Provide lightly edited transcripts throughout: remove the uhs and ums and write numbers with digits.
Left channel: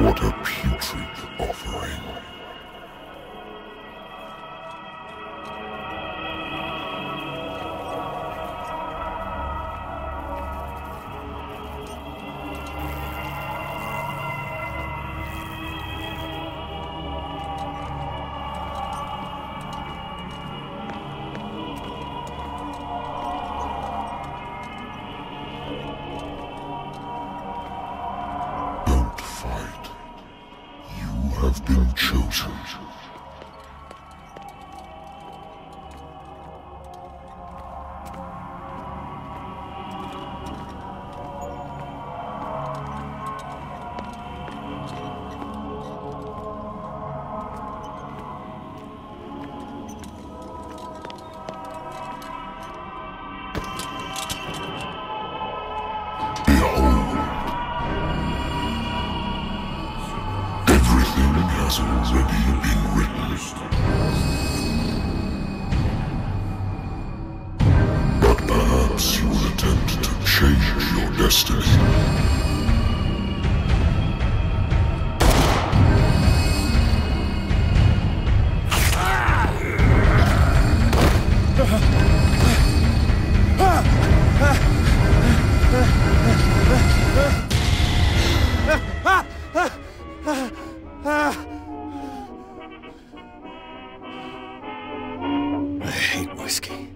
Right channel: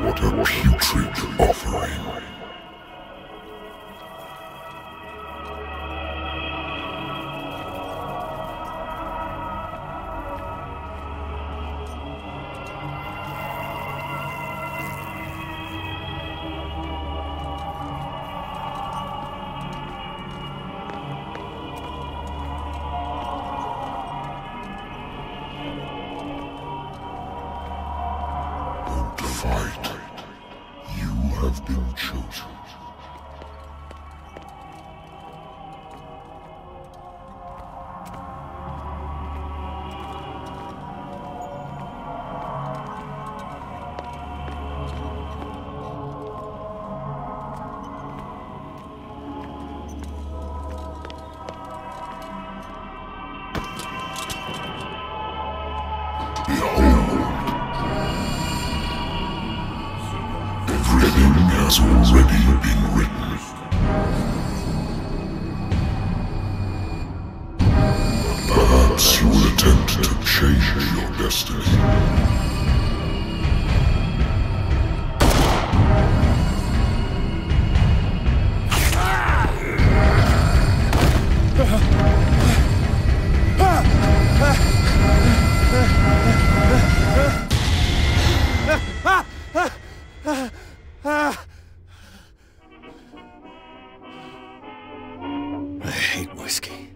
What a putrid offering. Don't fight. You have been chosen. has already been written. But perhaps you will attempt to change your destiny. I hate whiskey.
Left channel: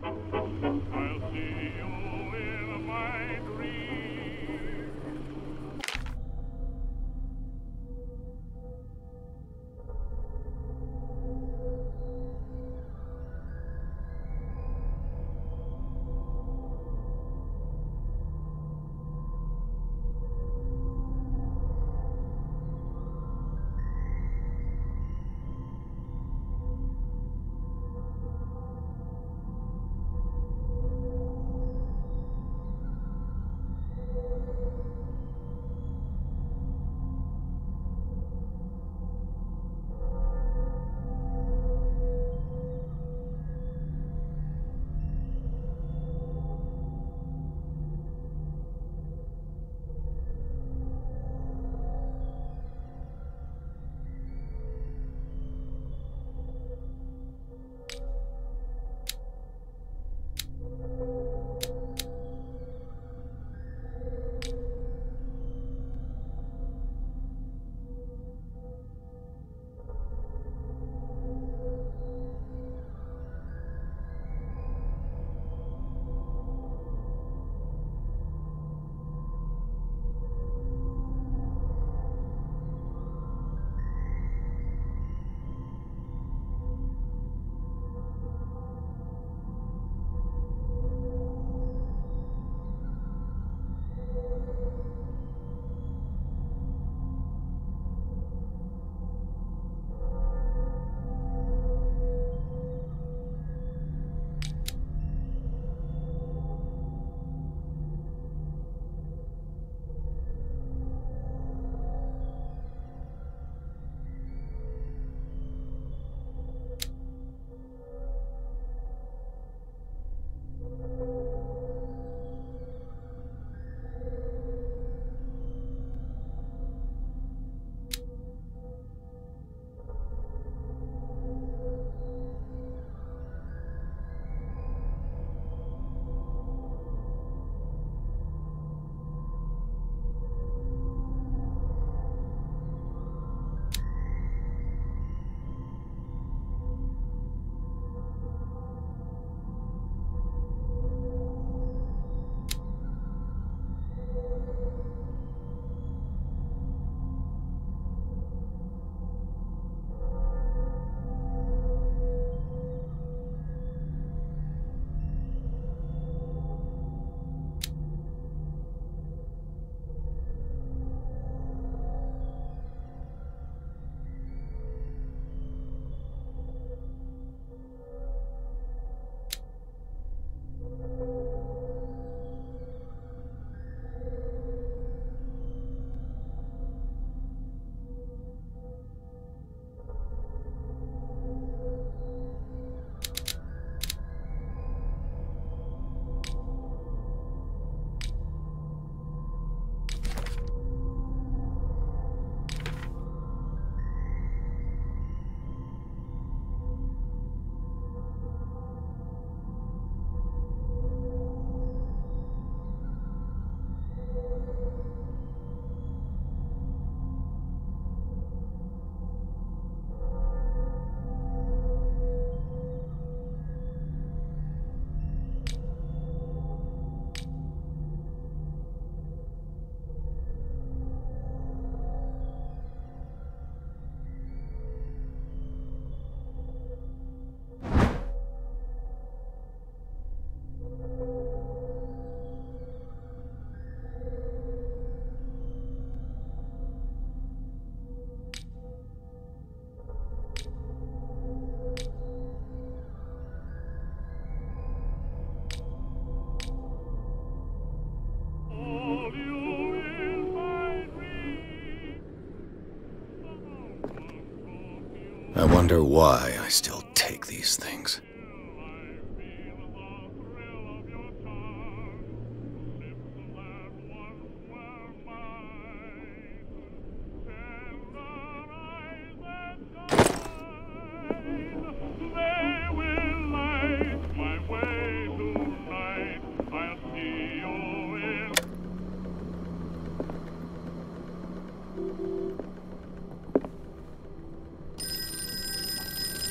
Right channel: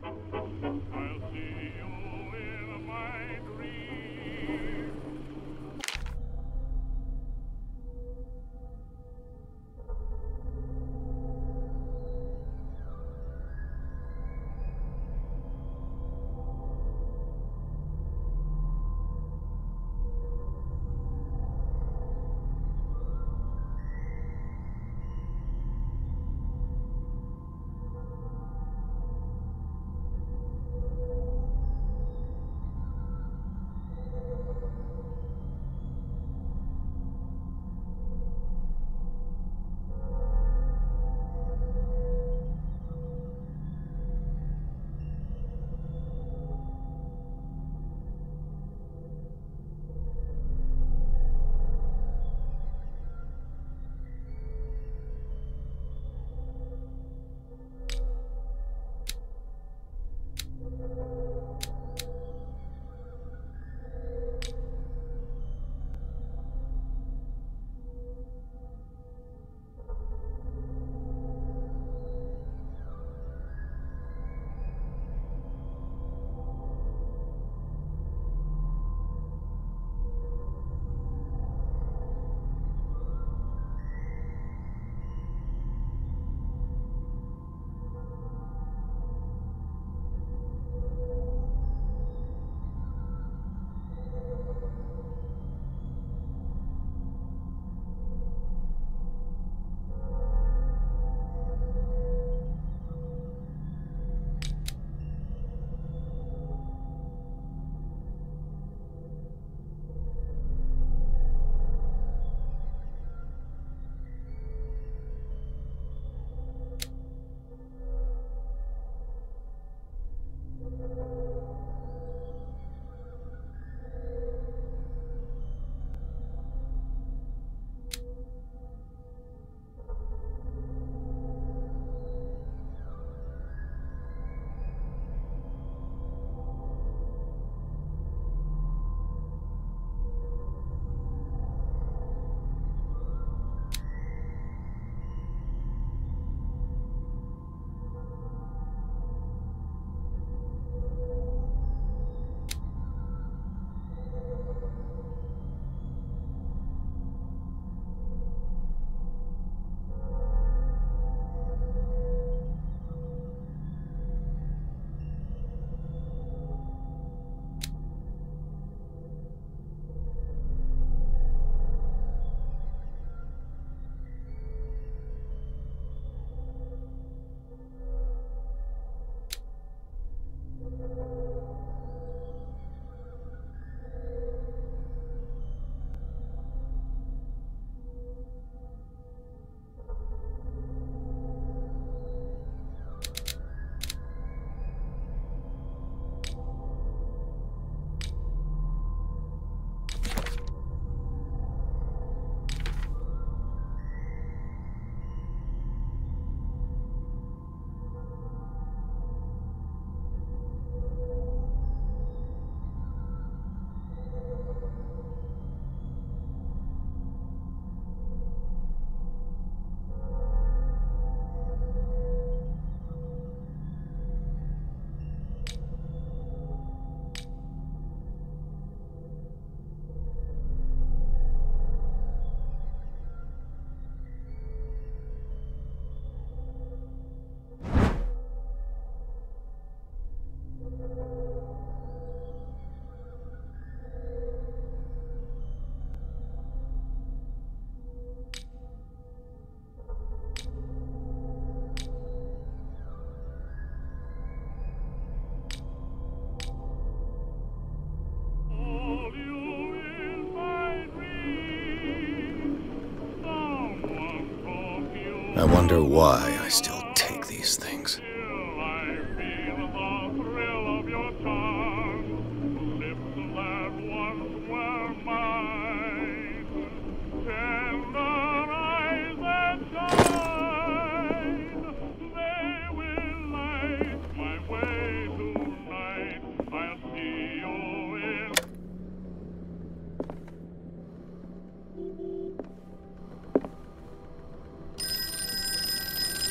I wonder why I still take these things.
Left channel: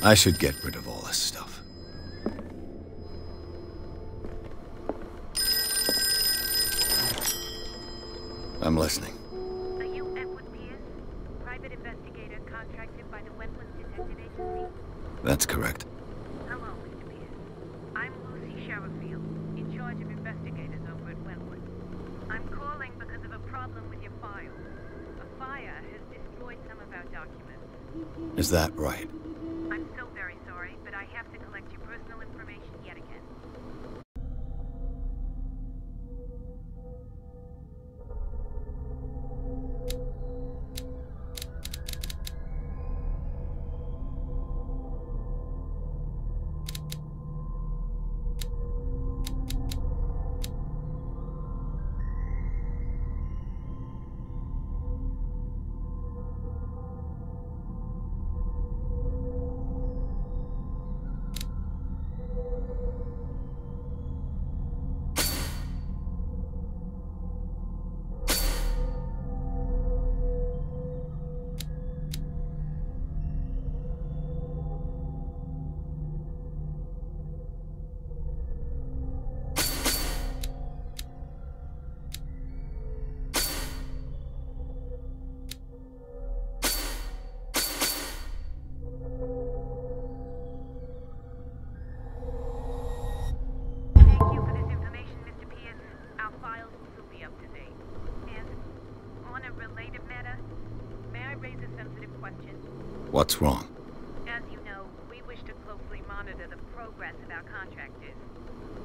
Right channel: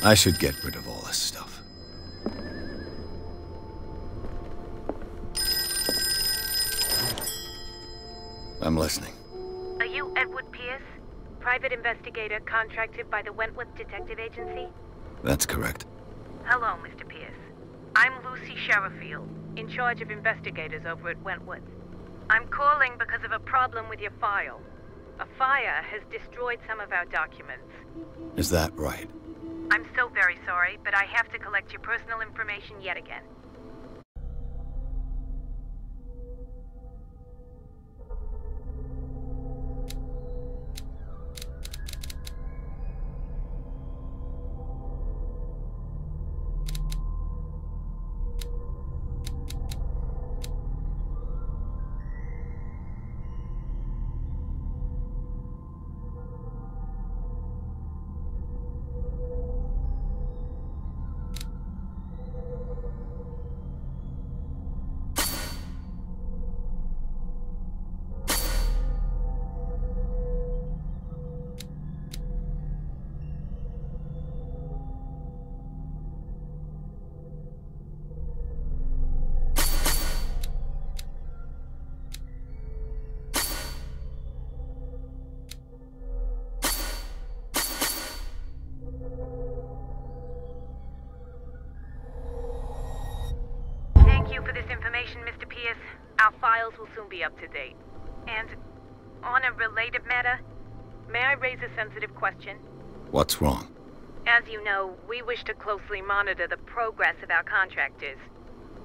I should get rid of all this stuff. I'm listening. Are you Edward Pierce? Private investigator contracted by the Wentworth Detective Agency? That's correct. Hello, Mr. Pierce. I'm Lucy Sherifield, in charge of investigators over at Wentworth. I'm calling because of a problem with your file. A fire has destroyed some of our documents. Is that right? I'm so very sorry, but I have to collect your personal information yet again. Our files will soon be up to date. And on a related matter, may I raise a sensitive question? What's wrong? As you know, we wish to closely monitor the progress of our contractors.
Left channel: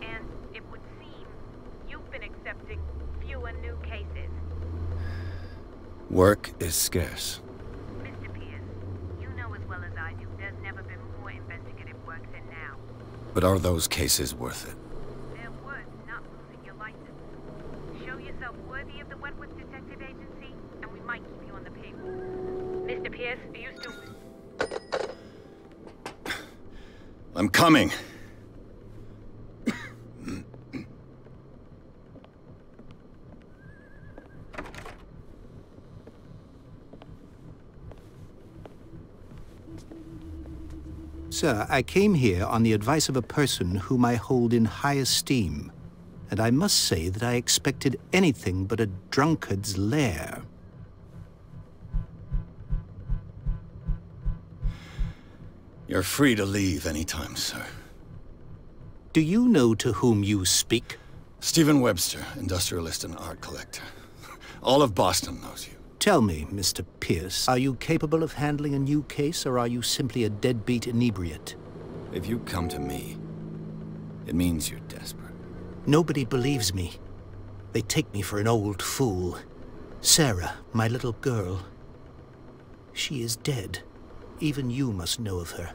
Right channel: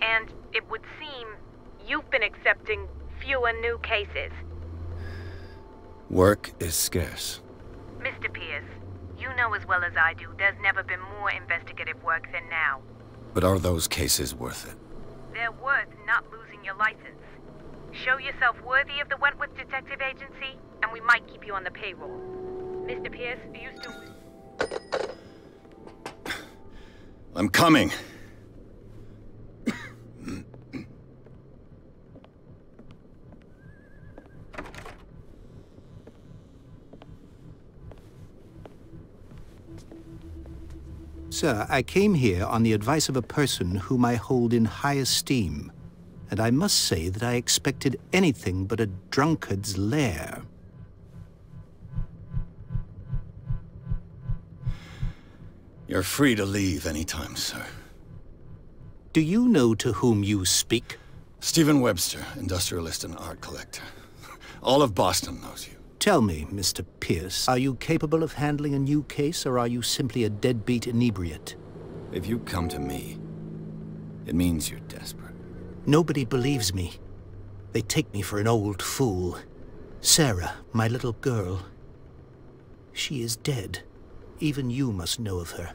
And it would seem you've been accepting fewer new cases. Work is scarce. Mr. Pierce, you know as well as I do, there's never been more investigative work than now. But are those cases worth it? They're worth not losing your license. Show yourself worthy of the Wentworth Detective Agency, and we might keep you on the payroll. Mr. Pierce, are you still... I'm coming. Sir, I came here on the advice of a person whom I hold in high esteem, and I must say that I expected anything but a drunkard's lair. You're free to leave anytime, sir. Do you know to whom you speak? Stephen Webster, industrialist and art collector. All of Boston knows you. Tell me, Mr. Pierce, are you capable of handling a new case, or are you simply a deadbeat inebriate? If you come to me, it means you're desperate. Nobody believes me. They take me for an old fool. Sarah, my little girl, she is dead. Even you must know of her.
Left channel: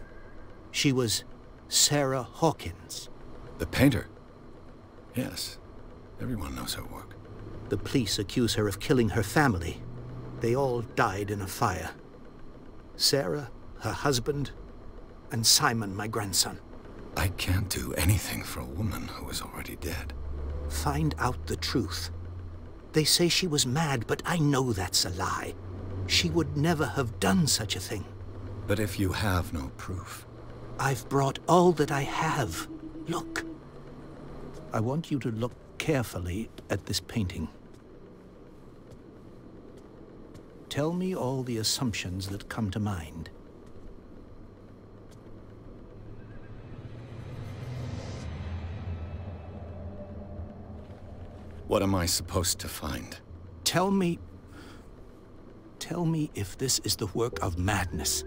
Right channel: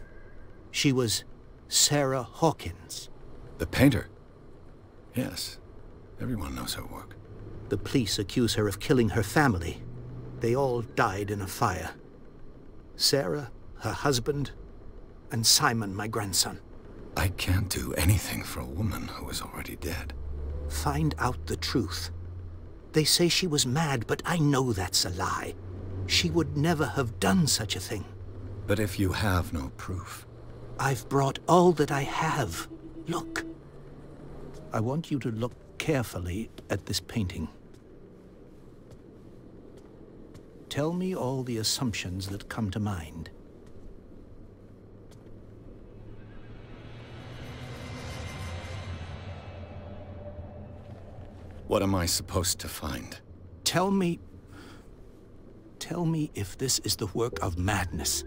She was Sarah Hawkins. The painter? Yes. Everyone knows her work. The police accuse her of killing her family. They all died in a fire. Sarah, her husband, and Simon, my grandson. I can't do anything for a woman who is already dead. Find out the truth. They say she was mad, but I know that's a lie. She would never have done such a thing. But if you have no proof... I've brought all that I have. Look. I want you to look carefully at this painting. Tell me all the assumptions that come to mind. What am I supposed to find? Tell me if this is the work of madness.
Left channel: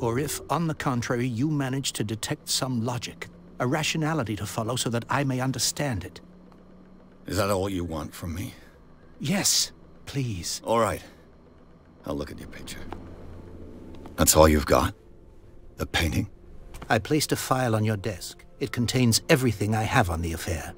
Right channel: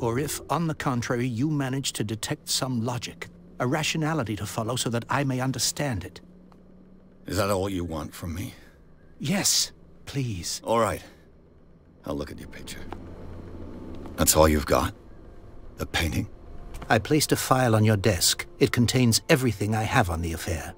Or if, on the contrary, you manage to detect some logic, a rationality to follow so that I may understand it. Is that all you want from me? Yes, please. All right. I'll look at your picture. That's all you've got? The painting? I placed a file on your desk. It contains everything I have on the affair.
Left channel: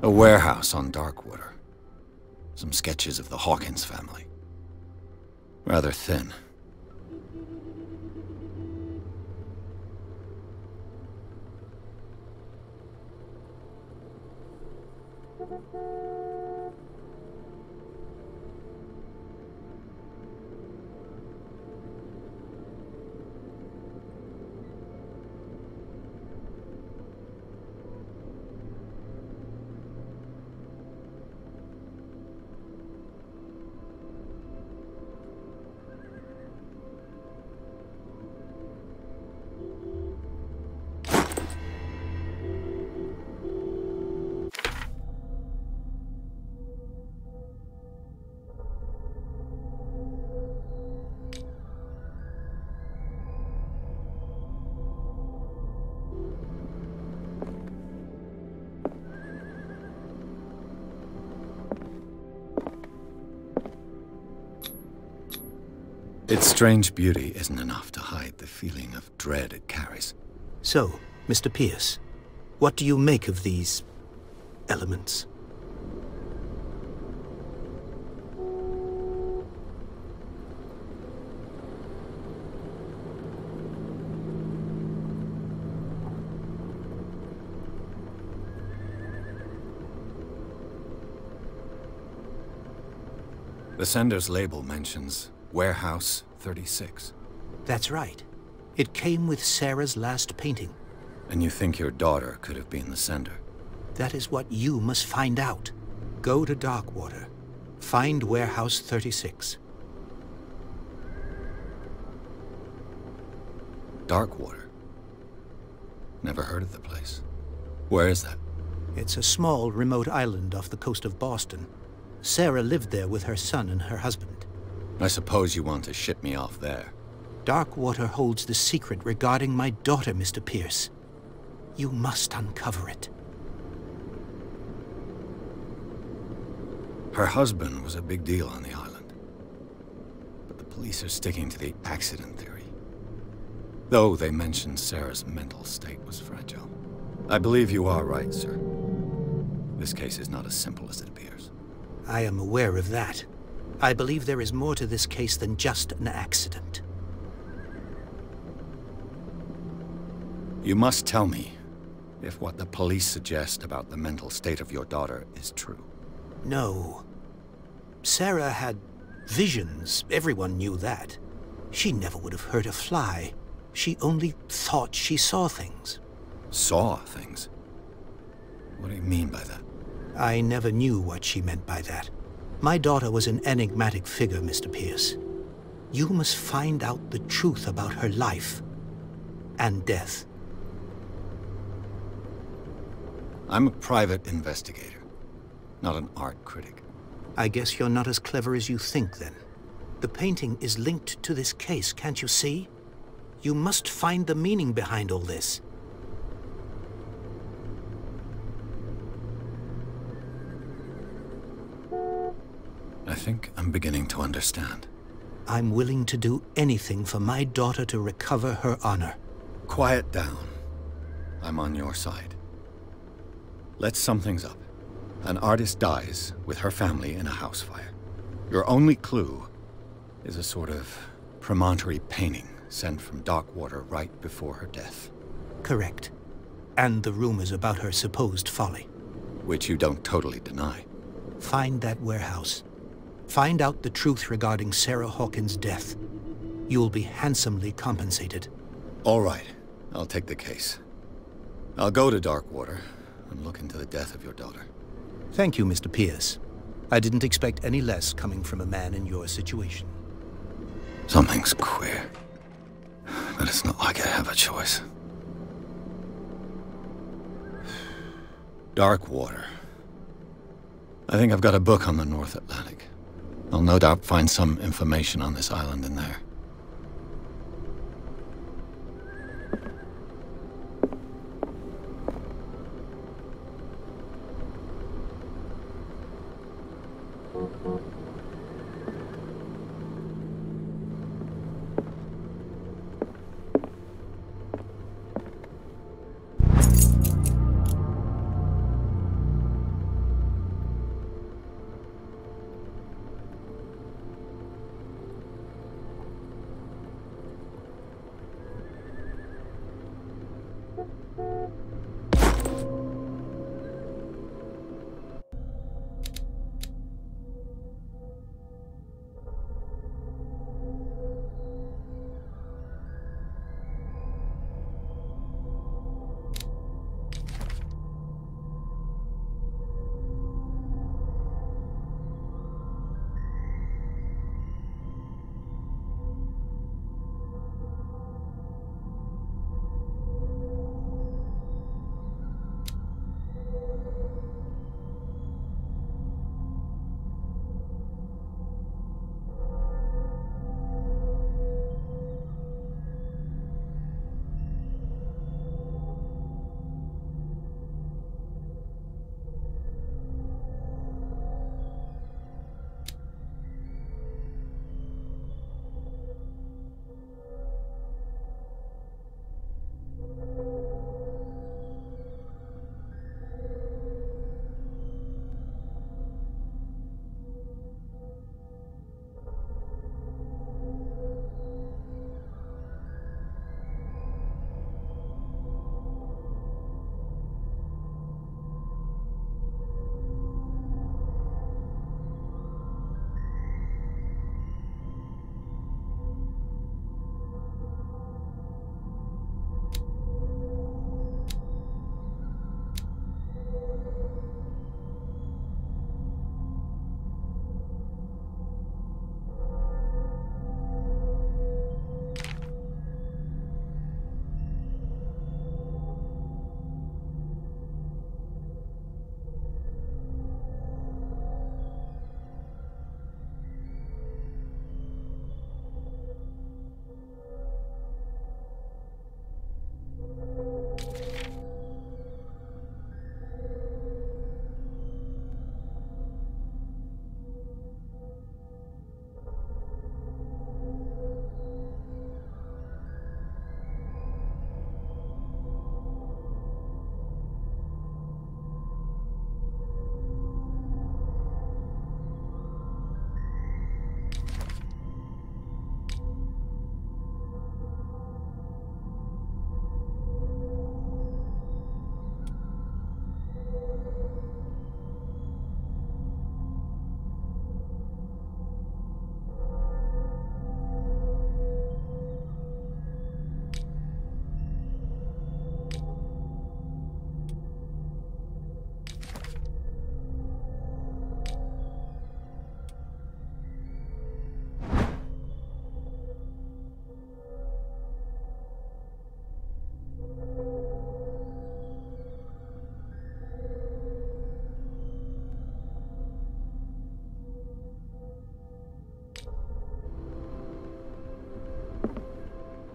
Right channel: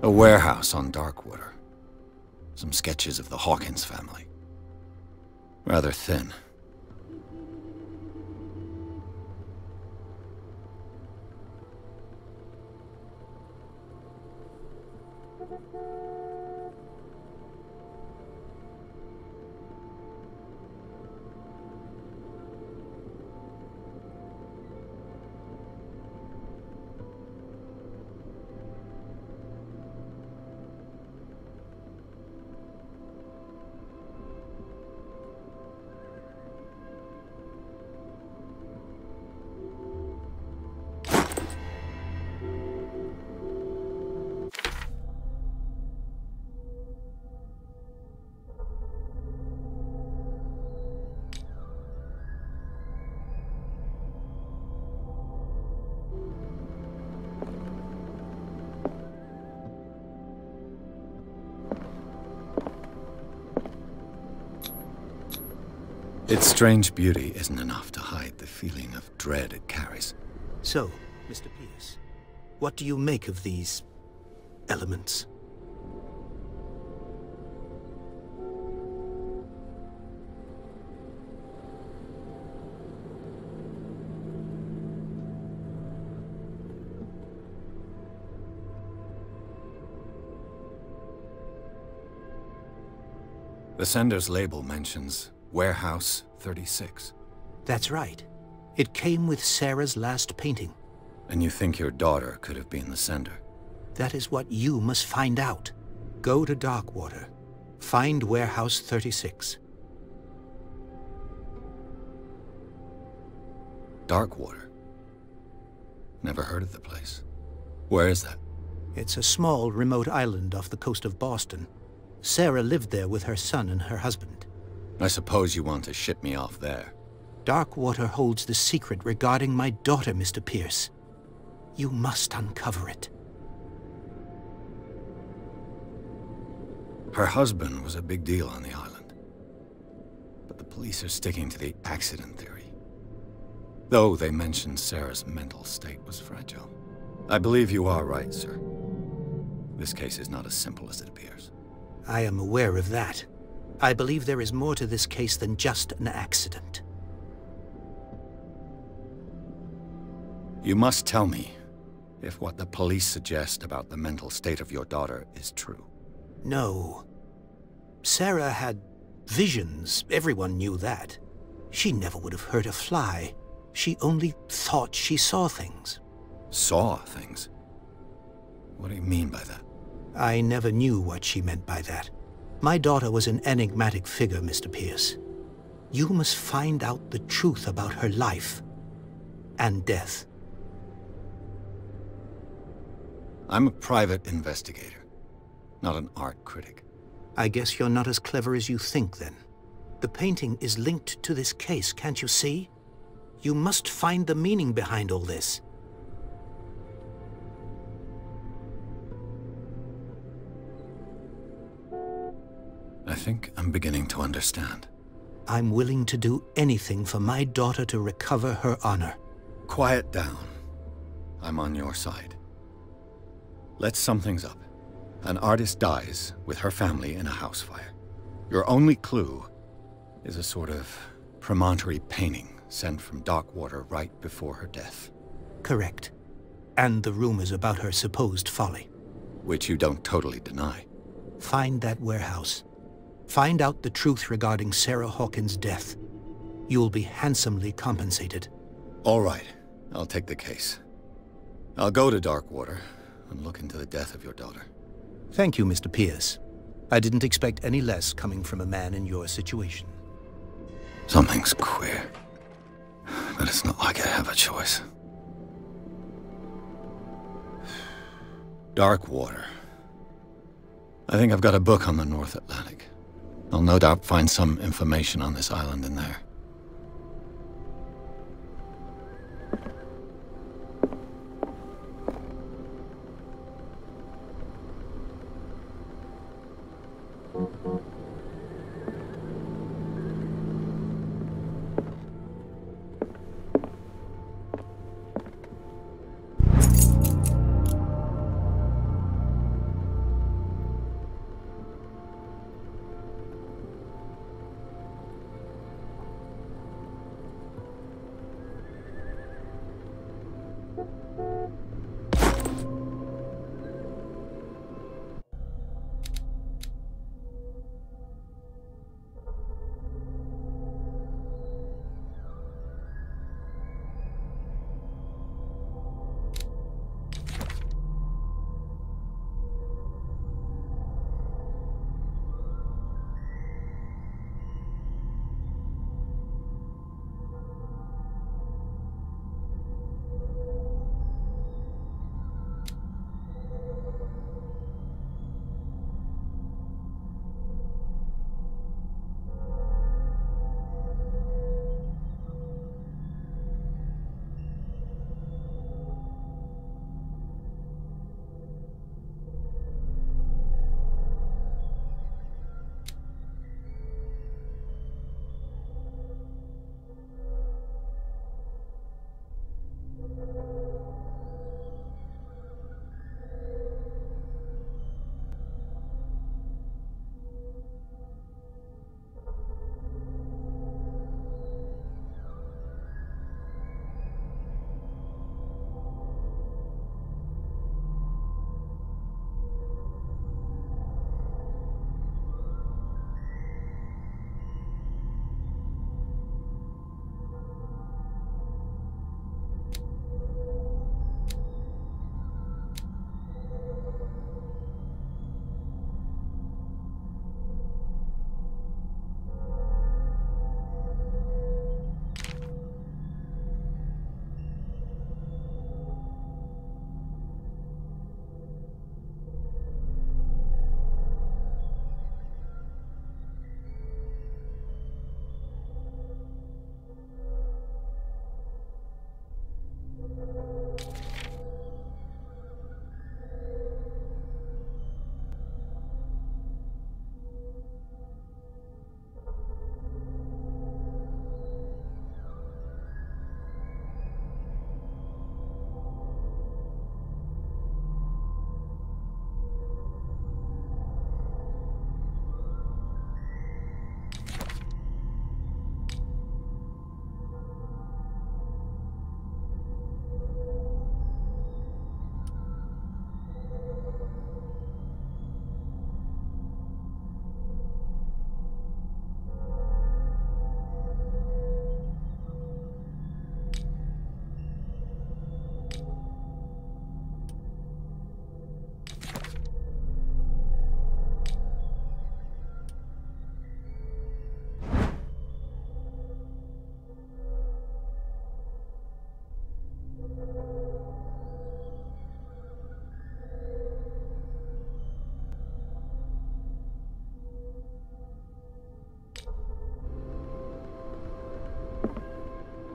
A warehouse on Darkwater. Some sketches of the Hawkins family. Rather thin. Its strange beauty isn't enough to hide the feeling of dread it carries. So, Mr. Pierce, what do you make of these elements? The sender's label mentions Warehouse 36. That's right. It came with Sarah's last painting. And you think your daughter could have been the sender? That is what you must find out. Go to Darkwater. Find Warehouse 36. Darkwater? Never heard of the place. Where is that? It's a small, remote island off the coast of Boston. Sarah lived there with her son and her husband. I suppose you want to ship me off there. Darkwater holds the secret regarding my daughter, Mr. Pierce. You must uncover it. Her husband was a big deal on the island. But the police are sticking to the accident theory. Though they mentioned Sarah's mental state was fragile. I believe you are right, sir. This case is not as simple as it appears. I am aware of that. I believe there is more to this case than just an accident. You must tell me if what the police suggest about the mental state of your daughter is true. No. Sarah had visions. Everyone knew that. She never would have hurt a fly. She only thought she saw things. Saw things? What do you mean by that? I never knew what she meant by that. My daughter was an enigmatic figure, Mr. Pierce. You must find out the truth about her life and death. I'm a private investigator, not an art critic. I guess you're not as clever as you think, then. The painting is linked to this case, can't you see? You must find the meaning behind all this. think I'm beginning to understand. I'm willing to do anything for my daughter to recover her honor. Quiet down. I'm on your side. Let's sum things up. An artist dies with her family in a house fire. Your only clue is a sort of promontory painting sent from Darkwater right before her death. Correct. And the rumors about her supposed folly. Which you don't totally deny. Find that warehouse. Find out the truth regarding Sarah Hawkins' death. You'll be handsomely compensated. All right. I'll take the case. I'll go to Darkwater and look into the death of your daughter. Thank you, Mr. Pierce. I didn't expect any less coming from a man in your situation. Something's queer. But it's not like I have a choice. Darkwater. I think I've got a book on the North Atlantic. I'll no doubt find some information on this island in there.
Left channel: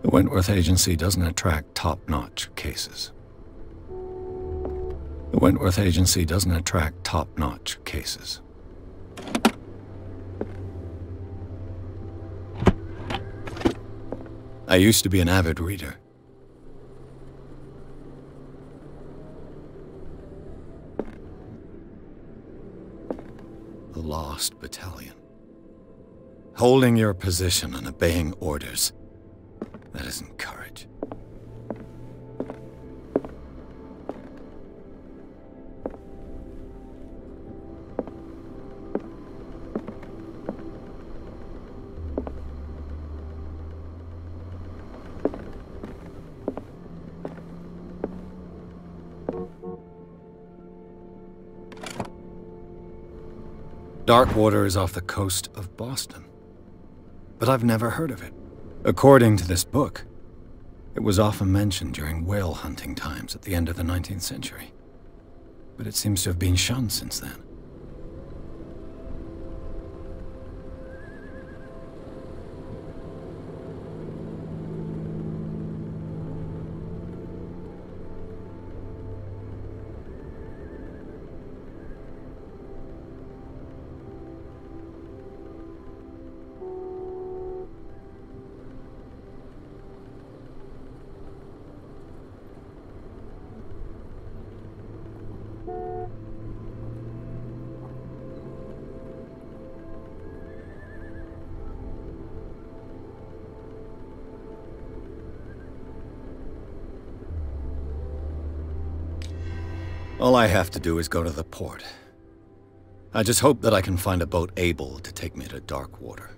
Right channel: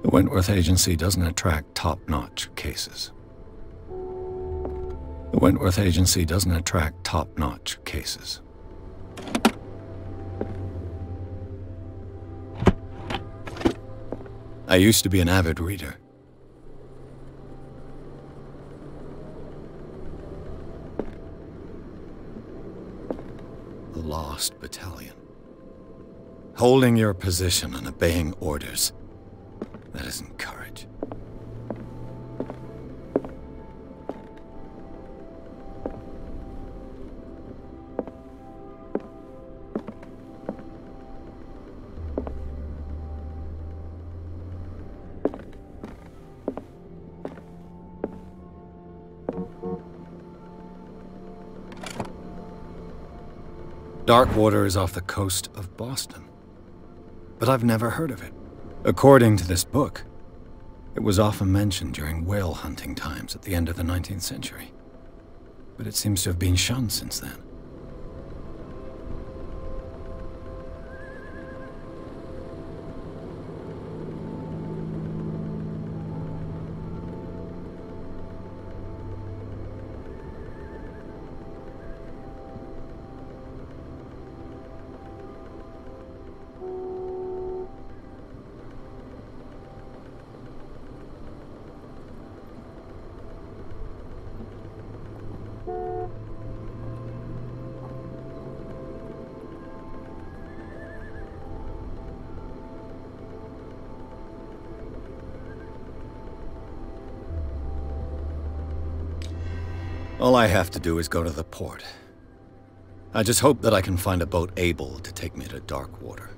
The Wentworth Agency doesn't attract top-notch cases. The Wentworth Agency doesn't attract top-notch cases. I used to be an avid reader. The Lost Battalion. Holding your position and obeying orders. That isn't courage. Darkwater is off the coast of Boston, but I've never heard of it. According to this book, it was often mentioned during whale hunting times at the end of the 19th century, but it seems to have been shunned since then. All I have to do is go to the port. I just hope that I can find a boat able to take me to Darkwater.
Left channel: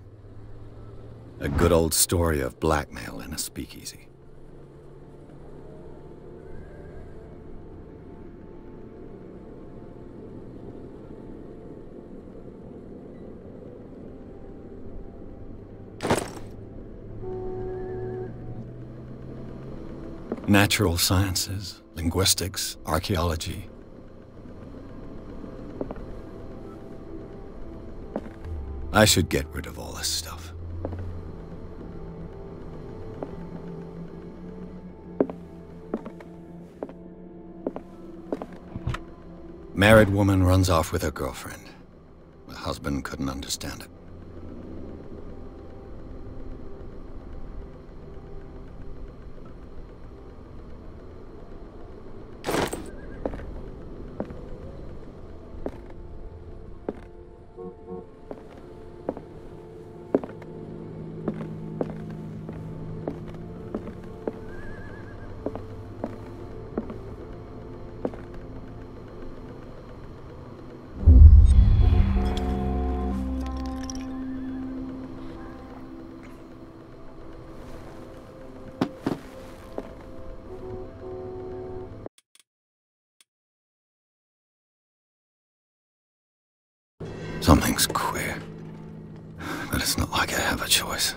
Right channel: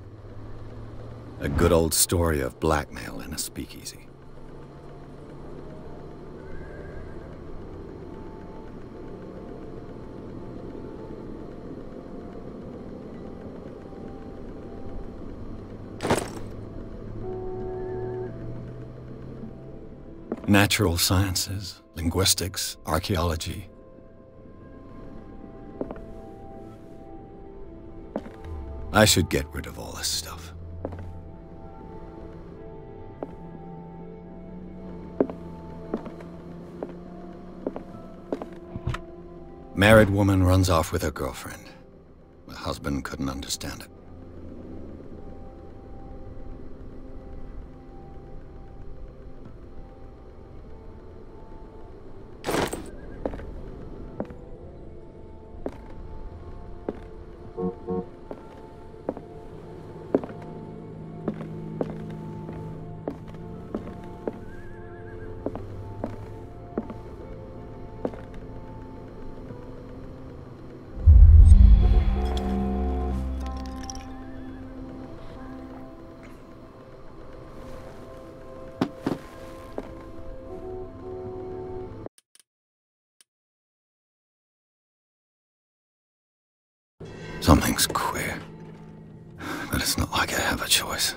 A good old story of blackmail in a speakeasy. Natural sciences, linguistics, archaeology. I should get rid of all this stuff. Married woman runs off with her girlfriend. The husband couldn't understand it. Something's queer, but it's not like I have a choice.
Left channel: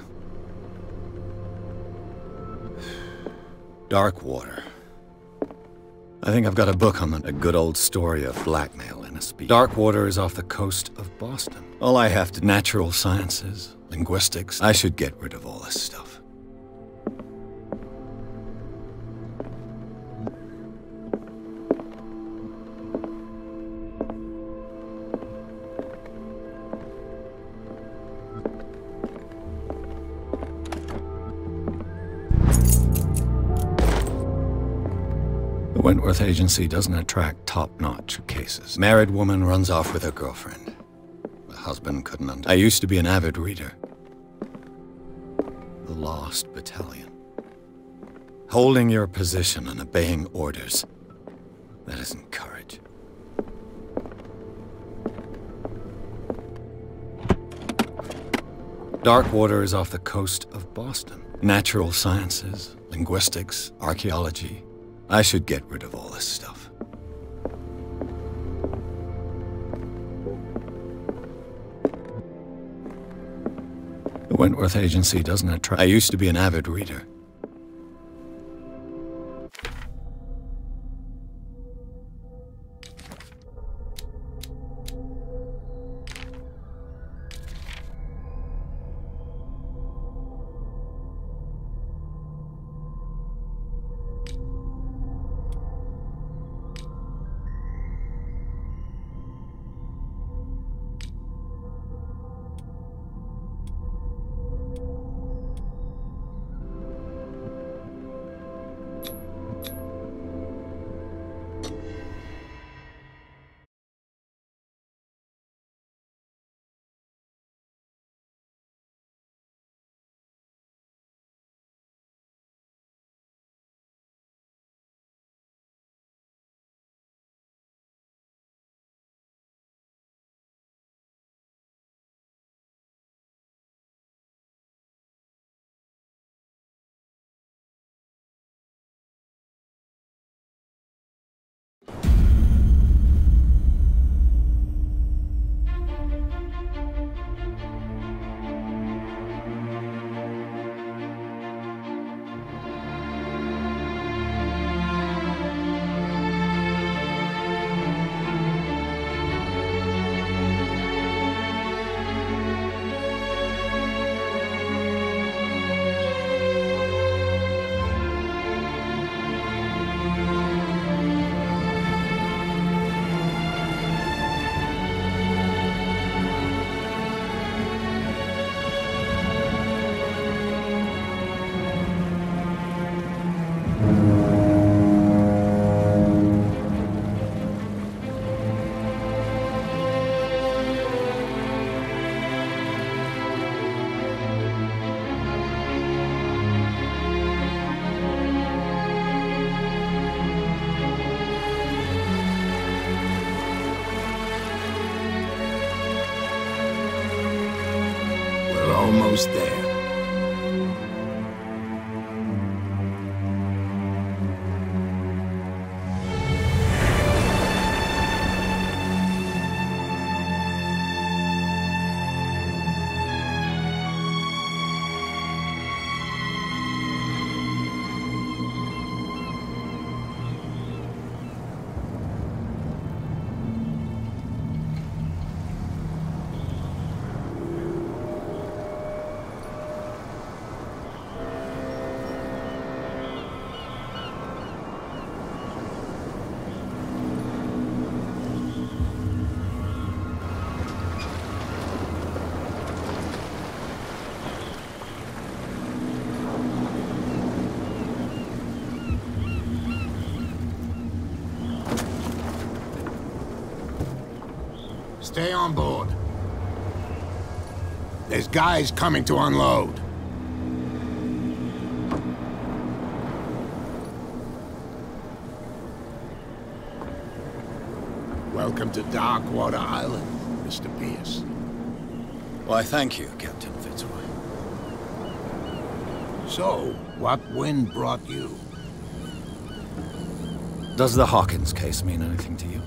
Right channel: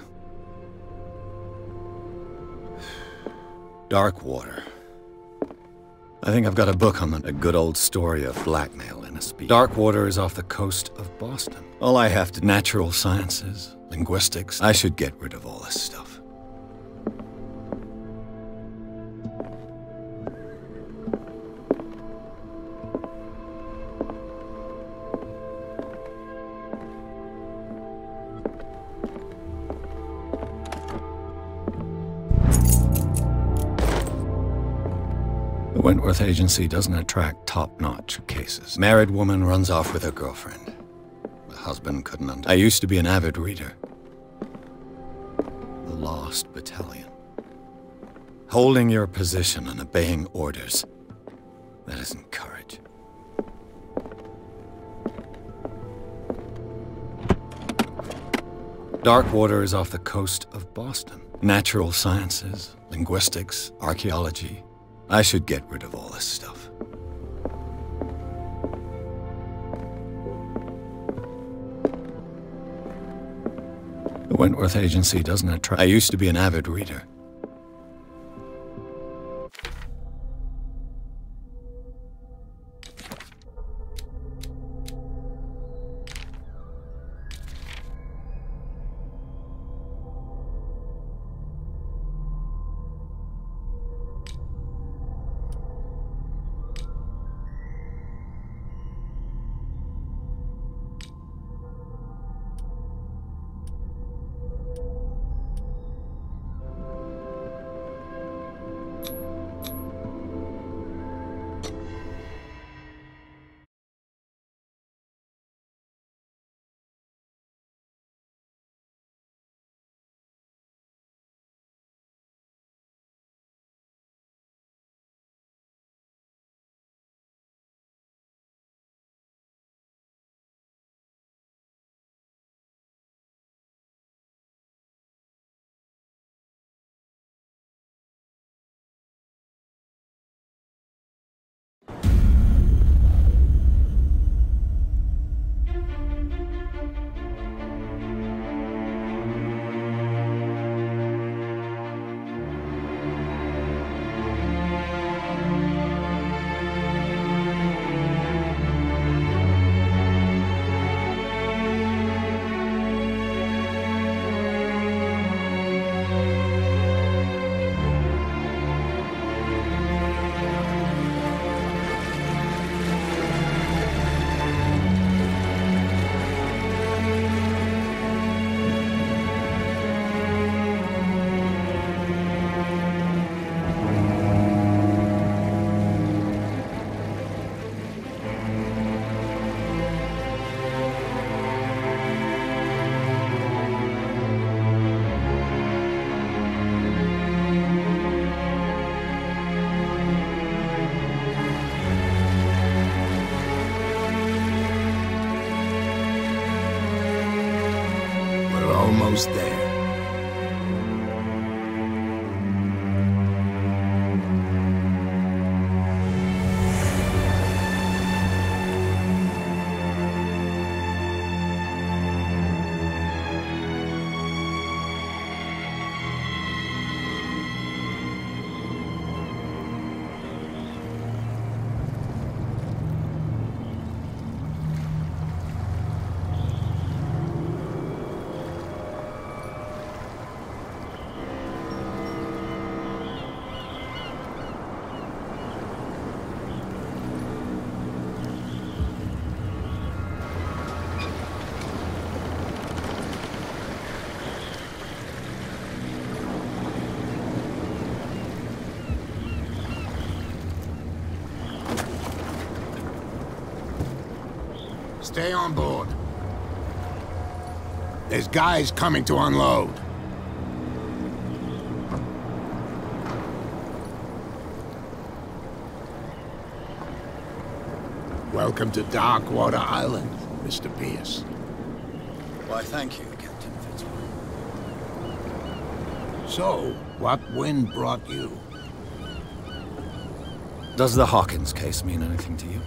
Darkwater. I think I've got a book on a good old story of blackmail in a speech. Darkwater is off the coast of Boston. All I have to... Natural sciences, linguistics. I should get rid of all this stuff. The Wentworth Agency doesn't attract top-notch cases. Married woman runs off with her girlfriend. The husband couldn't understand. I used to be an avid reader. The Lost Battalion. Holding your position and obeying orders. That isn't courage. Darkwater is off the coast of Boston. Natural sciences, linguistics, archaeology. I should get rid of all this stuff. The Wentworth Agency doesn't attract... I used to be an avid reader. almost there. Stay on board. There's guys coming to unload. Welcome to Darkwater Island, Mr. Pierce. Why, thank you, Captain Fitzroy. So, what wind brought you? Does the Hawkins case mean anything to you?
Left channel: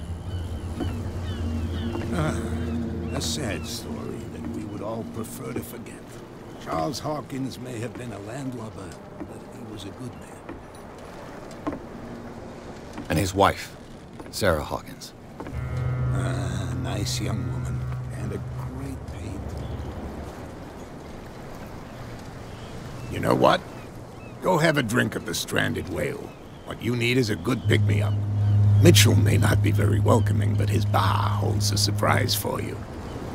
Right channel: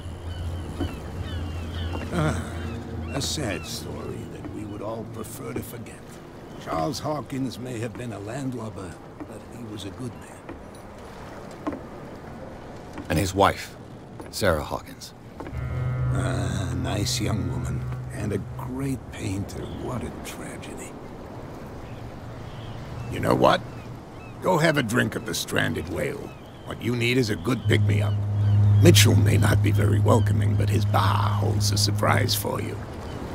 A sad story that we would all prefer to forget. Charles Hawkins may have been a landlubber, but he was a good man. And his wife, Sarah Hawkins. A nice young woman, and a great pain to what a tragedy. You know what? Go have a drink of the Stranded Whale. What you need is a good pick-me-up. Mitchell may not be very welcoming, but his bar holds a surprise for you.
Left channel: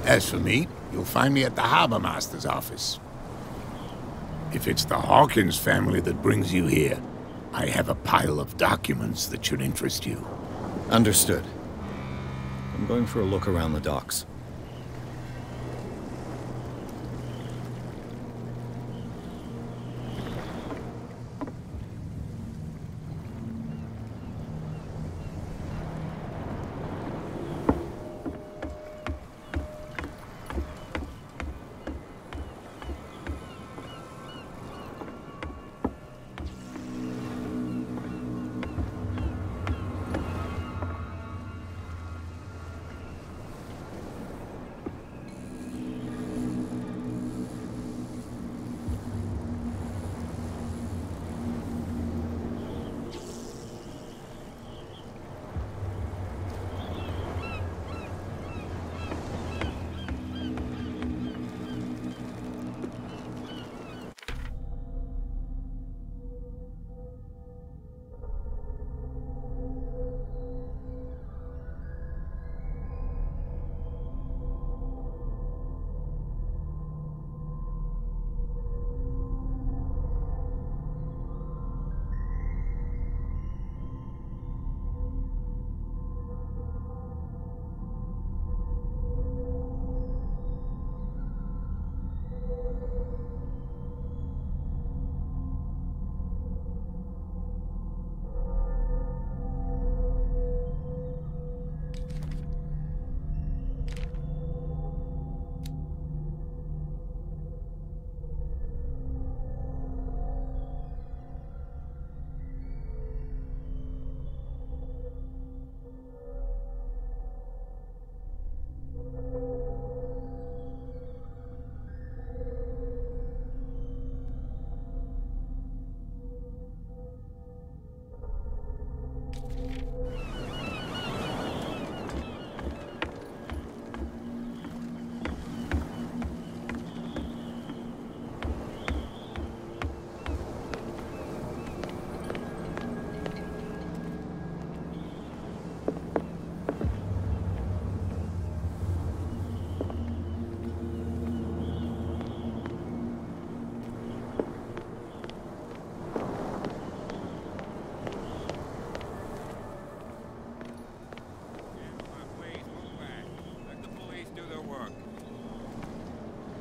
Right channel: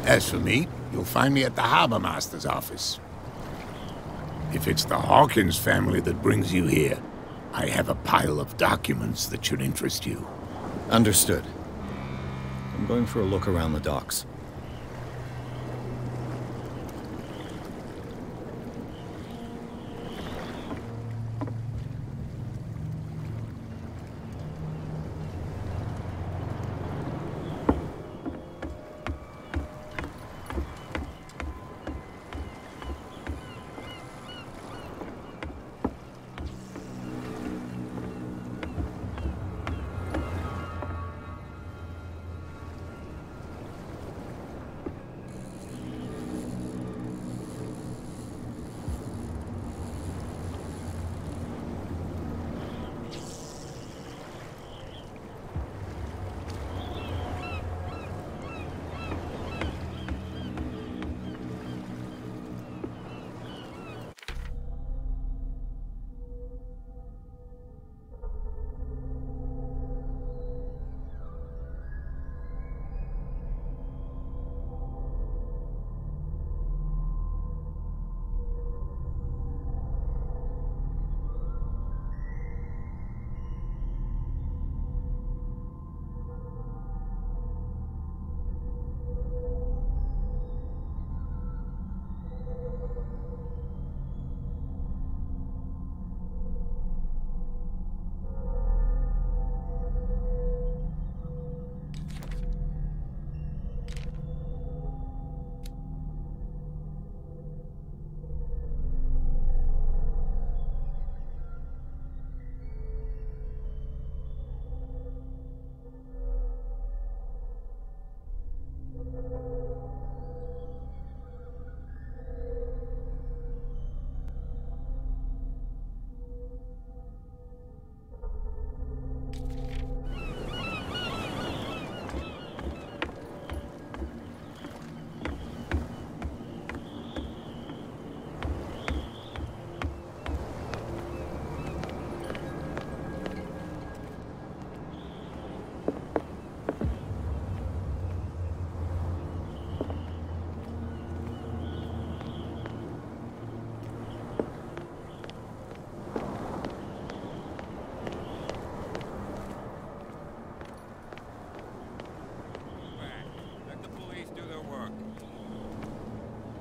As for me, you'll find me at the Harbor Master's office. If it's the Hawkins family that brings you here, I have a pile of documents that should interest you. Understood. I'm going for a look around the docks.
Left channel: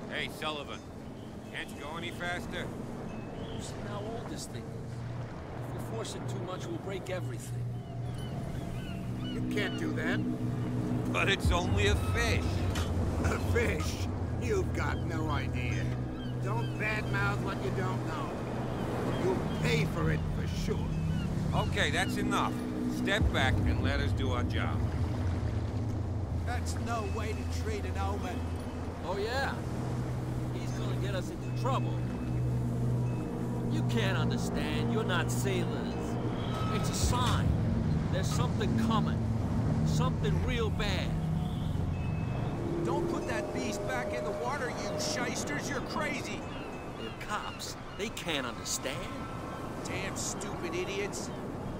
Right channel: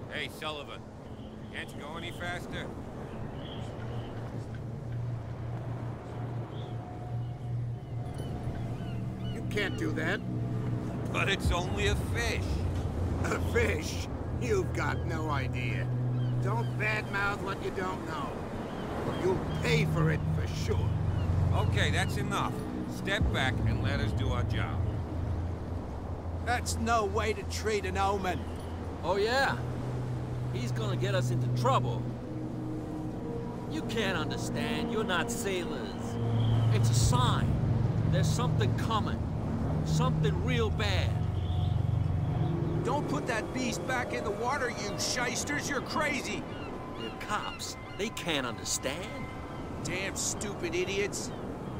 Hey, Sullivan, can't you go any faster? You see how old this thing is? If we force it too much, we'll break everything. You can't do that. But it's only a fish. A fish? You've got no idea. don't badmouth what you don't know. Or you'll pay for it for sure. Okay, that's enough. Step back and let us do our job. That's no way to treat an omen. Oh yeah? He's gonna get us into trouble. You can't understand, you're not sailors. It's a sign. There's something coming. Something real bad. Don't put that beast back in the water, you shysters! You're crazy! They're cops. They can't understand. Damn stupid idiots!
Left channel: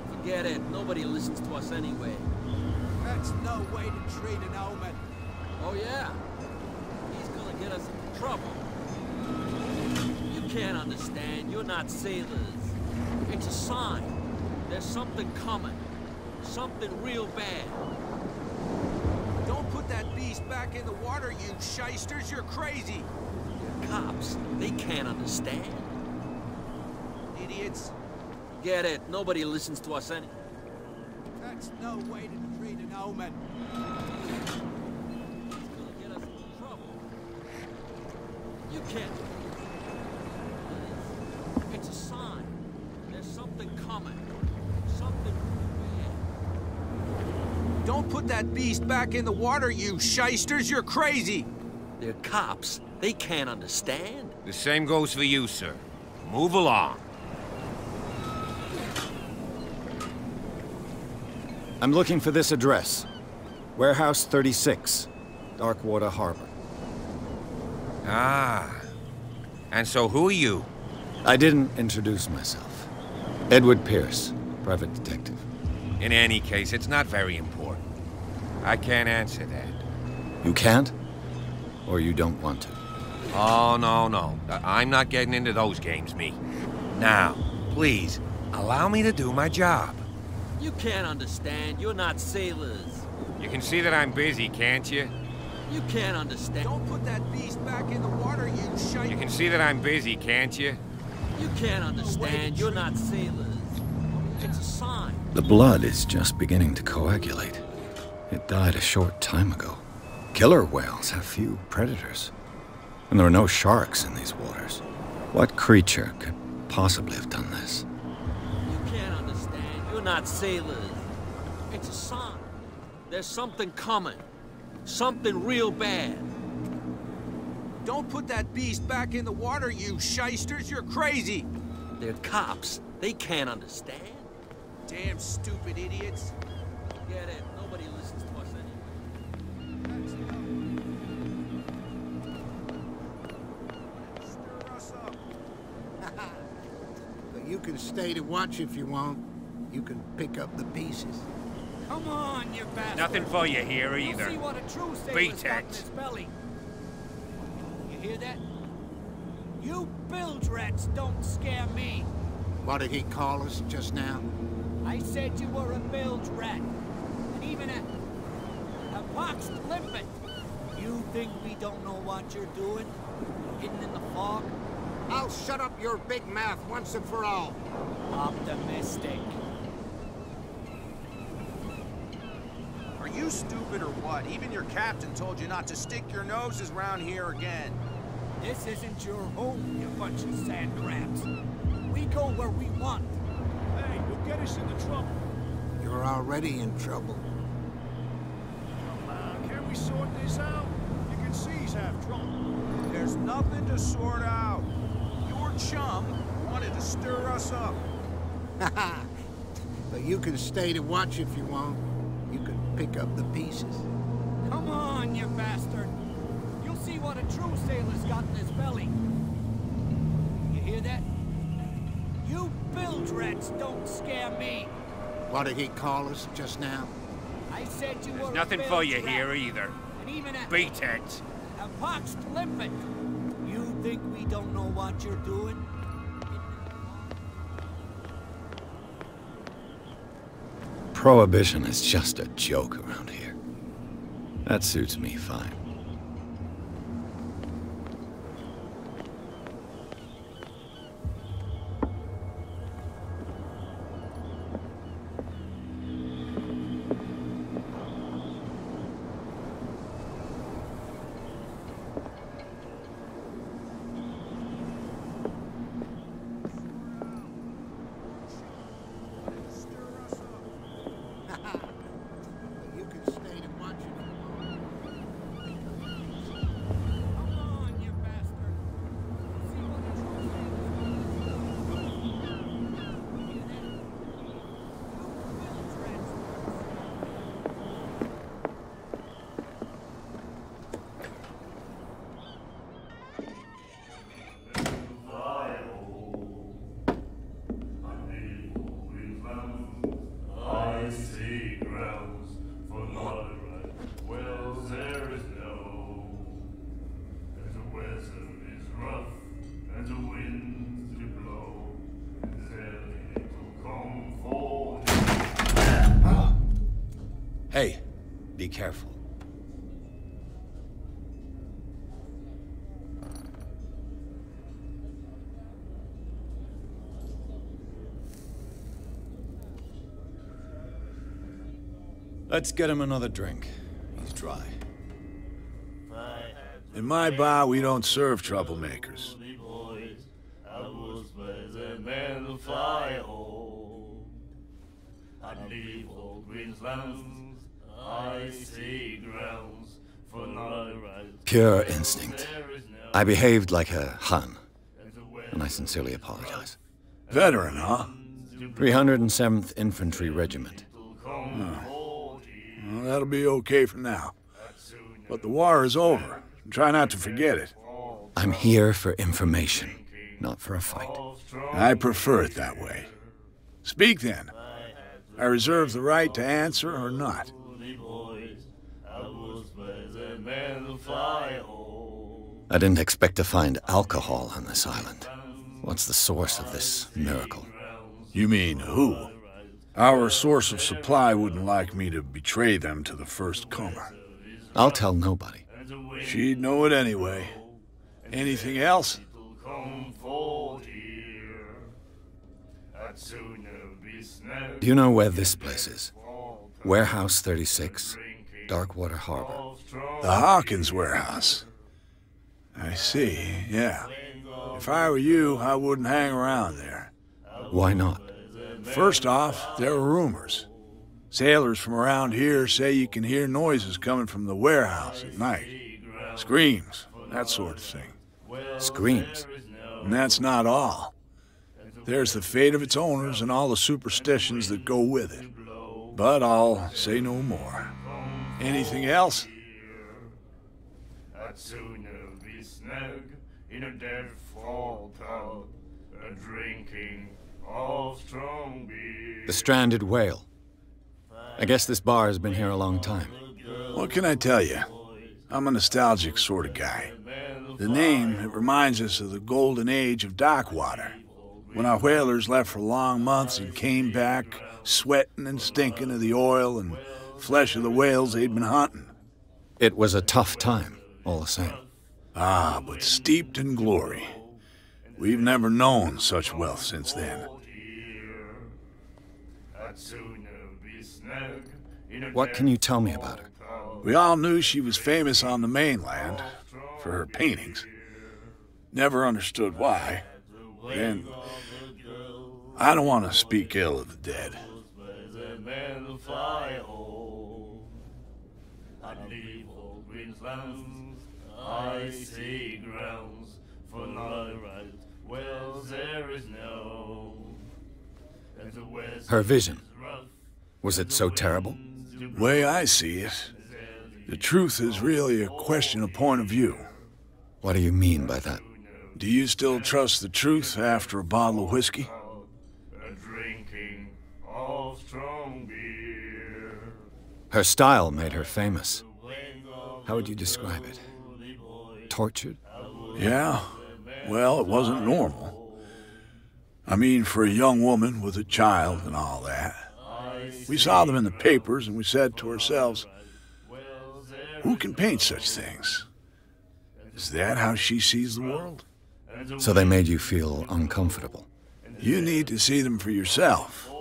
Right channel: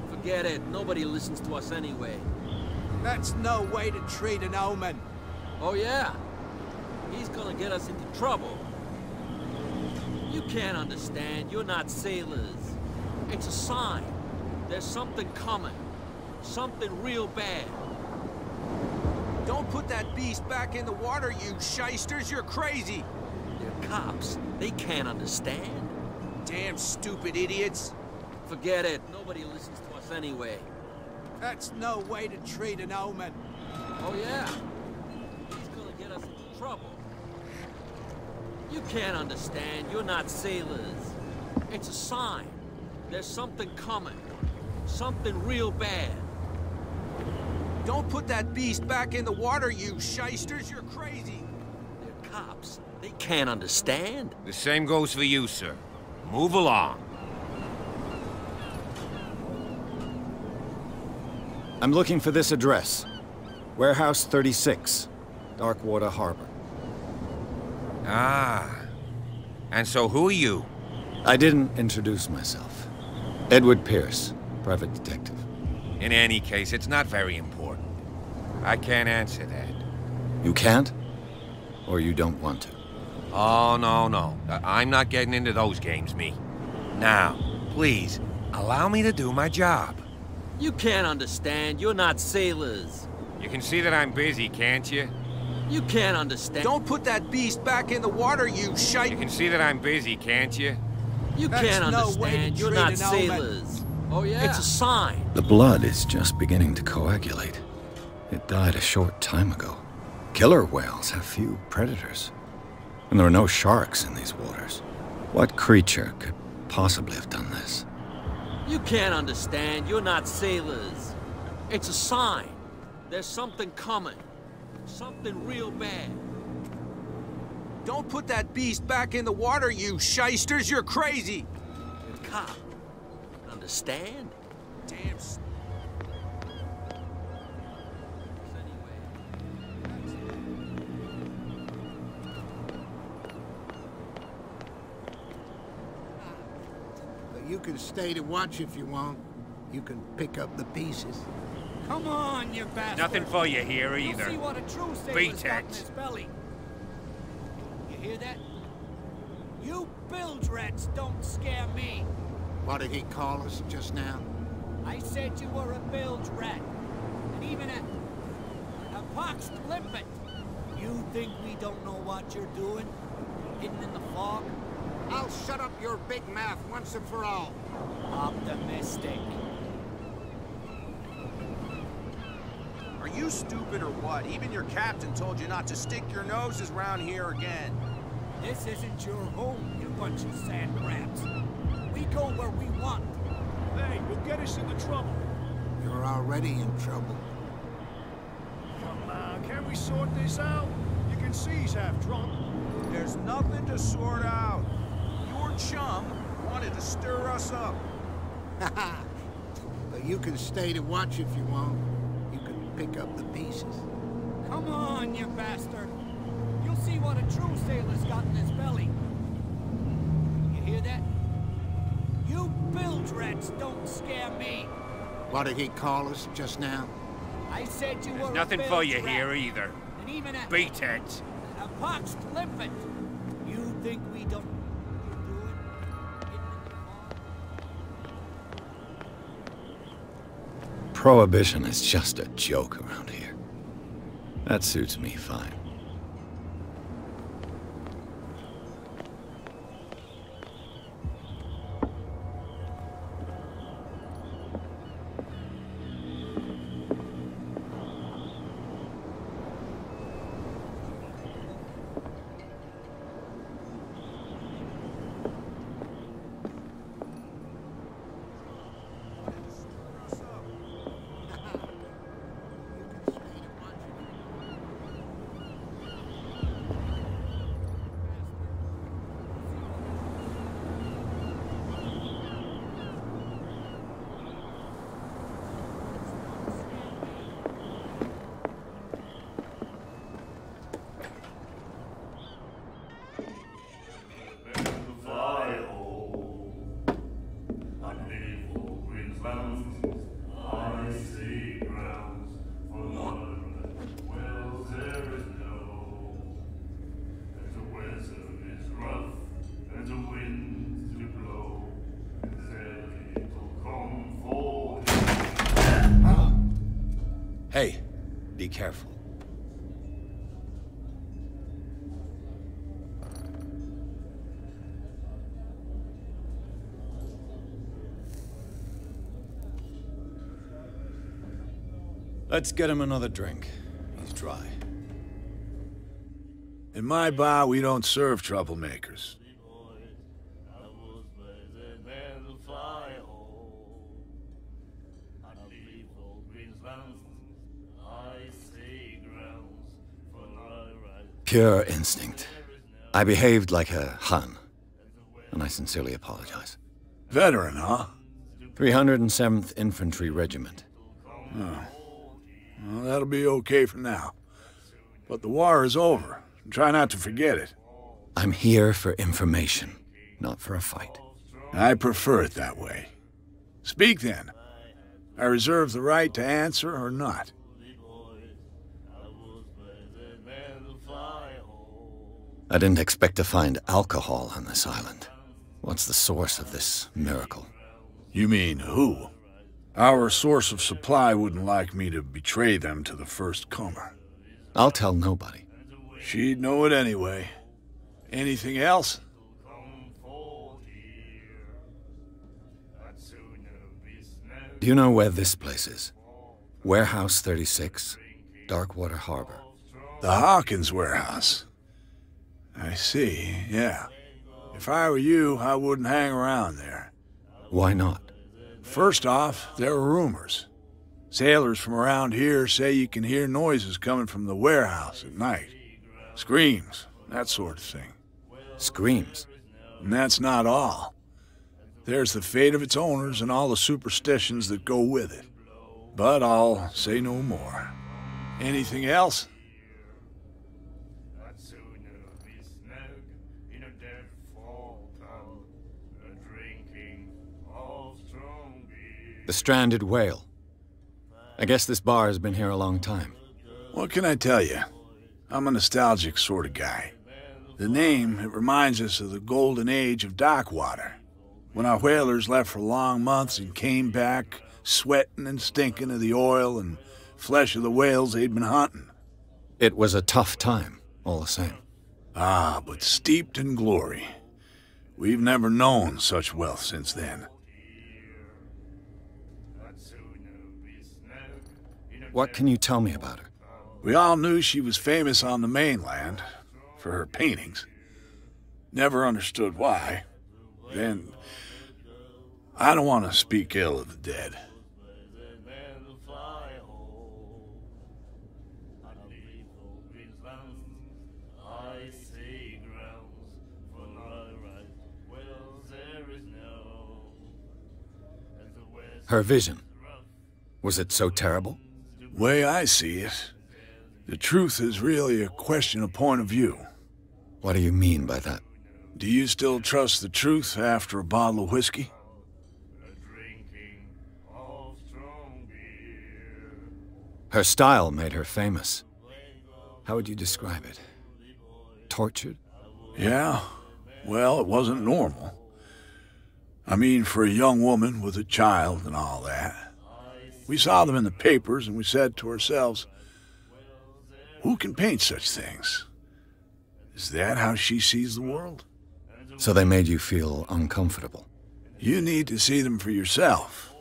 Forget it. Nobody listens to us anyway. That's no way to treat an omen. Oh yeah? He's gonna get us into trouble. You can't understand. You're not sailors. It's a sign. There's something coming. Something real bad. Don't put that beast back in the water, you shysters! You're crazy! They're cops. They can't understand. Damn stupid idiots! Forget it. Nobody listens to us anyway. That's no way to treat an omen. Oh yeah? He's gonna get us into trouble. You can't understand. You're not sailors. It's a sign. There's something coming. Something real bad. Don't put that beast back in the water, you shysters! You're crazy! They're cops. They can't understand. The same goes for you, sir. Move along. I'm looking for this address. Warehouse 36, Darkwater Harbor. Ah. And so who are you? I didn't introduce myself. Edward Pierce, private detective. In any case, it's not very important. I can't answer that. You can't? Or you don't want to? Oh, no. I'm not getting into those games, me. Now, please, allow me to do my job. You can't understand. You're not sailors. You can see that I'm busy, can't you? You can't understand. Don't put that beast back in the water, you shite! You can see that I'm busy, can't you? You That's can't no way to understand. You're treat not an omen. sailors. Oh yeah? It's a sign. The blood is just beginning to coagulate. It died a short time ago. Killer whales have few predators. And there are no sharks in these waters. What creature could possibly have done this? You can't understand. You're not sailors. It's a sign. There's something coming. Something real bad. Don't put that beast back in the water, you shysters! You're crazy! They're cops. They can't understand. Damn stupid idiots! Forget it. Nobody listens to us anyway. But you can stay to watch if you want. You can pick up the pieces. Come on, you bastard! Nothing for you here You'll either. see what a true Beat sailor's got in it. his belly. You hear that? You bilge rats don't scare me. What did he call us just now? I said you were a bilge rat. And even a pox limpet. You think we don't know what you're doing? Hidden in the fog? I'll shut up your big mouth once and for all. Optimistic. Are you stupid or what? Even your captain told you not to stick your noses around here again. This isn't your home, you bunch of sand crabs. We go where we want. Hey, you'll get us into trouble. You're already in trouble. Come on, can we sort this out? You can see he's half drunk. There's nothing to sort out. Your chum wanted to stir us up. But you can stay to watch if you want. You can pick up the pieces. Come on, you bastard. You'll see what a true sailor's got in his belly. You hear that? You bilge rats don't scare me. What did he call us just now? I said you There's were nothing a for bilge you rat. here either. And even Beat it. a poxed limpet. You think we don't know what you're doing? Hidden in the fog? Prohibition is just a joke around here. That suits me fine. Hey, be careful. Let's get him another drink. He's dry. In my bar, we don't serve troublemakers. Pure instinct. I behaved like a Hun, and I sincerely apologize. Veteran, huh? 307th Infantry Regiment. Well, that'll be okay for now. But the war is over. Try not to forget it. I'm here for information, not for a fight. I prefer it that way. Speak then. I reserve the right to answer or not. I didn't expect to find alcohol on this island. What's the source of this miracle? You mean who? Our source of supply wouldn't like me to betray them to the first comer. I'll tell nobody. She'd know it anyway. Anything else? Do you know where this place is? Warehouse 36, Darkwater Harbor. The Hawkins warehouse. I see, yeah. If I were you, I wouldn't hang around there. Why not? First off, there are rumors. Sailors from around here say you can hear noises coming from the warehouse at night. Screams, that sort of thing. Screams? And that's not all. There's the fate of its owners and all the superstitions that go with it. But I'll say no more. Anything else? The stranded whale. I guess this bar has been here a long time. What can I tell you? I'm a nostalgic sort of guy. The name, it reminds us of the golden age of dockwater, when our whalers left for long months and came back sweating and stinking of the oil and flesh of the whales they'd been hunting. It was a tough time, all the same. Ah, but steeped in glory. We've never known such wealth since then. What can you tell me about her? We all knew she was famous on the mainland for her paintings. Never understood why. Then, I don't want to speak ill of the dead. Her vision. Was it so terrible? Way I see it, the truth is really a question of point of view. What do you mean by that? Do you still trust the truth after a bottle of whiskey? Her style made her famous. How would you describe it? Tortured? Yeah. Well, it wasn't normal. I mean, for a young woman with a child and all that. We saw them in the papers and we said to ourselves, who can paint such things? Is that how she sees the world? So they made you feel uncomfortable? You need to see them for yourself.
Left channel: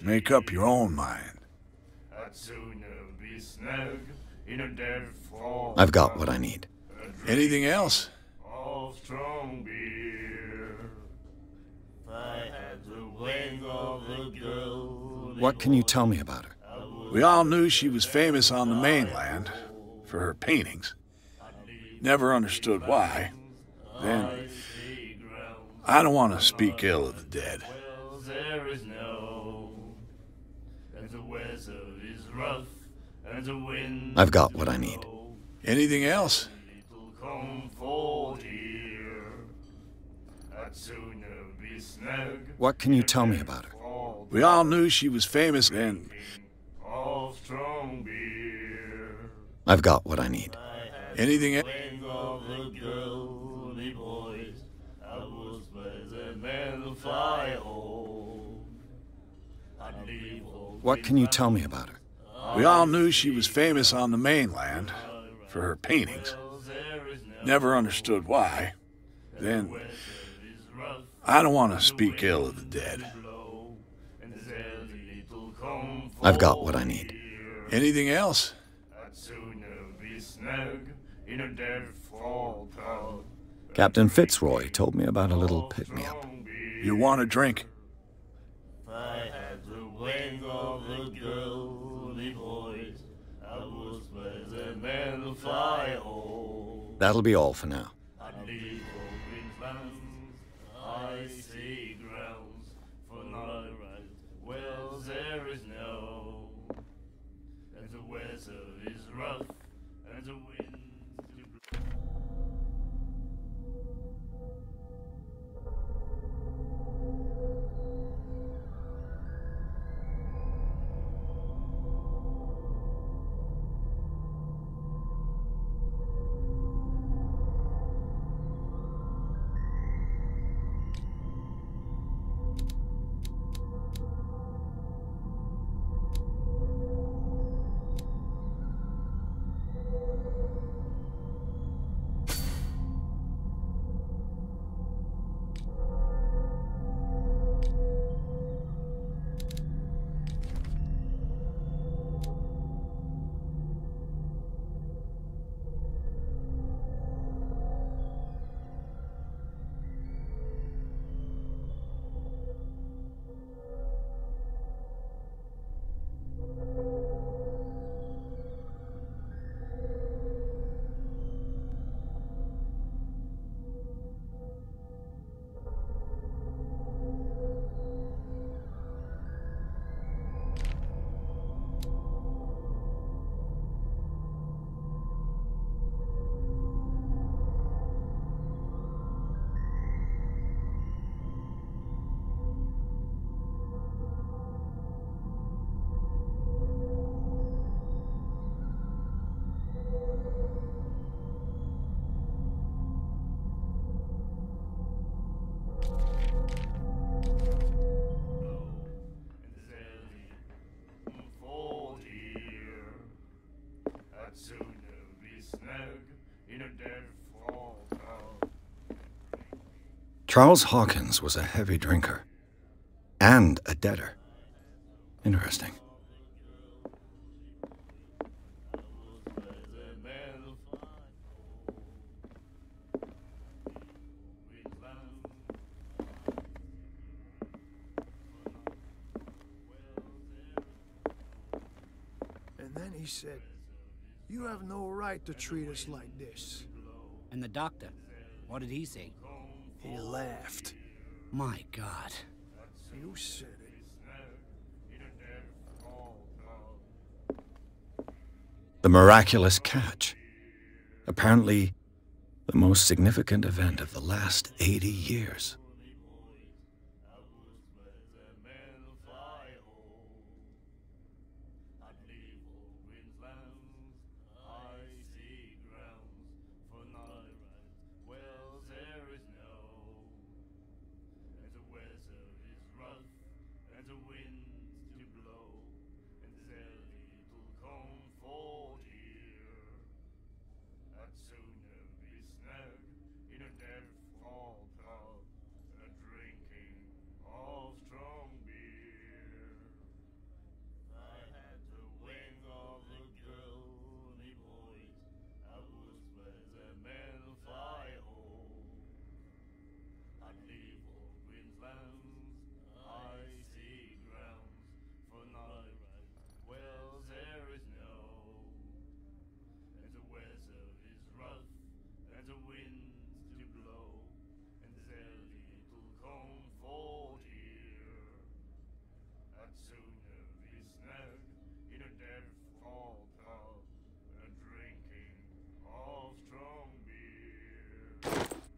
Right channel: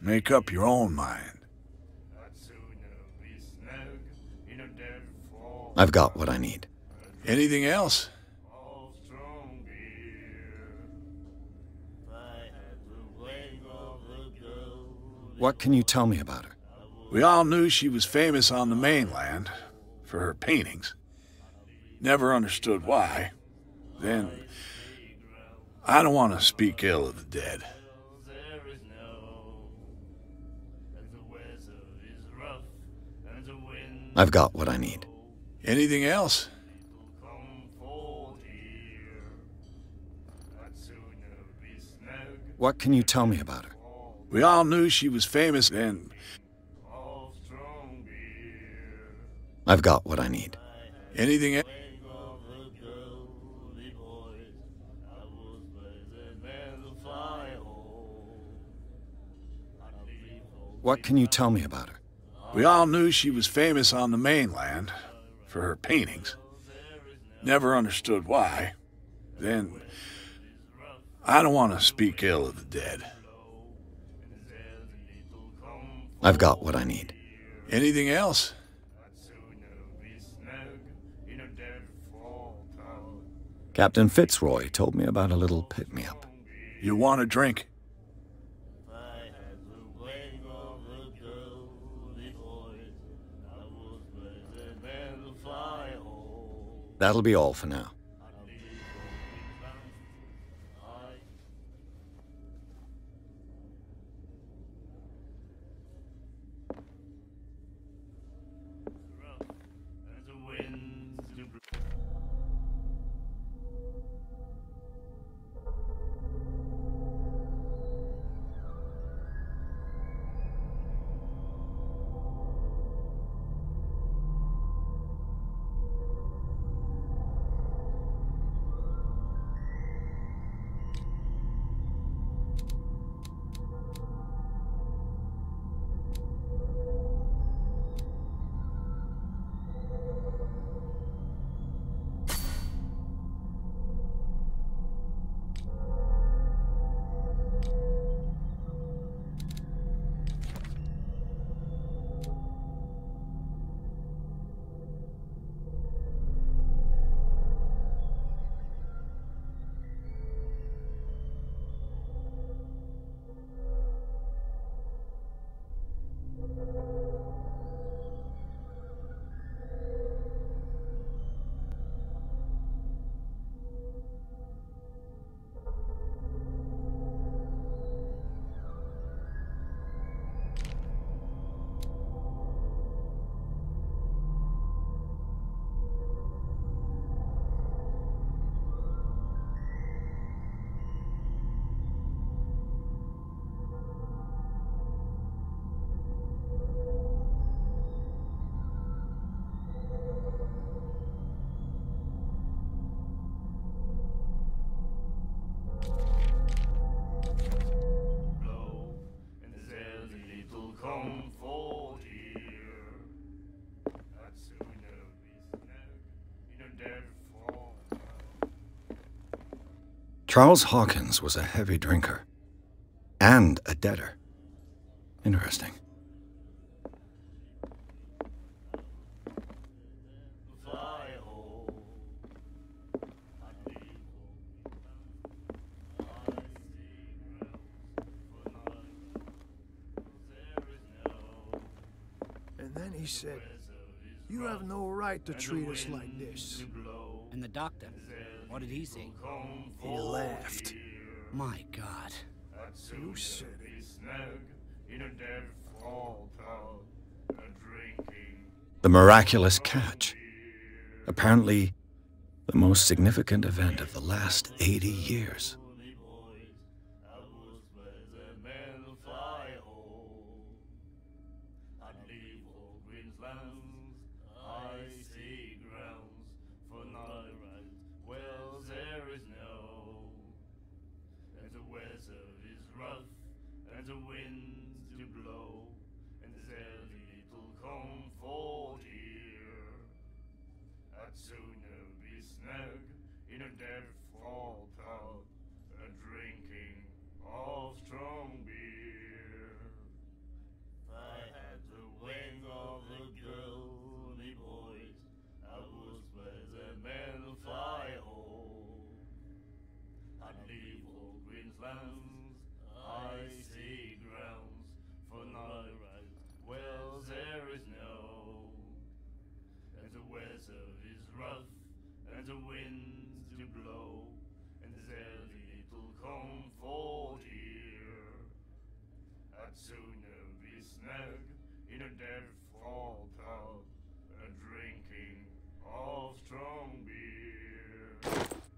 Make up your own mind. I've got what I need. Anything else? What can you tell me about her? We all knew she was famous on the mainland for her paintings. Never understood why. Then, I don't want to speak ill of the dead. I've got what I need. Anything else? What can you tell me about her? We all knew she was famous and... I've got what I need. Anything else? What can you tell me about her? We all knew she was famous on the mainland for her paintings. Never understood why. Then, I don't want to speak ill of the dead. I've got what I need. Anything else? Captain Fitzroy told me about a little pick-me-up. You want a drink? That'll be all for now. Charles Hawkins was a heavy drinker. And a debtor. Interesting. And then he said, "You have no right to treat us like this." And the doctor, what did he say? He laughed. My God. You said it. The miraculous catch. Apparently, the most significant event of the last 80 years.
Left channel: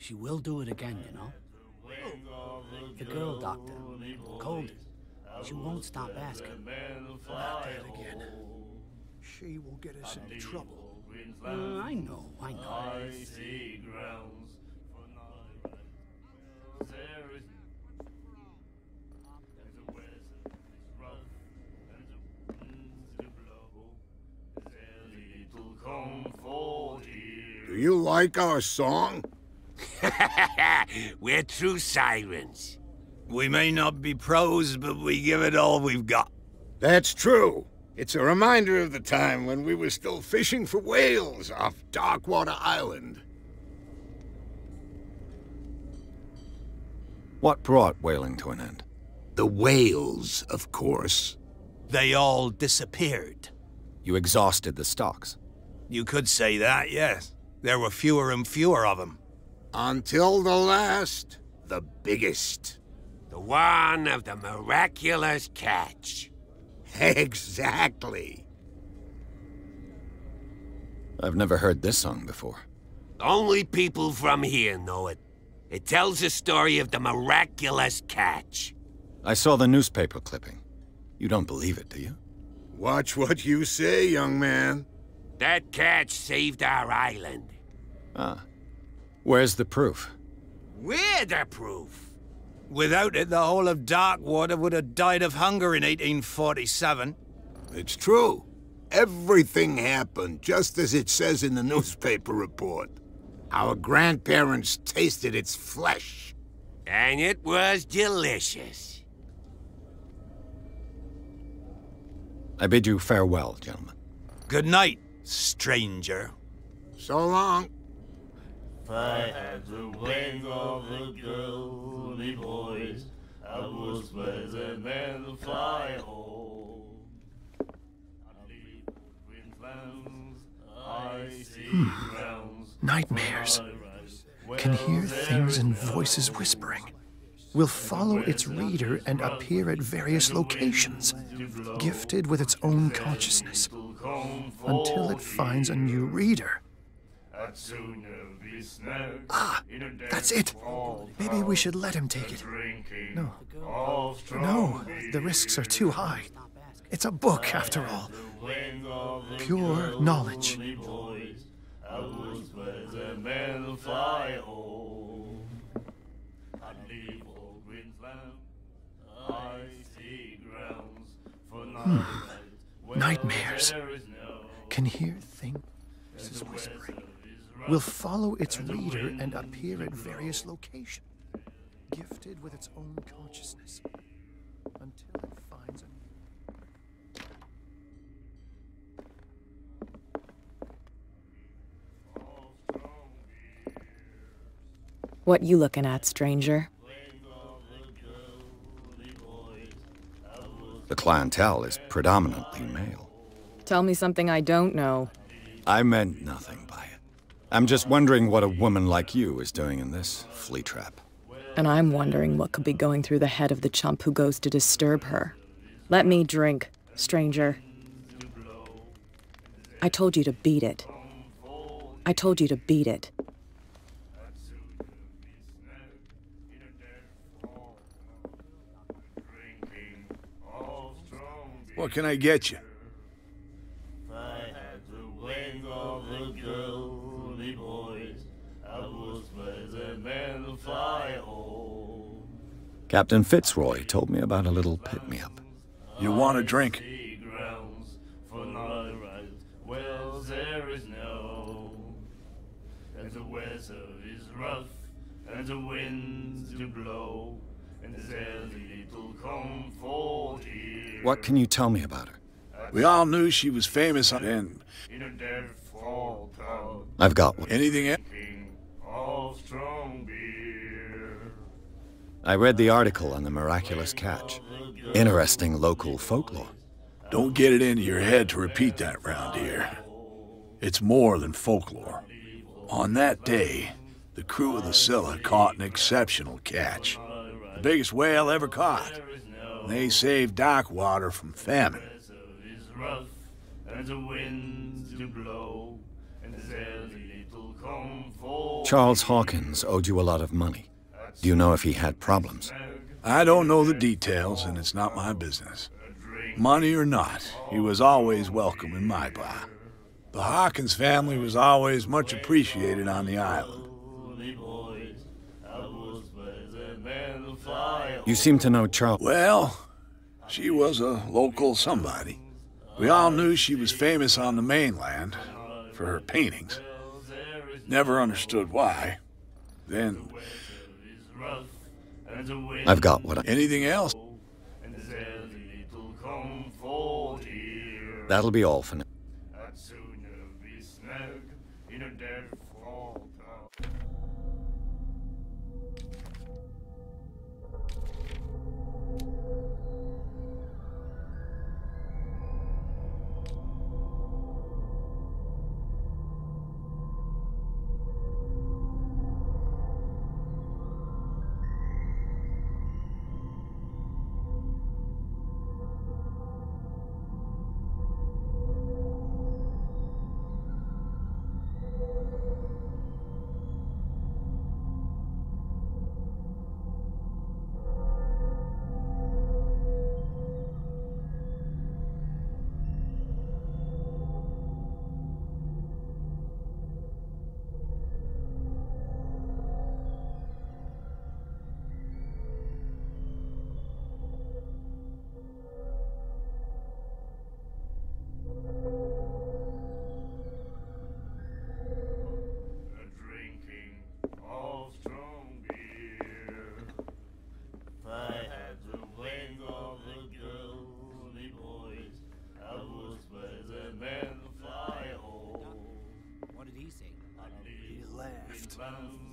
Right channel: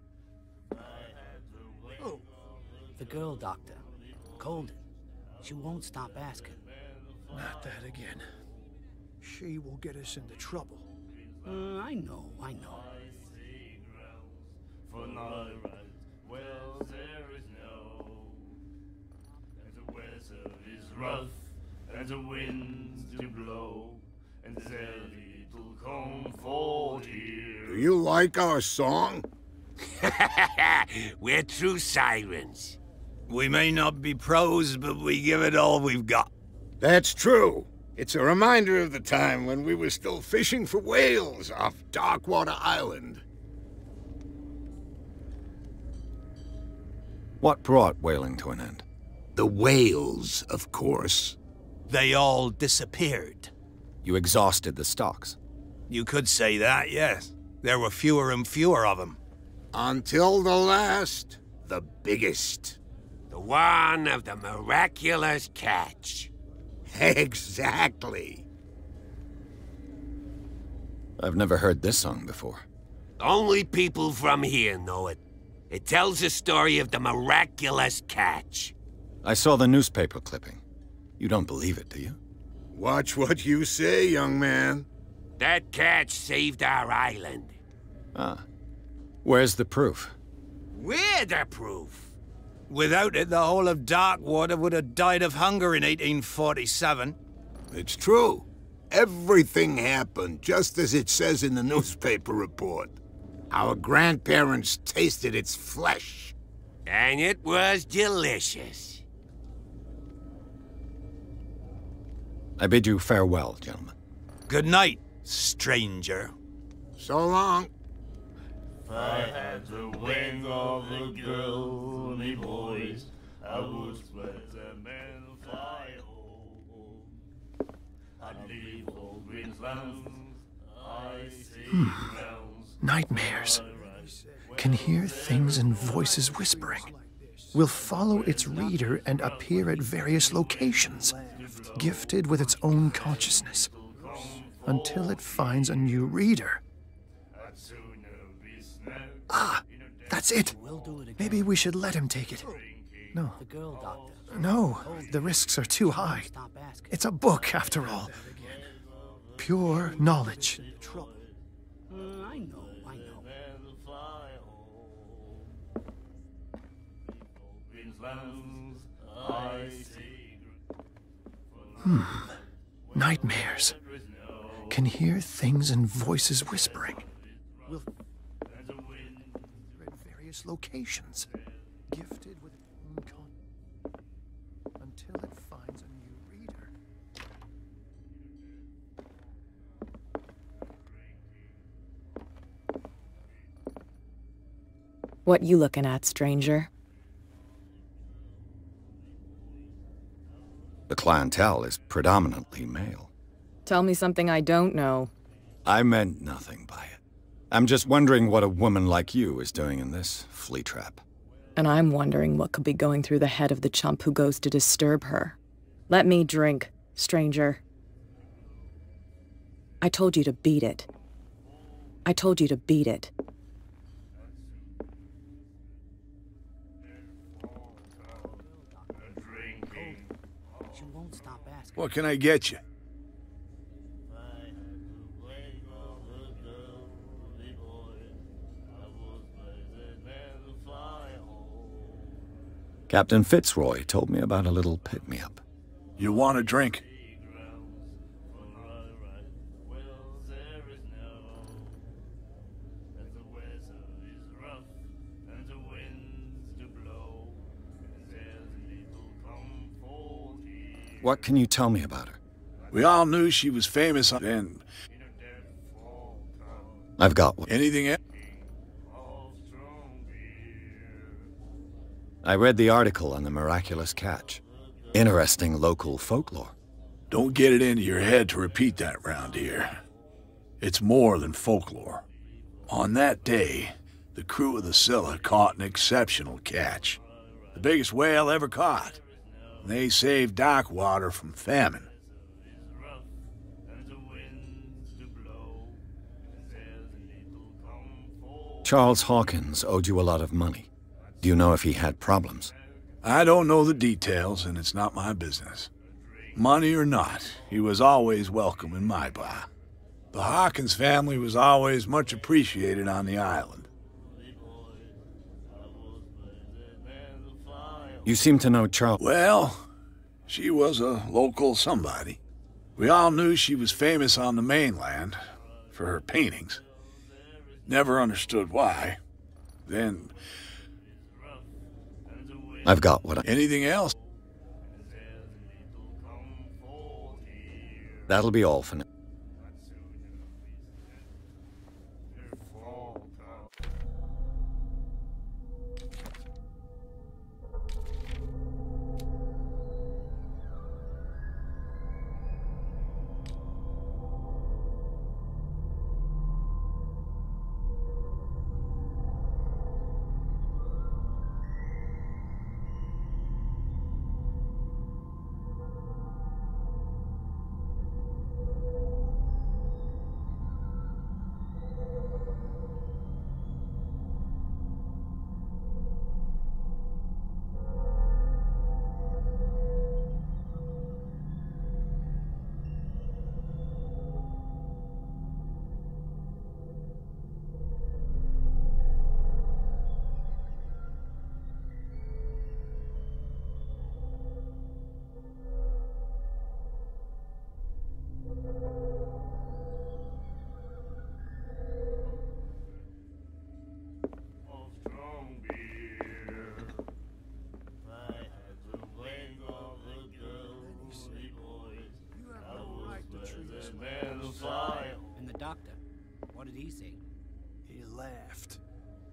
She will do it again, you know. Oh, the girl doctor, Colden. She won't stop asking. Not that again. She will get us into trouble. I know. and the winds to blow, and there's little comfort here. Do you like our song? We're true sirens. We may not be pros, but we give it all we've got. That's true. It's a reminder of the time when we were still fishing for whales off Darkwater Island. What brought whaling to an end? The whales, of course. They all disappeared. You exhausted the stocks. You could say that, yes. There were fewer and fewer of them. Until the last, the biggest. The one of the miraculous catch. Exactly. I've never heard this song before. Only people from here know it. It tells the story of the miraculous catch. I saw the newspaper clipping. You don't believe it, do you? Watch what you say, young man. That catch saved our island. Ah. Where's the proof? We're the proof. Without it, the whole of Darkwater would have died of hunger in 1847. It's true. Everything happened just as it says in the newspaper report. Our grandparents tasted its flesh. And it was delicious. I bid you farewell, gentlemen. Good night, stranger. So long. If I had the wings of the girly boys, I would spread them and fly home. I'd leave all green lands, icy grounds. Nightmares. Can hear things and voices whispering. Will follow its reader and appear at various locations, gifted with its own consciousness, until it finds a new reader. Ah, that's it. Maybe we should let him take it. No. No, the risks are too high. It's a book, after all. Pure knowledge. Nightmares. Can hear things and voices whispering. Will follow its reader and appear at various locations, gifted with its own consciousness, until it finds a new reader. What you looking at, stranger? The clientele is predominantly male. Tell me something I don't know. I meant nothing by it. I'm just wondering what a woman like you is doing in this flea trap. And I'm wondering what could be going through the head of the chump who goes to disturb her. Let me drink, stranger. I told you to beat it. I told you to beat it. What can I get you? Captain Fitzroy told me about a little pick-me-up. You want a drink? What can you tell me about her? We all knew she was famous and... I've got one. Anything else? I read the article on the miraculous catch. Interesting local folklore. Don't get it into your head to repeat that round here. It's more than folklore. On that day, the crew of the Scylla caught an exceptional catch. The biggest whale ever caught. And they saved Darkwater from famine. Charles Hawkins owed you a lot of money. Do you know if he had problems? I don't know the details, and it's not my business. Money or not, he was always welcome in my bar. The Hawkins family was always much appreciated on the island. You seem to know Charles. Well, She was a local somebody. We all knew she was famous on the mainland for her paintings. Never understood why. Then... I've got what I... Anything else? That'll be all for now.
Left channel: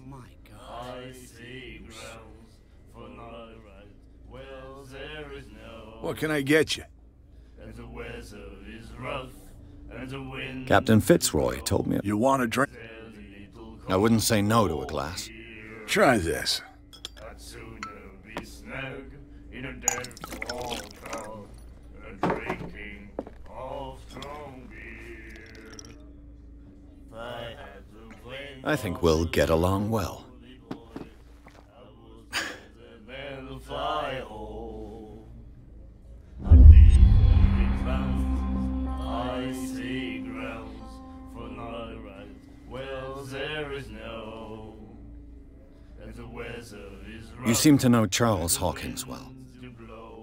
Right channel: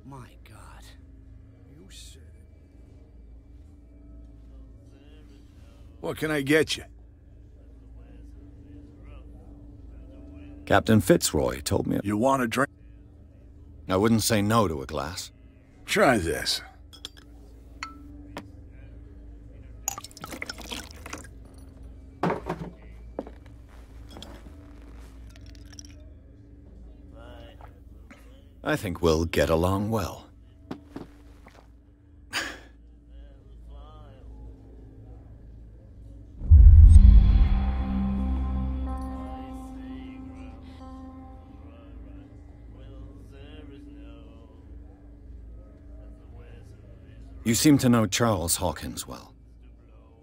My God. What can I get you? Captain Fitzroy told me... You want a drink? I wouldn't say no to a glass. Try this. I think we'll get along well. You seem to know Charles Hawkins well.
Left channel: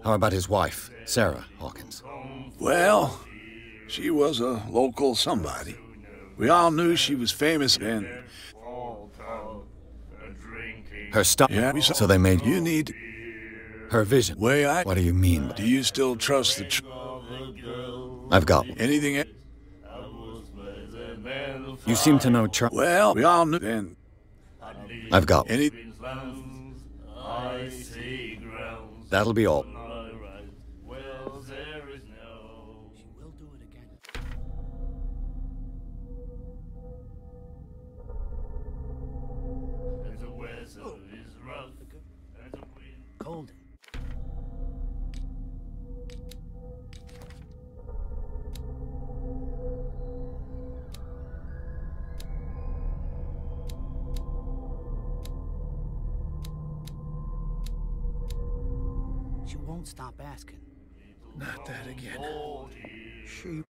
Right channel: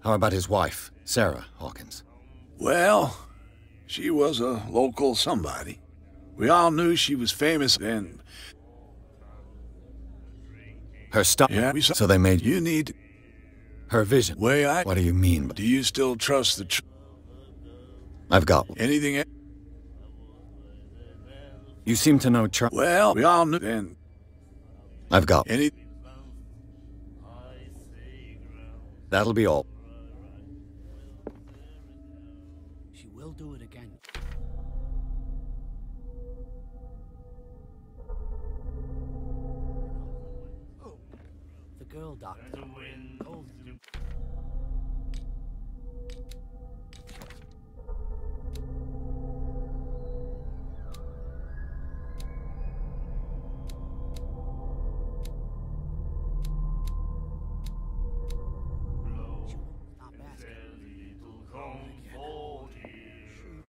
How about his wife, Sarah Hawkins? Well, she was a local somebody. We all knew she was famous and... Her stuff? Yeah, so they made... You need... Her vision? What do you mean? Do you still trust the... I've got... Anything... You seem to know Charles... Well, we all knew then... I've got... Any... That'll be all. She will do it again. The girl doctor. Cold. She won't stop asking. Not that again. She...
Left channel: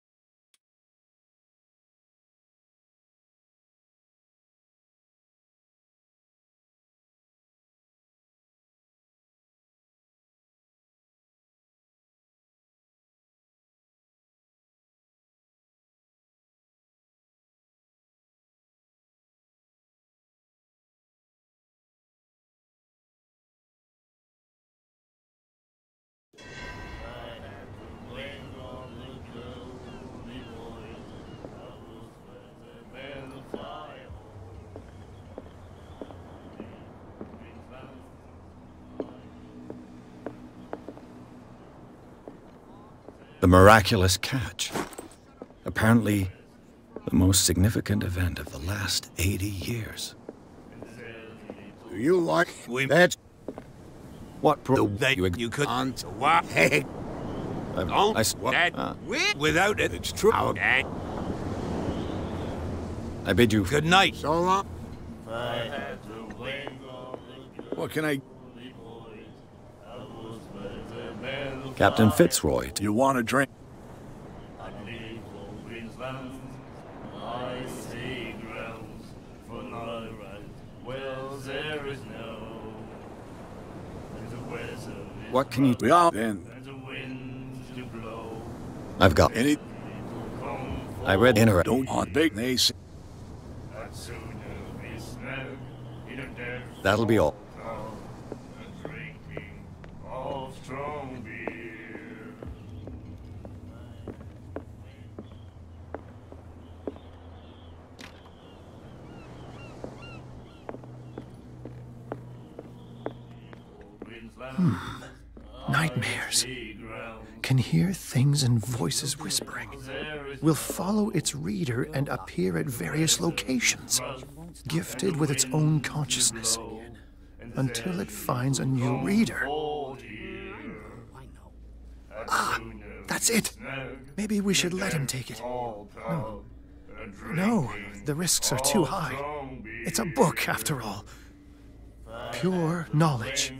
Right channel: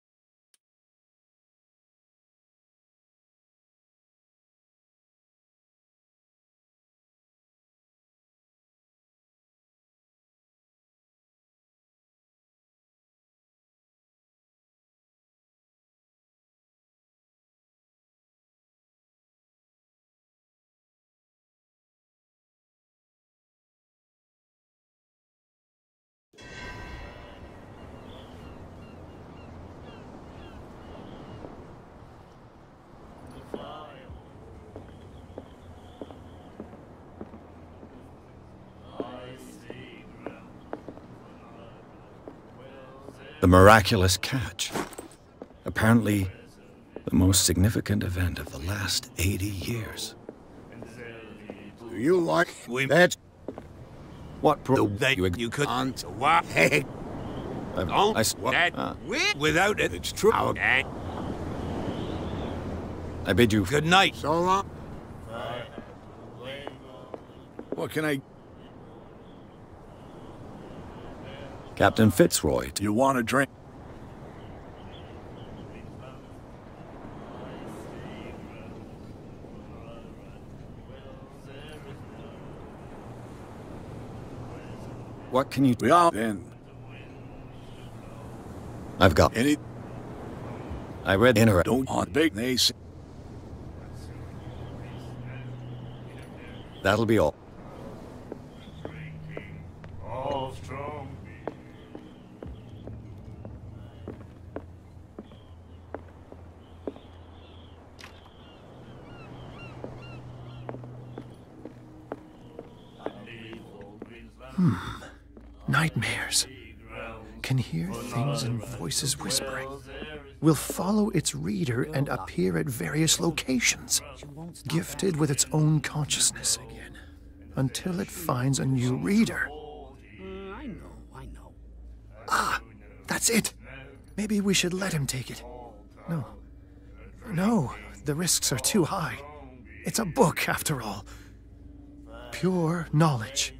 The miraculous catch. Apparently, the most significant event of the last 80 years. Do you like that? What you could on to what? Hey, without it, it's true. I bid you good night. So long. What can I... Captain Fitzroy. You want a drink? What can you... We all... Then... I've got... I read inner... Don't on big nace. That'll be all. Of strong beer. Nightmares. Can hear things and voices whispering. Will follow its reader and appear at various locations, gifted with its own consciousness, until it finds a new reader. I know. Ah, that's it. Maybe we should let him take it. No. No, the risks are too high. It's a book, after all. Pure knowledge.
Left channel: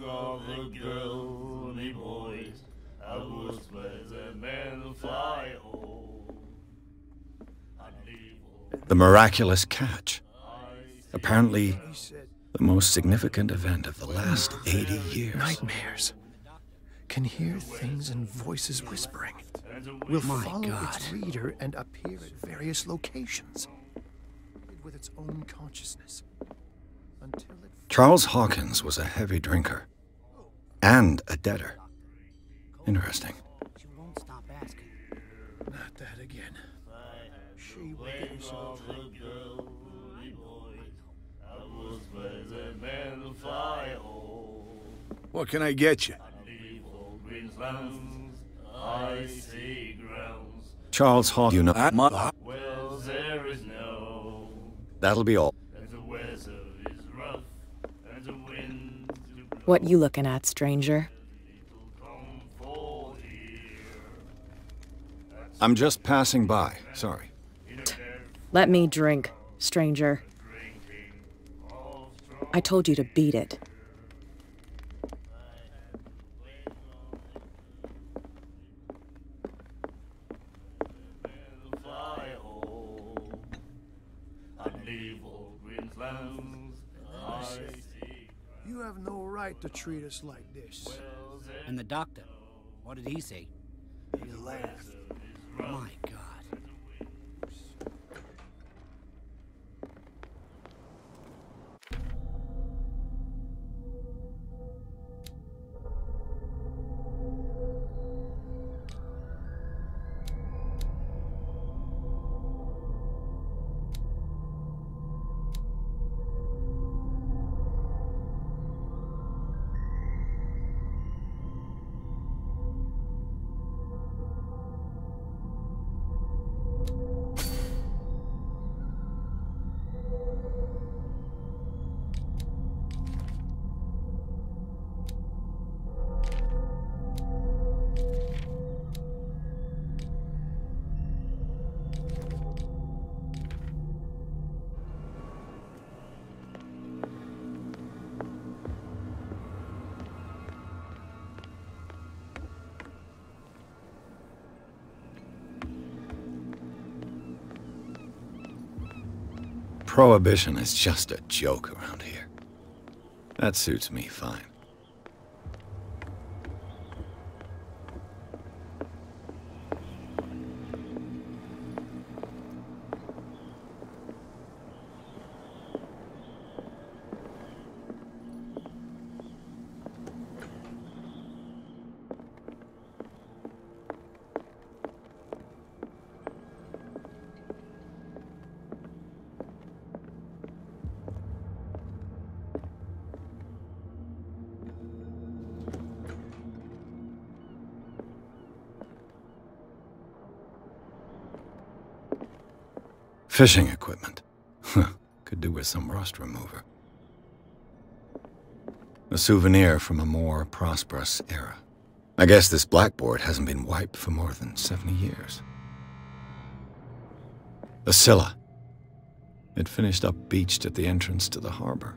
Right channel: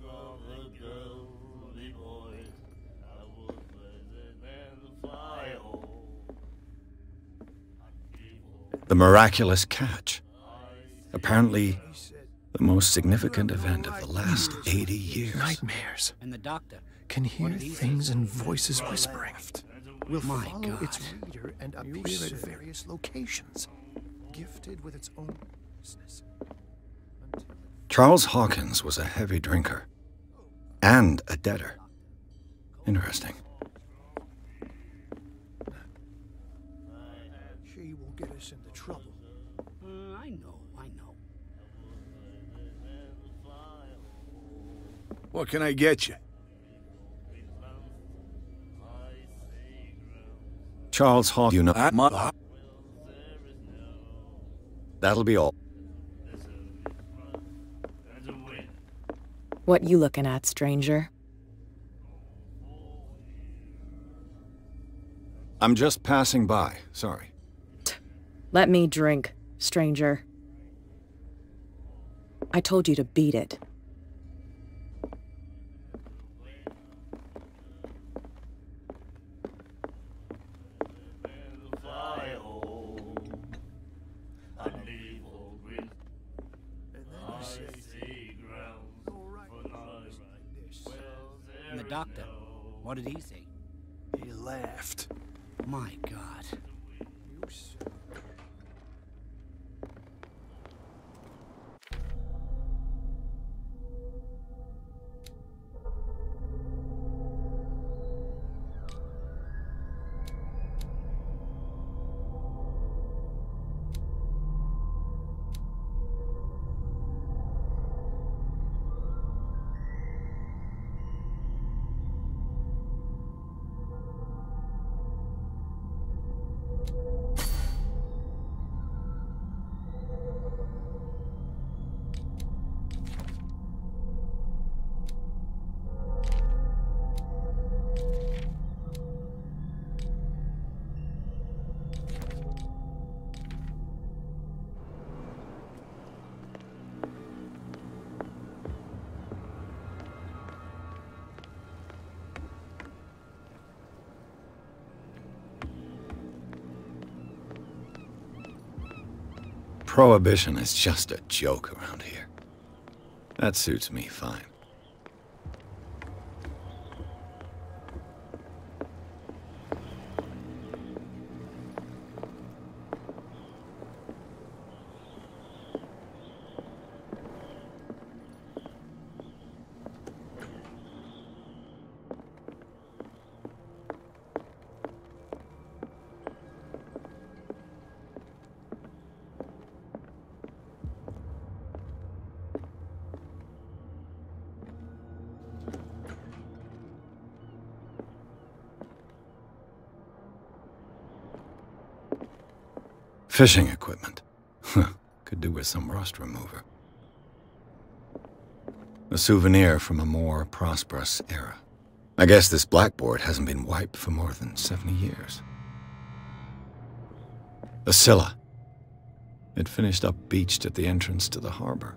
The miraculous catch. Apparently, the most significant event of the last 80 years. Nightmares. And the doctor. Can hear things and voices whispering. Will follow its reader and appear at various locations, gifted with its own consciousness. Until it... Charles Hawkins was a heavy drinker. And a debtor. Interesting. Not that again. She will get us into trouble. I know. What can I get you? Charles Hawkins, you know... That'll be all. What you looking at, stranger? I'm just passing by. Sorry. Let me drink, stranger. I told you to beat it. You have no right to treat us like this. And the doctor, what did he say? He laughed. My God. Prohibition is just a joke around here. That suits me fine. Fishing equipment. Could do with some rust remover. A souvenir from a more prosperous era. I guess this blackboard hasn't been wiped for more than 70 years. The Scylla. It finished up beached at the entrance to the harbor.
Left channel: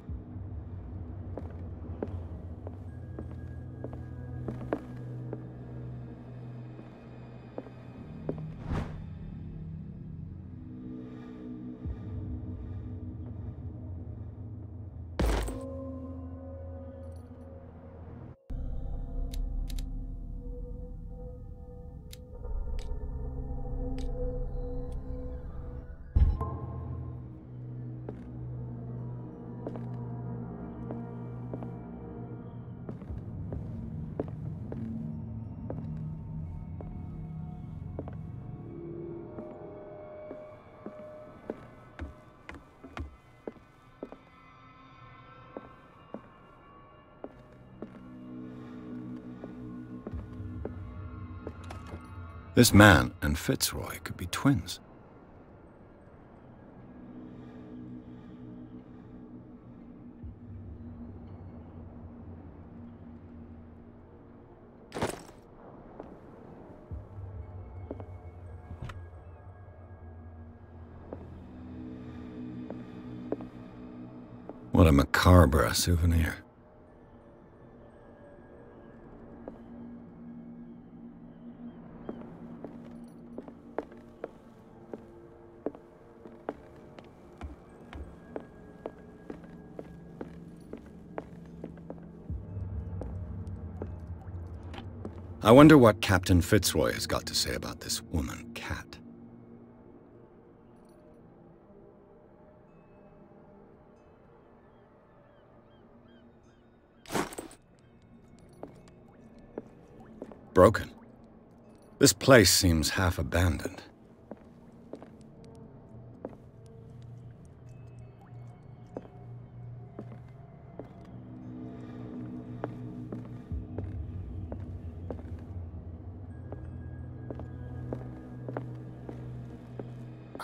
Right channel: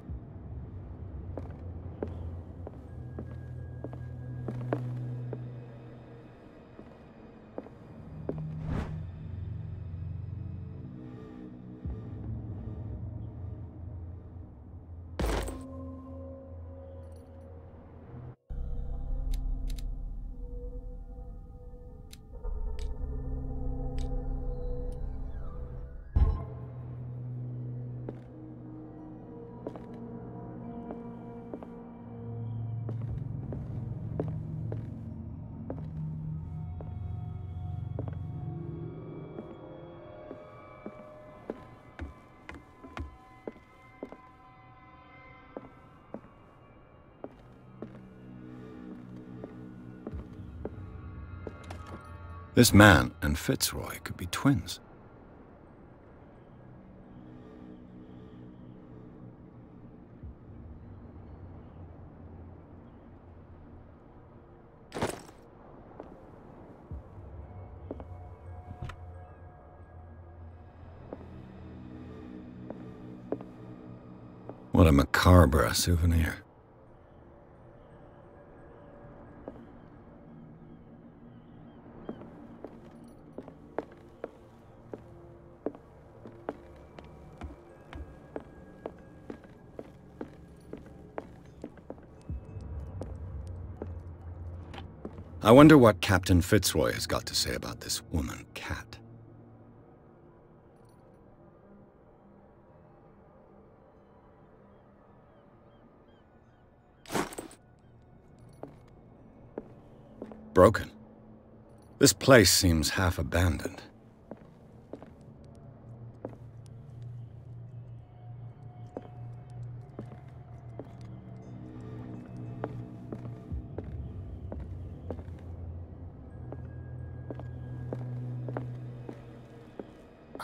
This man and Fitzroy could be twins. What a macabre souvenir. I wonder what Captain Fitzroy has got to say about this woman, Cat. Broken. This place seems half abandoned.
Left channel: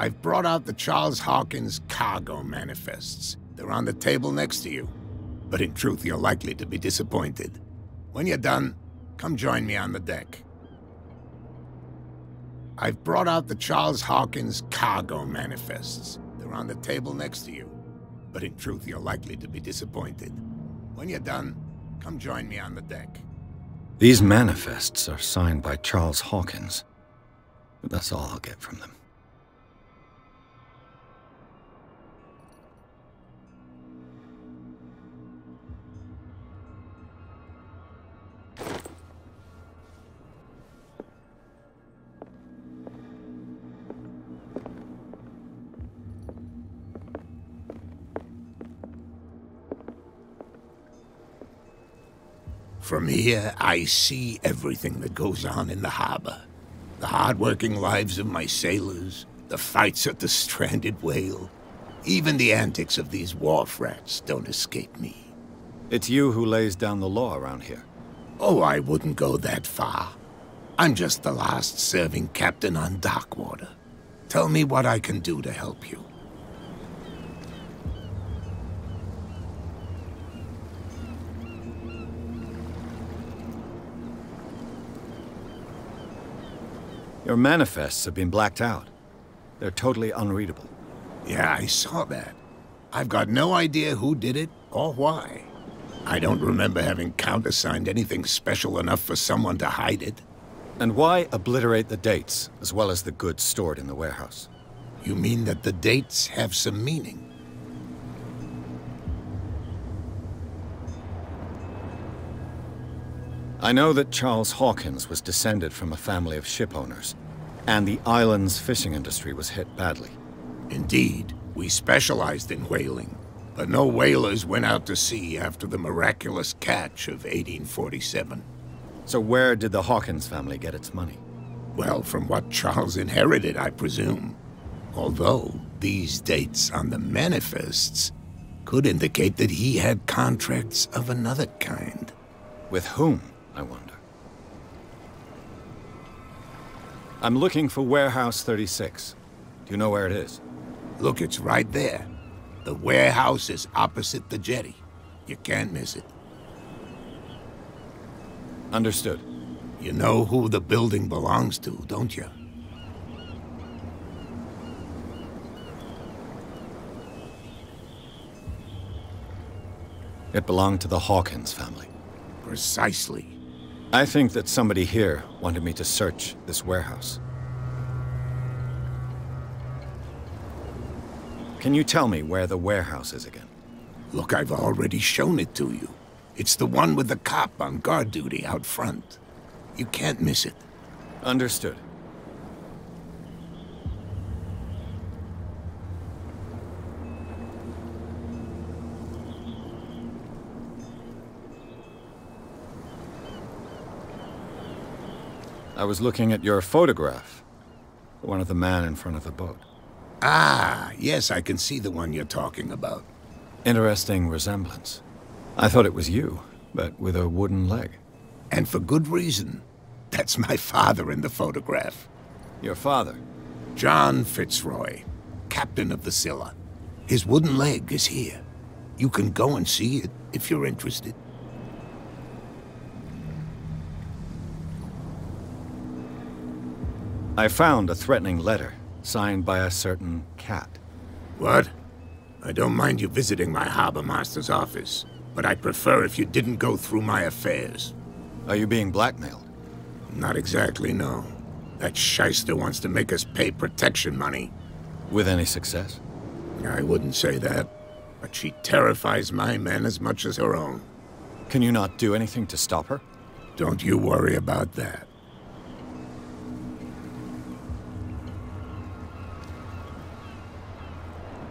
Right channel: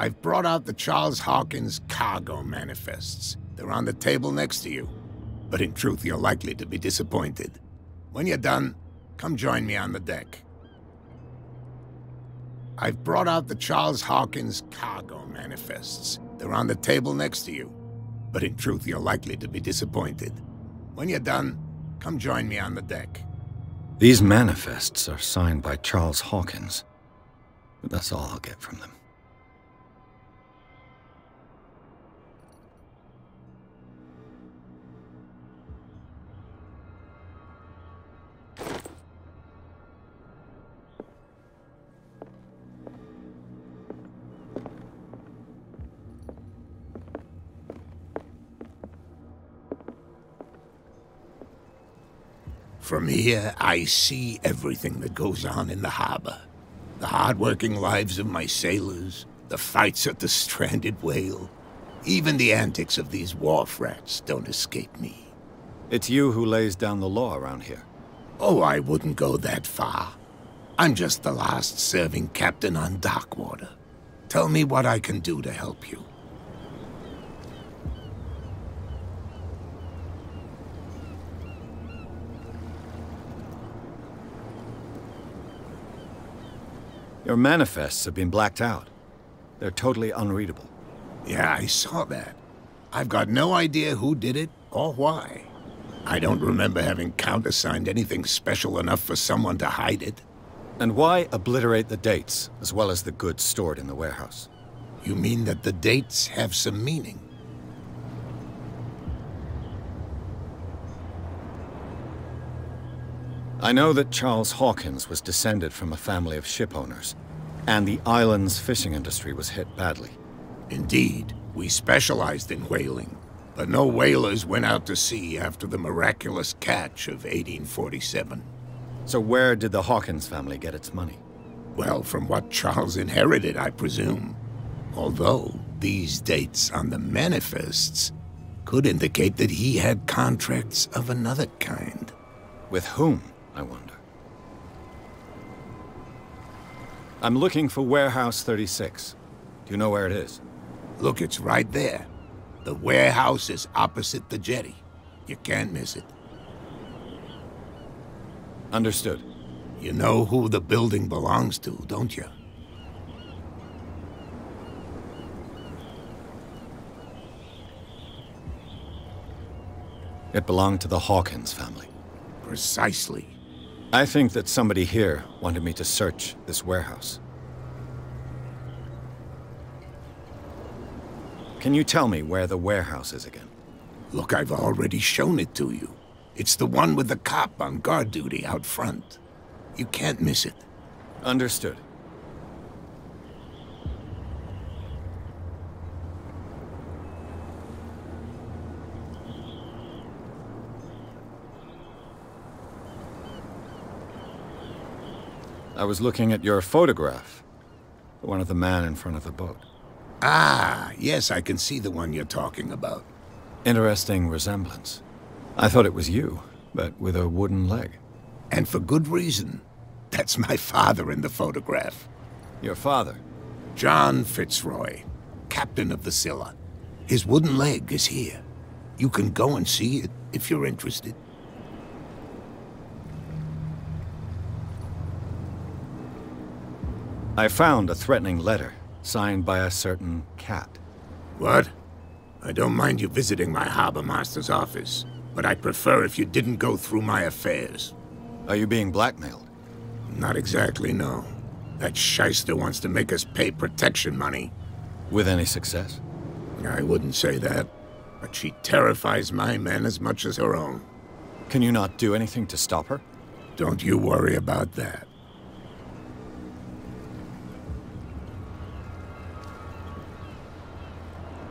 I've brought out the Charles Hawkins cargo manifests. They're on the table next to you. But in truth, you're likely to be disappointed. When you're done, come join me on the deck. I've brought out the Charles Hawkins cargo manifests. They're on the table next to you. But in truth, you're likely to be disappointed. When you're done, come join me on the deck. These manifests are signed by Charles Hawkins. But that's all I'll get from them. From here, I see everything that goes on in the harbor. The hard-working lives of my sailors, the fights at the stranded whale. Even the antics of these wharf rats don't escape me. It's you who lays down the law around here. Oh, I wouldn't go that far. I'm just the last serving captain on Darkwater. Tell me what I can do to help you. Your manifests have been blacked out. They're totally unreadable. Yeah, I saw that. I've got no idea who did it or why. I don't remember having countersigned anything special enough for someone to hide it. And why obliterate the dates, as well as the goods stored in the warehouse? You mean that the dates have some meaning? I know that Charles Hawkins was descended from a family of ship owners, and the island's fishing industry was hit badly. Indeed, we specialized in whaling, but no whalers went out to sea after the miraculous catch of 1847. So where did the Hawkins family get its money? Well, from what Charles inherited, I presume. Although, these dates on the manifests could indicate that he had contracts of another kind. With whom, I wonder? I'm looking for Warehouse 36. Do you know where it is? Look, it's right there. The warehouse is opposite the jetty. You can't miss it. Understood. You know who the building belongs to, don't you? It belonged to the Hawkins family. Precisely. I think that somebody here wanted me to search this warehouse. Can you tell me where the warehouse is again? Look, I've already shown it to you. It's the one with the cop on guard duty out front. You can't miss it. Understood. I was looking at your photograph. The one of the man in front of the boat. Ah, yes, I can see the one you're talking about. Interesting resemblance. I thought it was you, but with a wooden leg. And for good reason. That's my father in the photograph. Your father? John Fitzroy, captain of the Scylla. His wooden leg is here. You can go and see it if you're interested. I found a threatening letter, signed by a certain cat. What? I don't mind you visiting my harbor master's office, but I'd prefer if you didn't go through my affairs. Are you being blackmailed? Not exactly, no. That shyster wants to make us pay protection money. With any success? I wouldn't say that, but she terrifies my men as much as her own. Can you not do anything to stop her? Don't you worry about that.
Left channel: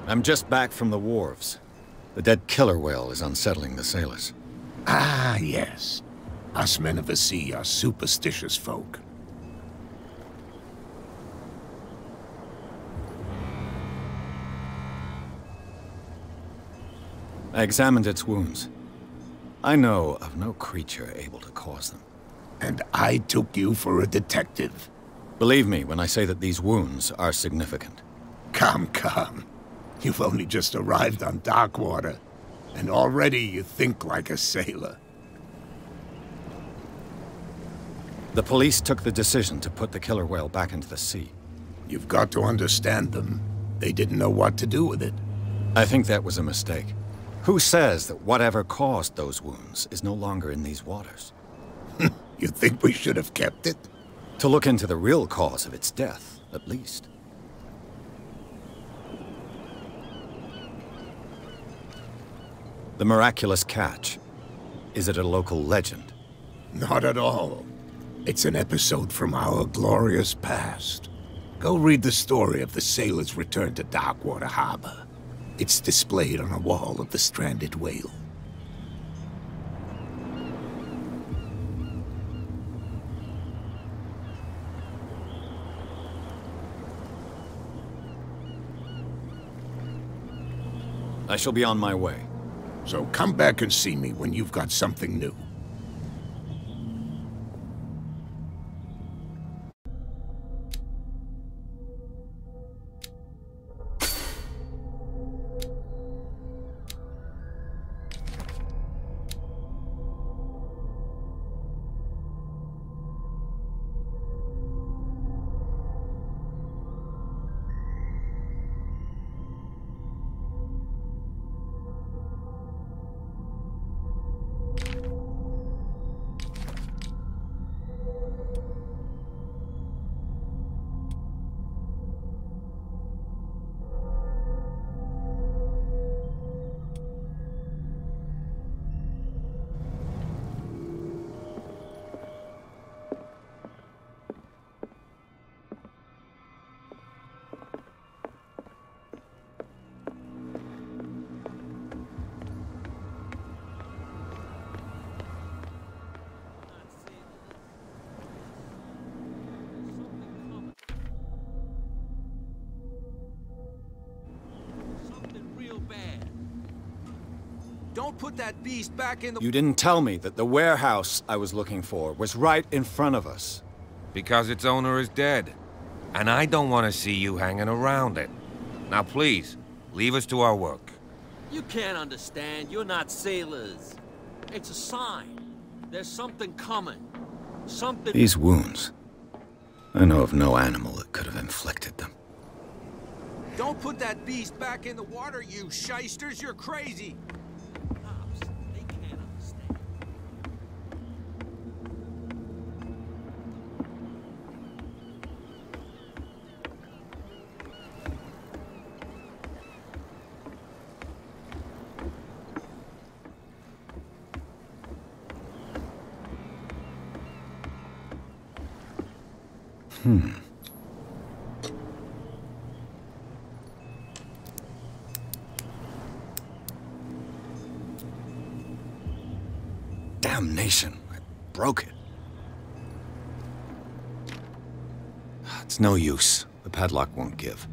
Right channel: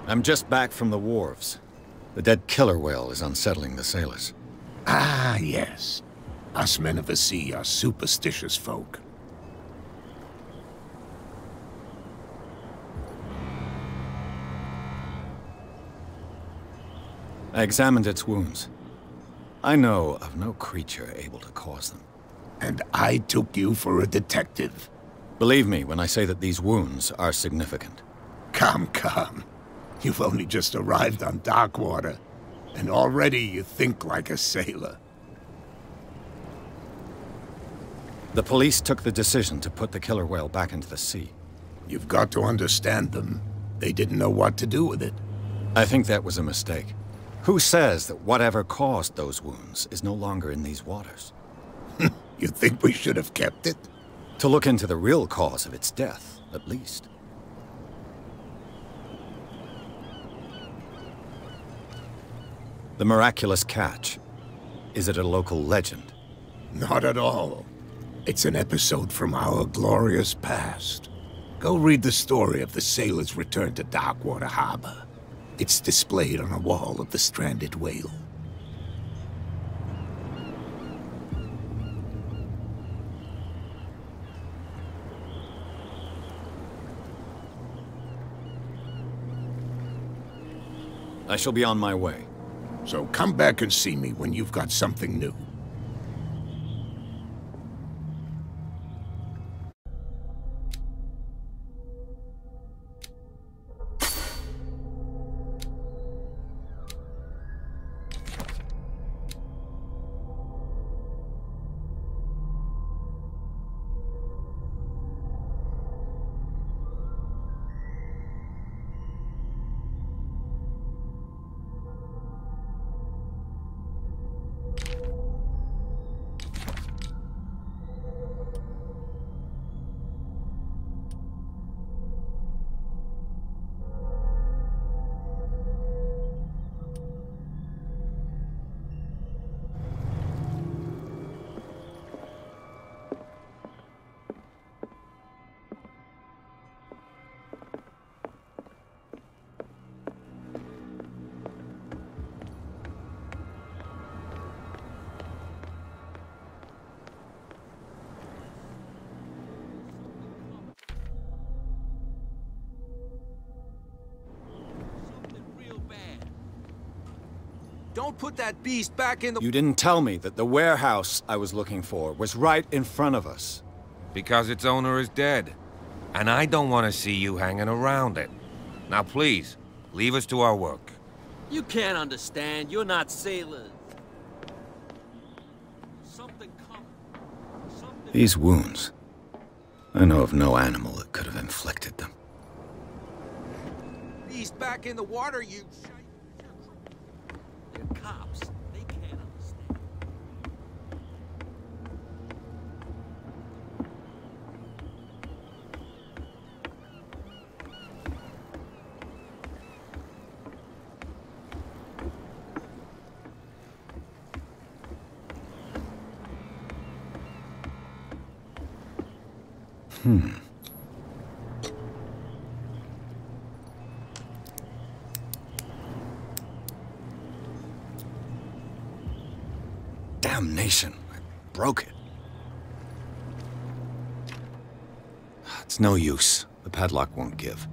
I'm just back from the wharves. The dead killer whale is unsettling the sailors. Ah, yes. Us men of the sea are superstitious folk. I examined its wounds. I know of no creature able to cause them. And I took you for a detective. Believe me when I say that these wounds are significant. Come, come. You've only just arrived on Darkwater, and already you think like a sailor. The police took the decision to put the killer whale back into the sea. You've got to understand them. They didn't know what to do with it. I think that was a mistake. Who says that whatever caused those wounds is no longer in these waters? You think we should have kept it? To look into the real cause of its death, at least. The miraculous catch. Is it a local legend? Not at all. It's an episode from our glorious past. Go read the story of the sailor's return to Darkwater Harbor. It's displayed on a wall of the stranded whale. I shall be on my way. So come back and see me when you've got something new. Don't put that beast back in the... You didn't tell me that the warehouse I was looking for was right in front of us. Because its owner is dead. And I don't want to see you hanging around it. Now please, leave us to our work. You can't understand. You're not sailors. It's a sign. There's something coming. Something... These wounds. I know of no animal that could have inflicted them. Don't put that beast back in the water, you shysters. You're crazy. They're cops. They can't understand. Damnation. I broke it. It's no use. The padlock won't give.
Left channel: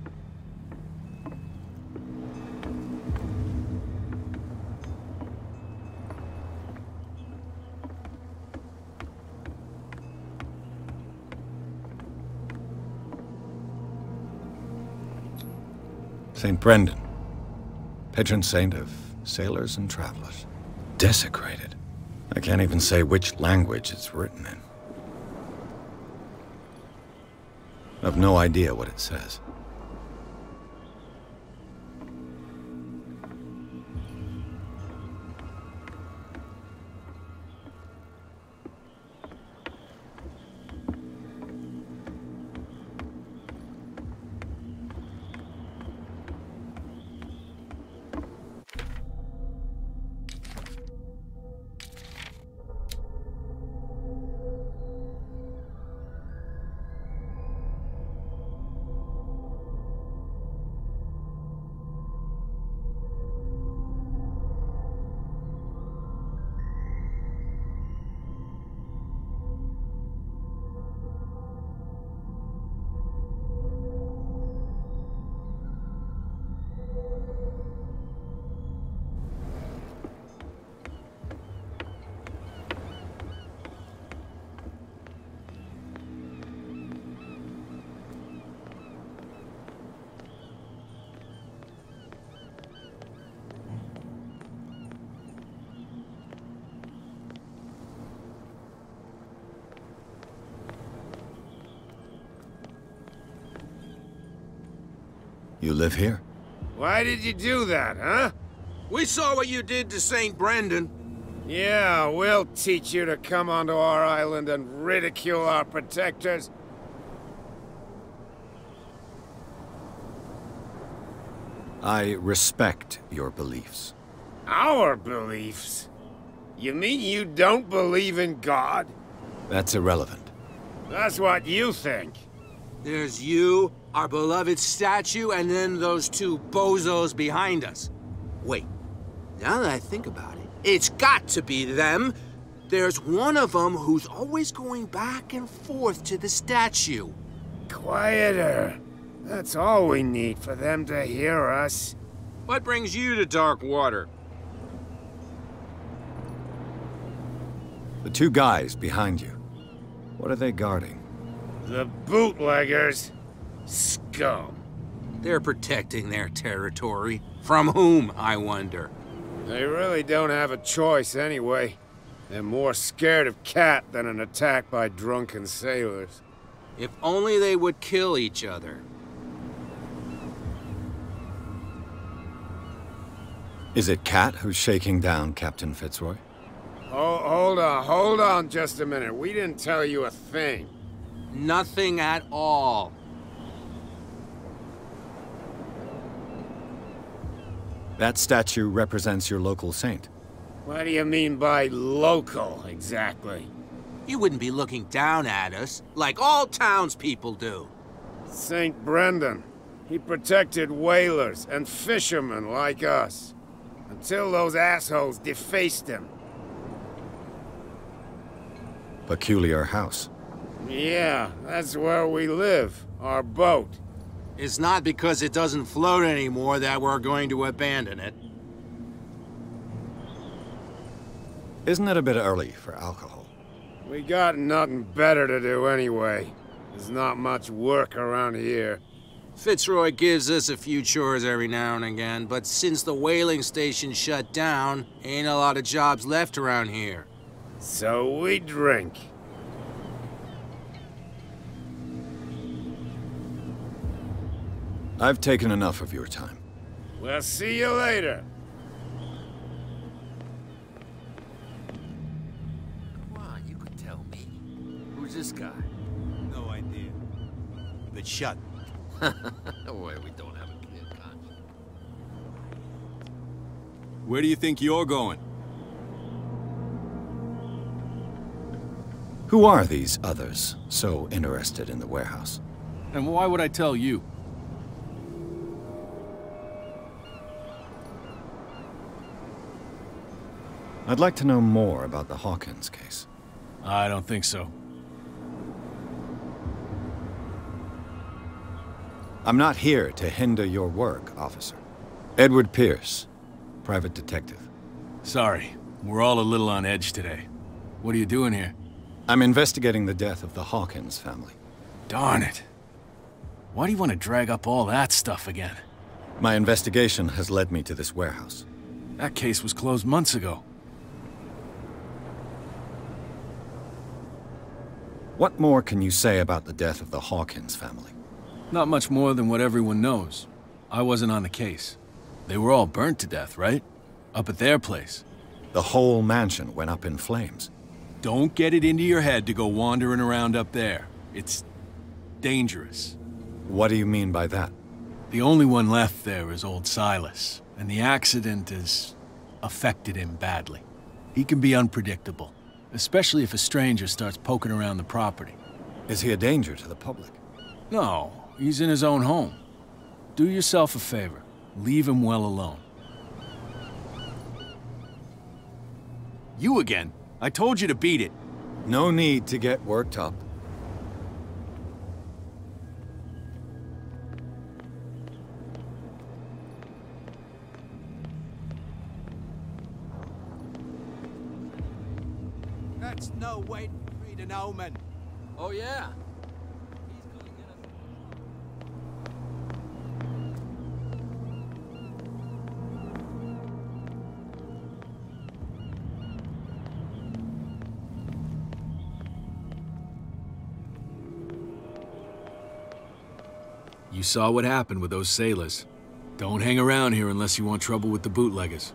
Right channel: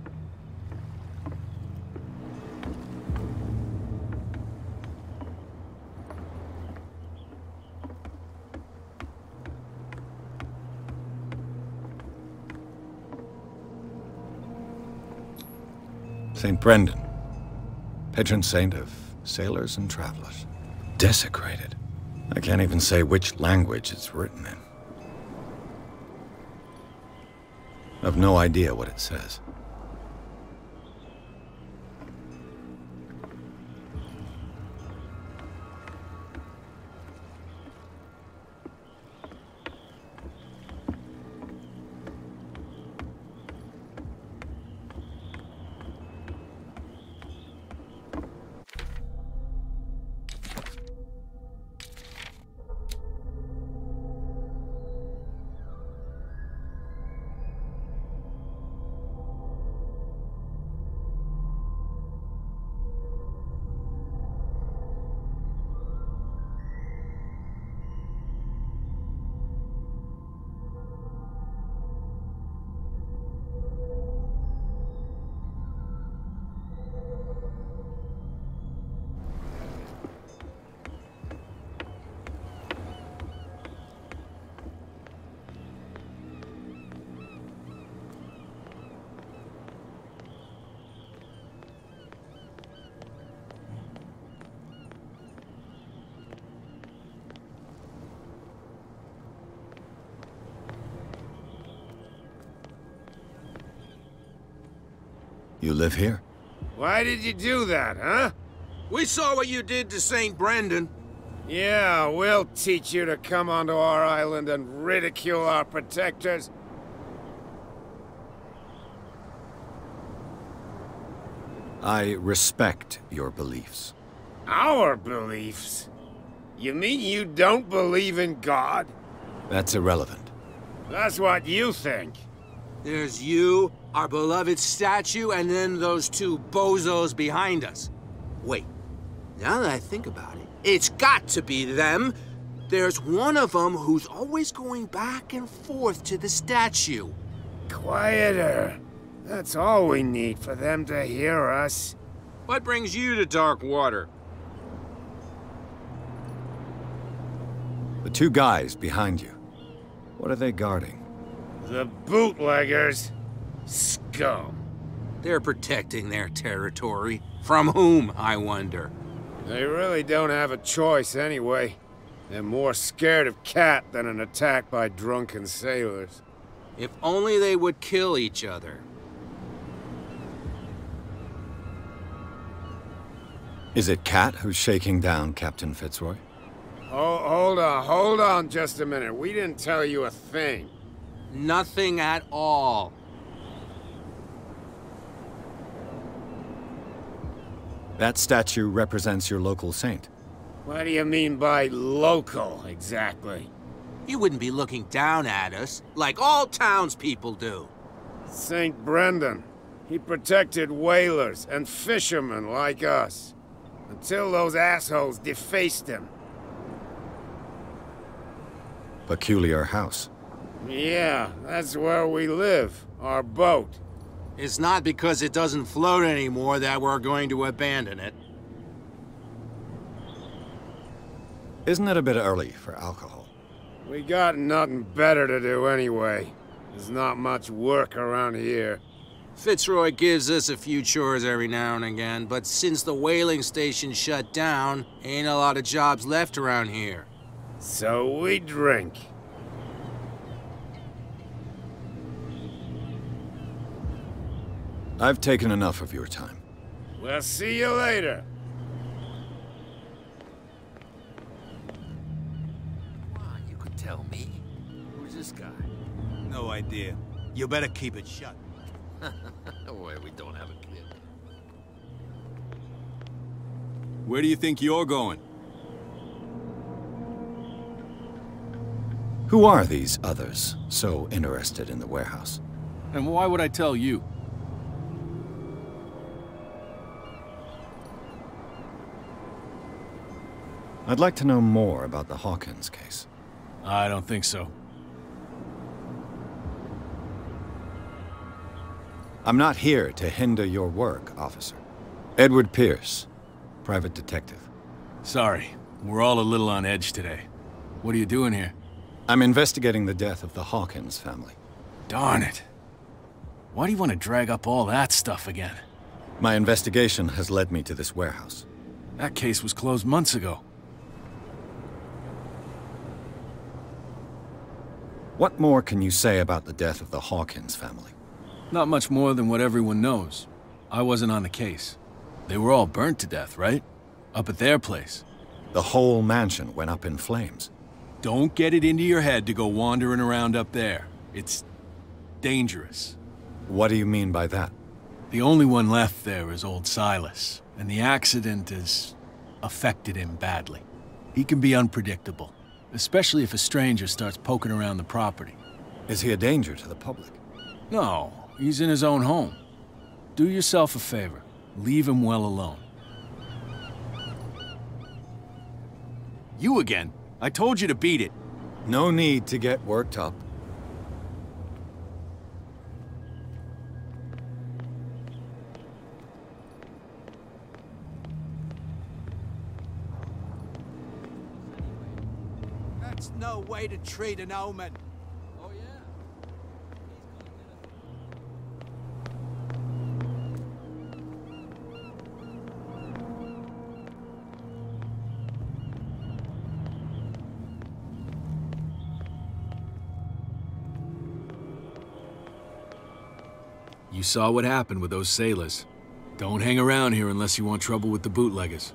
St. Brendan, patron saint of sailors and travelers. Desecrated. I can't even say which language it's written in. I've no idea what it says. You live here? Why did you do that, huh? We saw what you did to St. Brendan. Yeah, we'll teach you to come onto our island and ridicule our protectors. I respect your beliefs. Our beliefs? You mean you don't believe in God? That's irrelevant. That's what you think. There's you, our beloved statue, and then those two bozos behind us. Wait, now that I think about it, it's got to be them. There's one of them who's always going back and forth to the statue. Quieter. That's all we need for them to hear us. What brings you to Dark Water? The two guys behind you. What are they guarding? The bootleggers. Scum. They're protecting their territory. From whom, I wonder? They really don't have a choice anyway. They're more scared of Cat than an attack by drunken sailors. If only they would kill each other. Is it Cat who's shaking down Captain Fitzroy? Oh, hold on just a minute. We didn't tell you a thing. Nothing at all. That statue represents your local saint. What do you mean by local, exactly? You wouldn't be looking down at us, like all townspeople do. St. Brendan. He protected whalers and fishermen like us. Until those assholes defaced him. Peculiar house. Yeah, that's where we live. Our boat. It's not because it doesn't float anymore that we're going to abandon it. Isn't it a bit early for alcohol? We got nothing better to do anyway. There's not much work around here. Fitzroy gives us a few chores every now and again, but since the whaling station shut down, ain't a lot of jobs left around here. So we drink. I've taken enough of your time. We'll see you later. Come on, you could tell me. Who's this guy? No idea. You better keep it shut. Wait, we don't have a clear conscience. Where do you think you're going? Who are these others so interested in the warehouse? And why would I tell you? I'd like to know more about the Hawkins case. I don't think so. I'm not here to hinder your work, officer. Edward Pierce, private detective. Sorry, we're all a little on edge today. What are you doing here? I'm investigating the death of the Hawkins family. Darn it. Why do you want to drag up all that stuff again? My investigation has led me to this warehouse. That case was closed months ago. What more can you say about the death of the Hawkins family? Not much more than what everyone knows. I wasn't on the case. They were all burnt to death, right? Up at their place. The whole mansion went up in flames. Don't get it into your head to go wandering around up there. It's dangerous. What do you mean by that? The only one left there is old Silas, and the accident has affected him badly. He can be unpredictable, especially if a stranger starts poking around the property. Is he a danger to the public? No, he's in his own home. Do yourself a favor. Leave him well alone. You again? I told you to beat it. No need to get worked up. That's no way to treat an omen. Oh, yeah? You saw what happened with those sailors. Don't hang around here unless you want trouble with the bootleggers.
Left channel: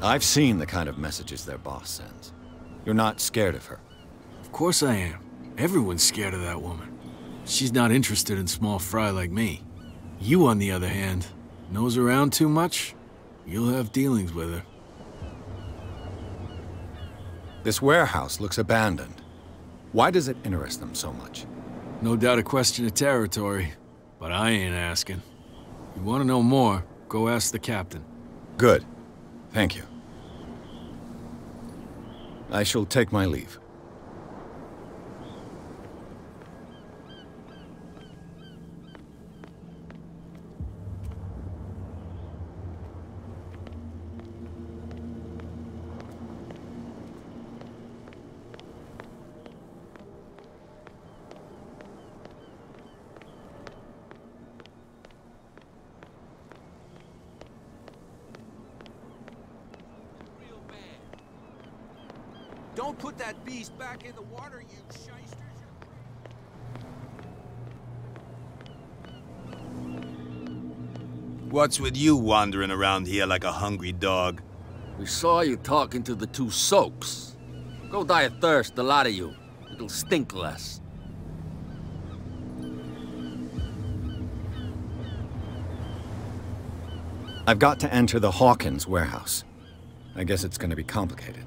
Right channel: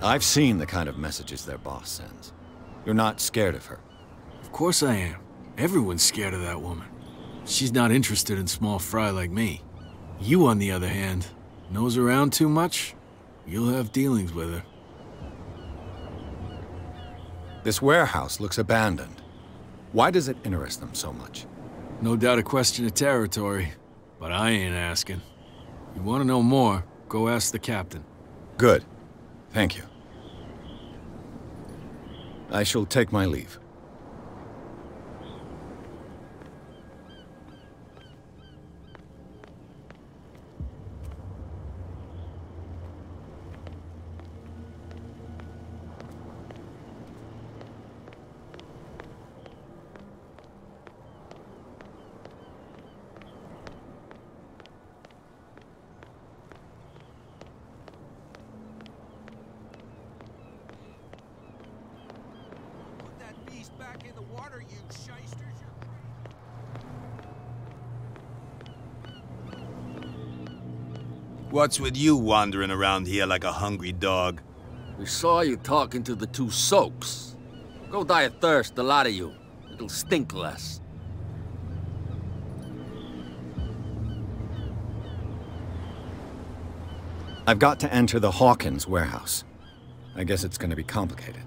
I've seen the kind of messages their boss sends. You're not scared of her. Of course I am. Everyone's scared of that woman. She's not interested in small fry like me. You, on the other hand, nose around too much, you'll have dealings with her. This warehouse looks abandoned. Why does it interest them so much? No doubt a question of territory, but I ain't asking. You want to know more, go ask the captain. Good. Thank you. I shall take my leave. Don't put that beast back in the water, you shysters. What's with you wandering around here like a hungry dog? We saw you talking to the two soaks. Go die of thirst, the lot of you. It'll stink less. I've got to enter the Hawkins warehouse. I guess it's going to be complicated.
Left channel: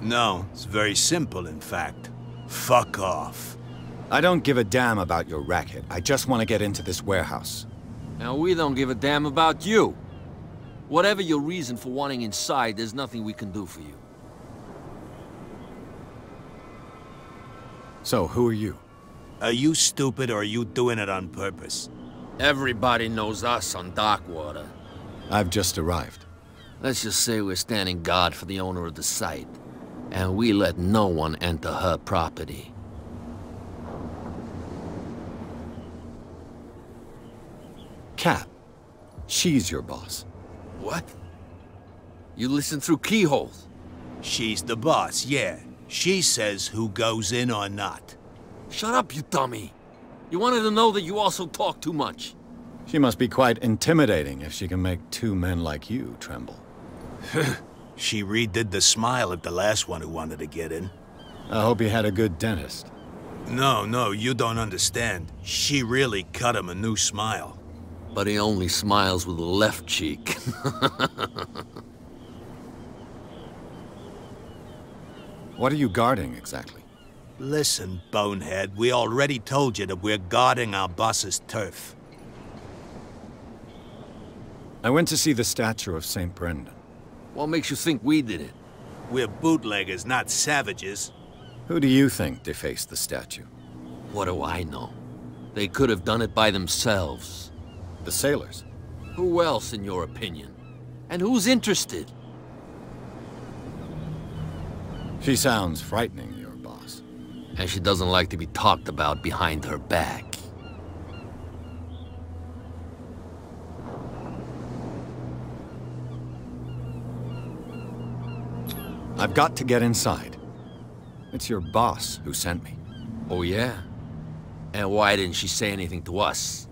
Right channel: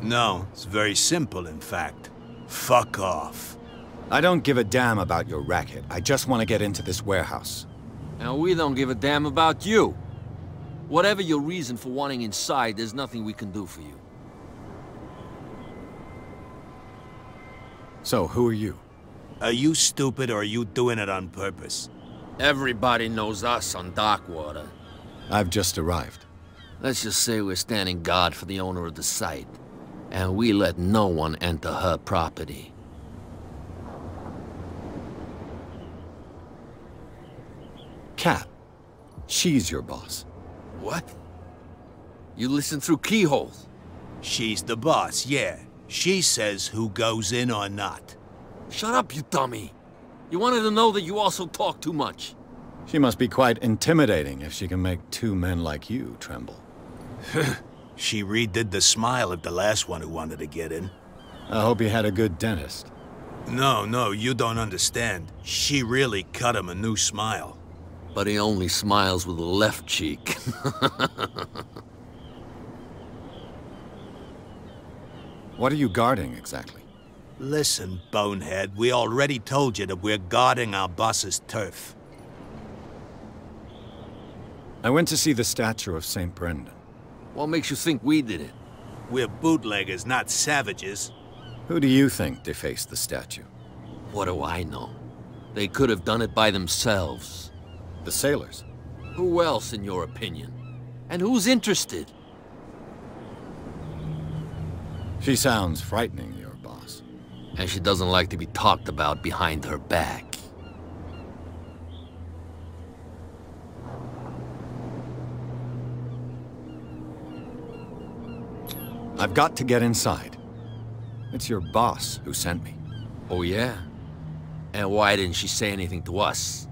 No, it's very simple, in fact. Fuck off. I don't give a damn about your racket. I just want to get into this warehouse. And we don't give a damn about you. Whatever your reason for wanting inside, there's nothing we can do for you. So, who are you? Are you stupid or are you doing it on purpose? Everybody knows us on Darkwater. I've just arrived. Let's just say we're standing guard for the owner of the site. And we let no one enter her property. Kat. She's your boss. What? You listen through keyholes? She's the boss, yeah. She says who goes in or not. Shut up, you dummy. You wanted to know that you also talk too much. She must be quite intimidating if she can make two men like you tremble. She redid the smile at the last one who wanted to get in. I hope you had a good dentist. No, you don't understand. She really cut him a new smile. But he only smiles with the left cheek. What are you guarding, exactly? Listen, bonehead, we already told you that we're guarding our boss's turf. I went to see the statue of St. Brendan. What makes you think we did it? We're bootleggers, not savages. Who do you think defaced the statue? What do I know? They could have done it by themselves. The sailors? Who else, in your opinion? And who's interested? She sounds frightening, your boss. And she doesn't like to be talked about behind her back. I've got to get inside. It's your boss who sent me. Oh, yeah? And why didn't she say anything to us?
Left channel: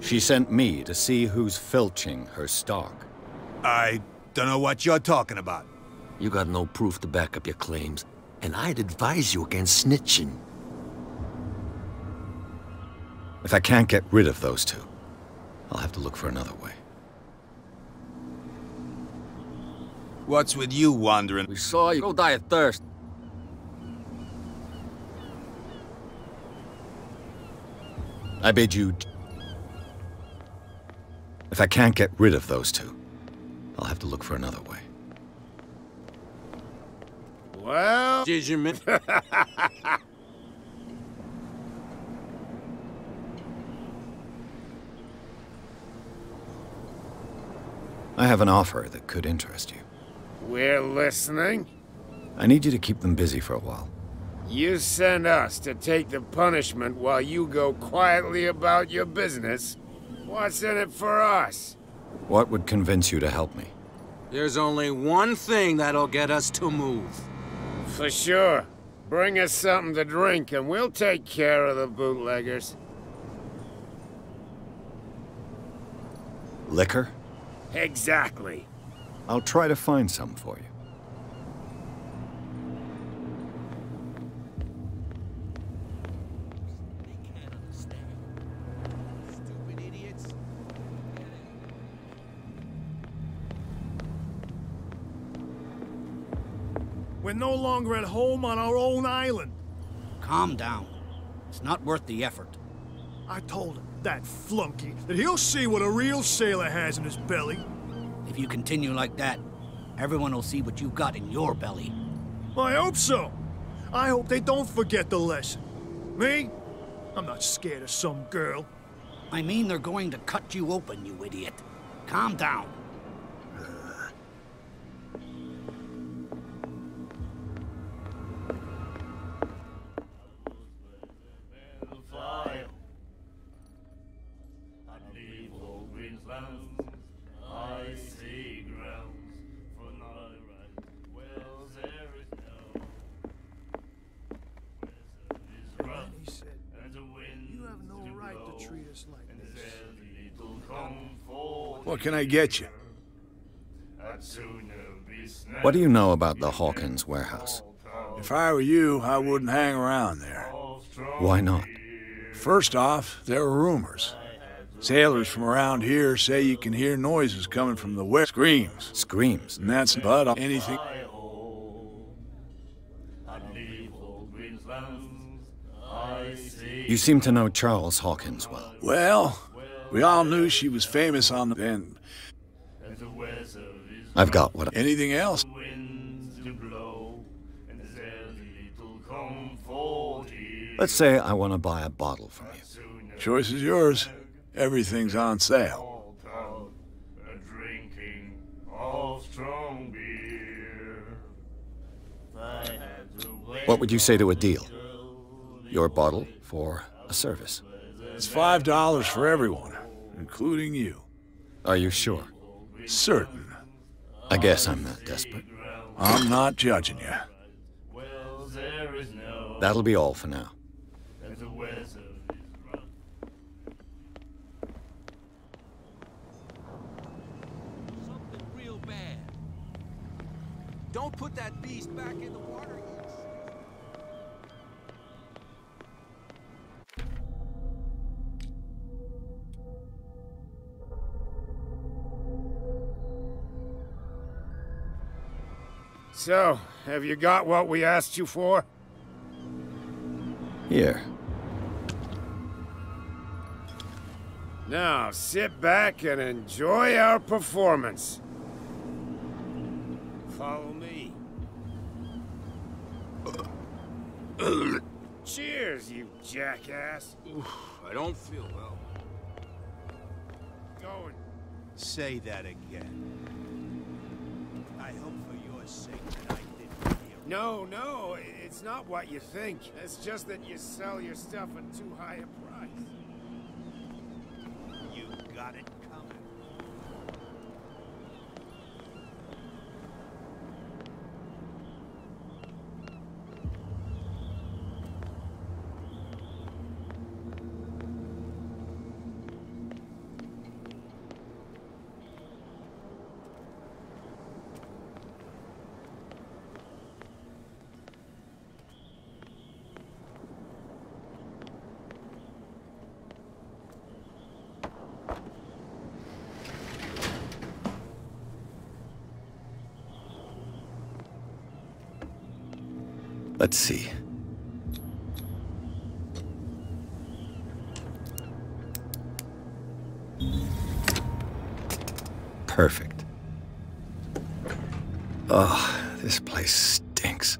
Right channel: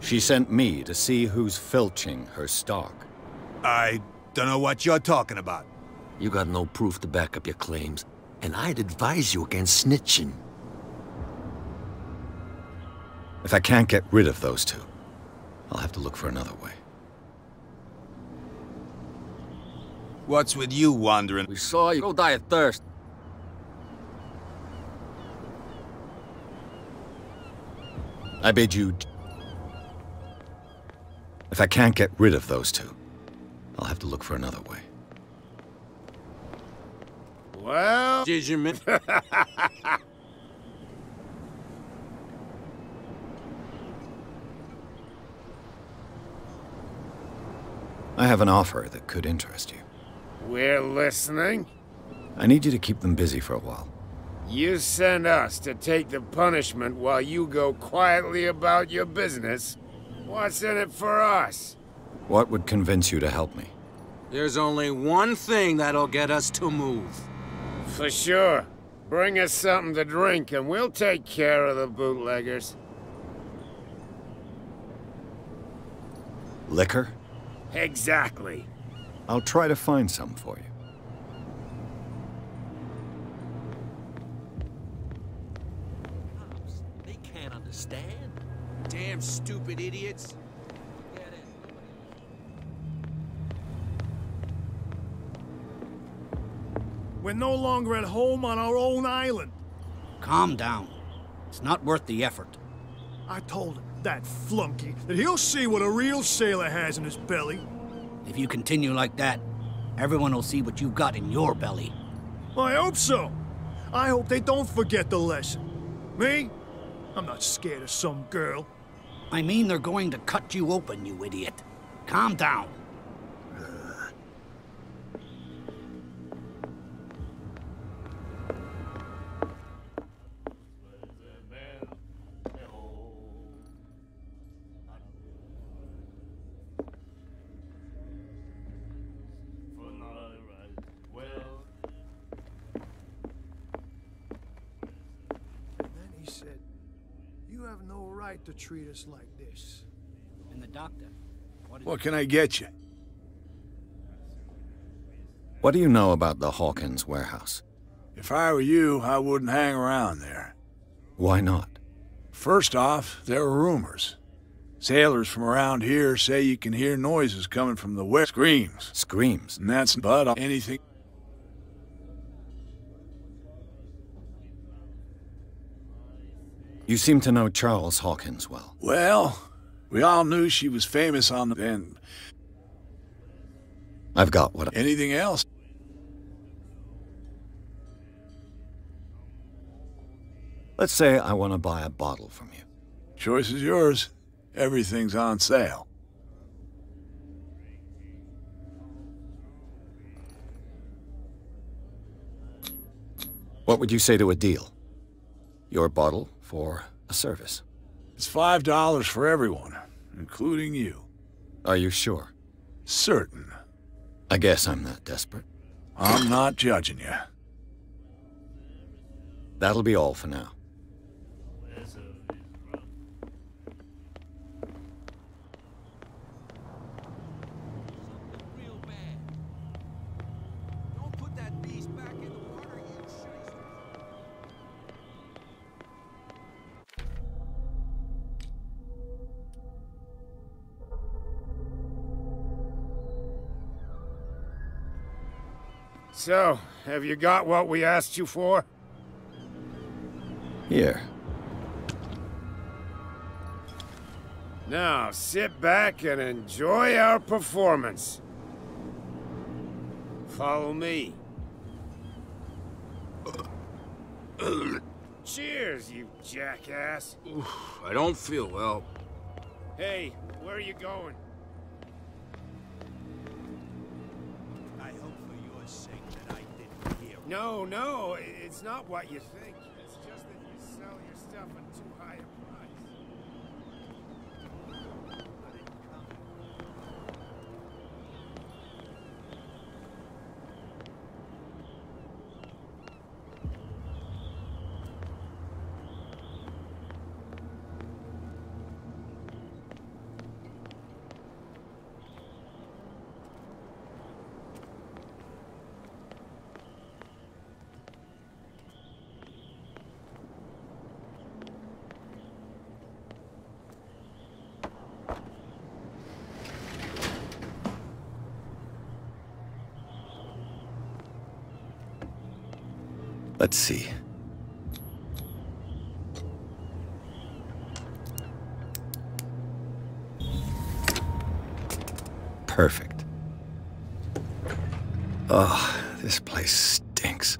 She sent me to see who's filching her stock. I don't know what you're talking about. You got no proof to back up your claims, and I'd advise you against snitching. If I can't get rid of those two, I'll have to look for another way. What's with you wandering? We saw you. Go die of thirst. I bid you... If I can't get rid of those two, I'll have to look for another way. Well... Did you mean... I have an offer that could interest you. We're listening. I need you to keep them busy for a while. You send us to take the punishment while you go quietly about your business. What's in it for us? What would convince you to help me? There's only one thing that'll get us to move. For sure. Bring us something to drink and we'll take care of the bootleggers. Liquor? Exactly. I'll try to find some for you. They can't understand. Damn stupid idiots. We're no longer at home on our own island. Calm down. It's not worth the effort. I told him, that flunky, that he'll see what a real sailor has in his belly. If you continue like that, everyone will see what you've got in your belly. I hope so. I hope they don't forget the lesson. Me? I'm not scared of some girl. I mean they're going to cut you open, you idiot. Calm down. To treat us like this. And the doctor. What can I get you? What do you know about the Hawkins warehouse? If I were you, I wouldn't hang around there. Why not? First off, there are rumors. Sailors from around here say you can hear noises coming from the west. Screams. Screams? And that's but anything. You seem to know Charles Hawkins well. Well, we all knew she was famous on the end. I've got what... Anything else? Let's say I want to buy a bottle from you. Choice is yours. Everything's on sale. What would you say to a deal? Your bottle for a service. It's $5 for everyone, including you. Are you sure? Certain. I guess I'm not desperate. I'm not judging you. That'll be all for now. Something real bad. Don't put that beast back in the water, you shit. So, have you got what we asked you for? Here. Now, sit back and enjoy our performance. Follow me. Cheers, you jackass. I don't feel well. Hey, where are you going? Say that again. I hope for your sake that I didn't hear No, it's not what you think. It's just that you sell your stuff at too high a price. You got it coming. Let's see. Perfect. Oh, this place stinks.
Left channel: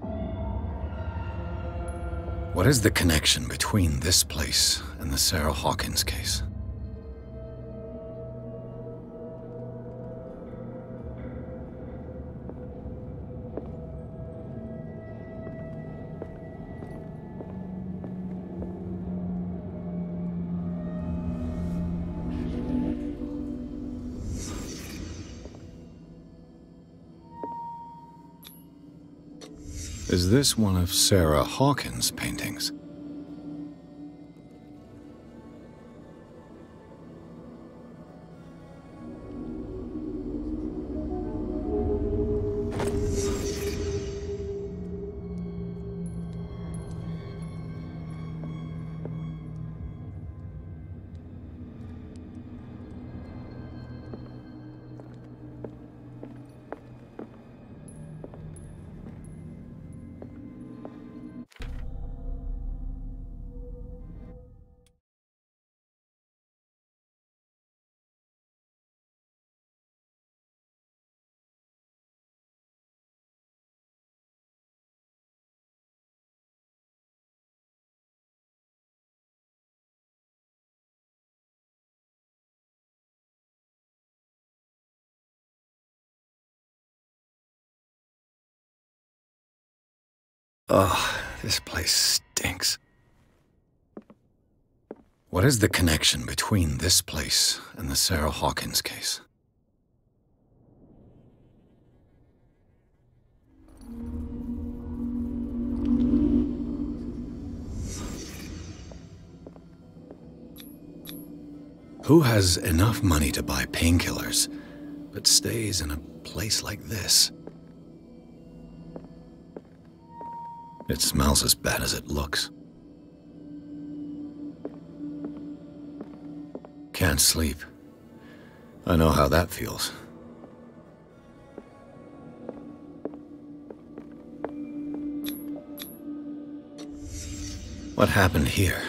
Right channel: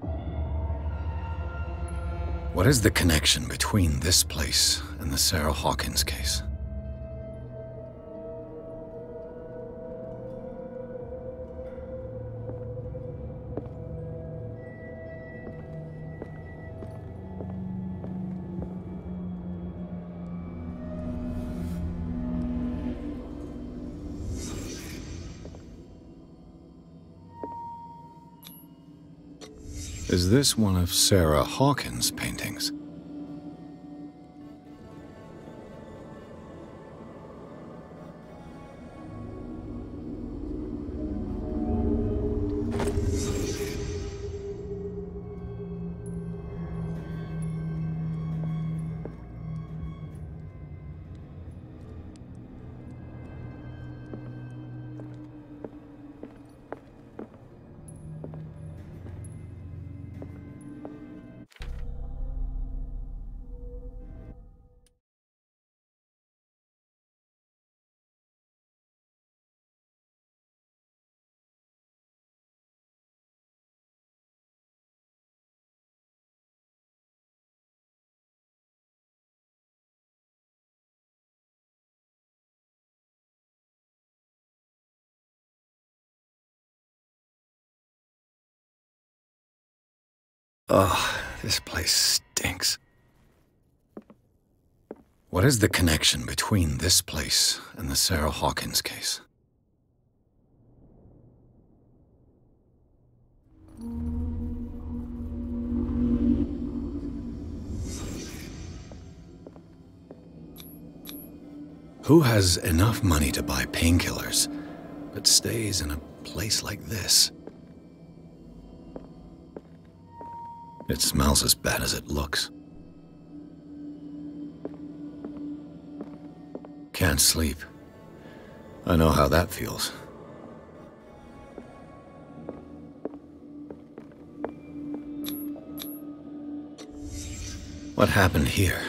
What is the connection between this place and the Sarah Hawkins case? Is this one of Sarah Hawkins' paintings? Oh, this place stinks. What is the connection between this place and the Sarah Hawkins case? Who has enough money to buy painkillers, but stays in a place like this? It smells as bad as it looks. Can't sleep. I know how that feels. What happened here?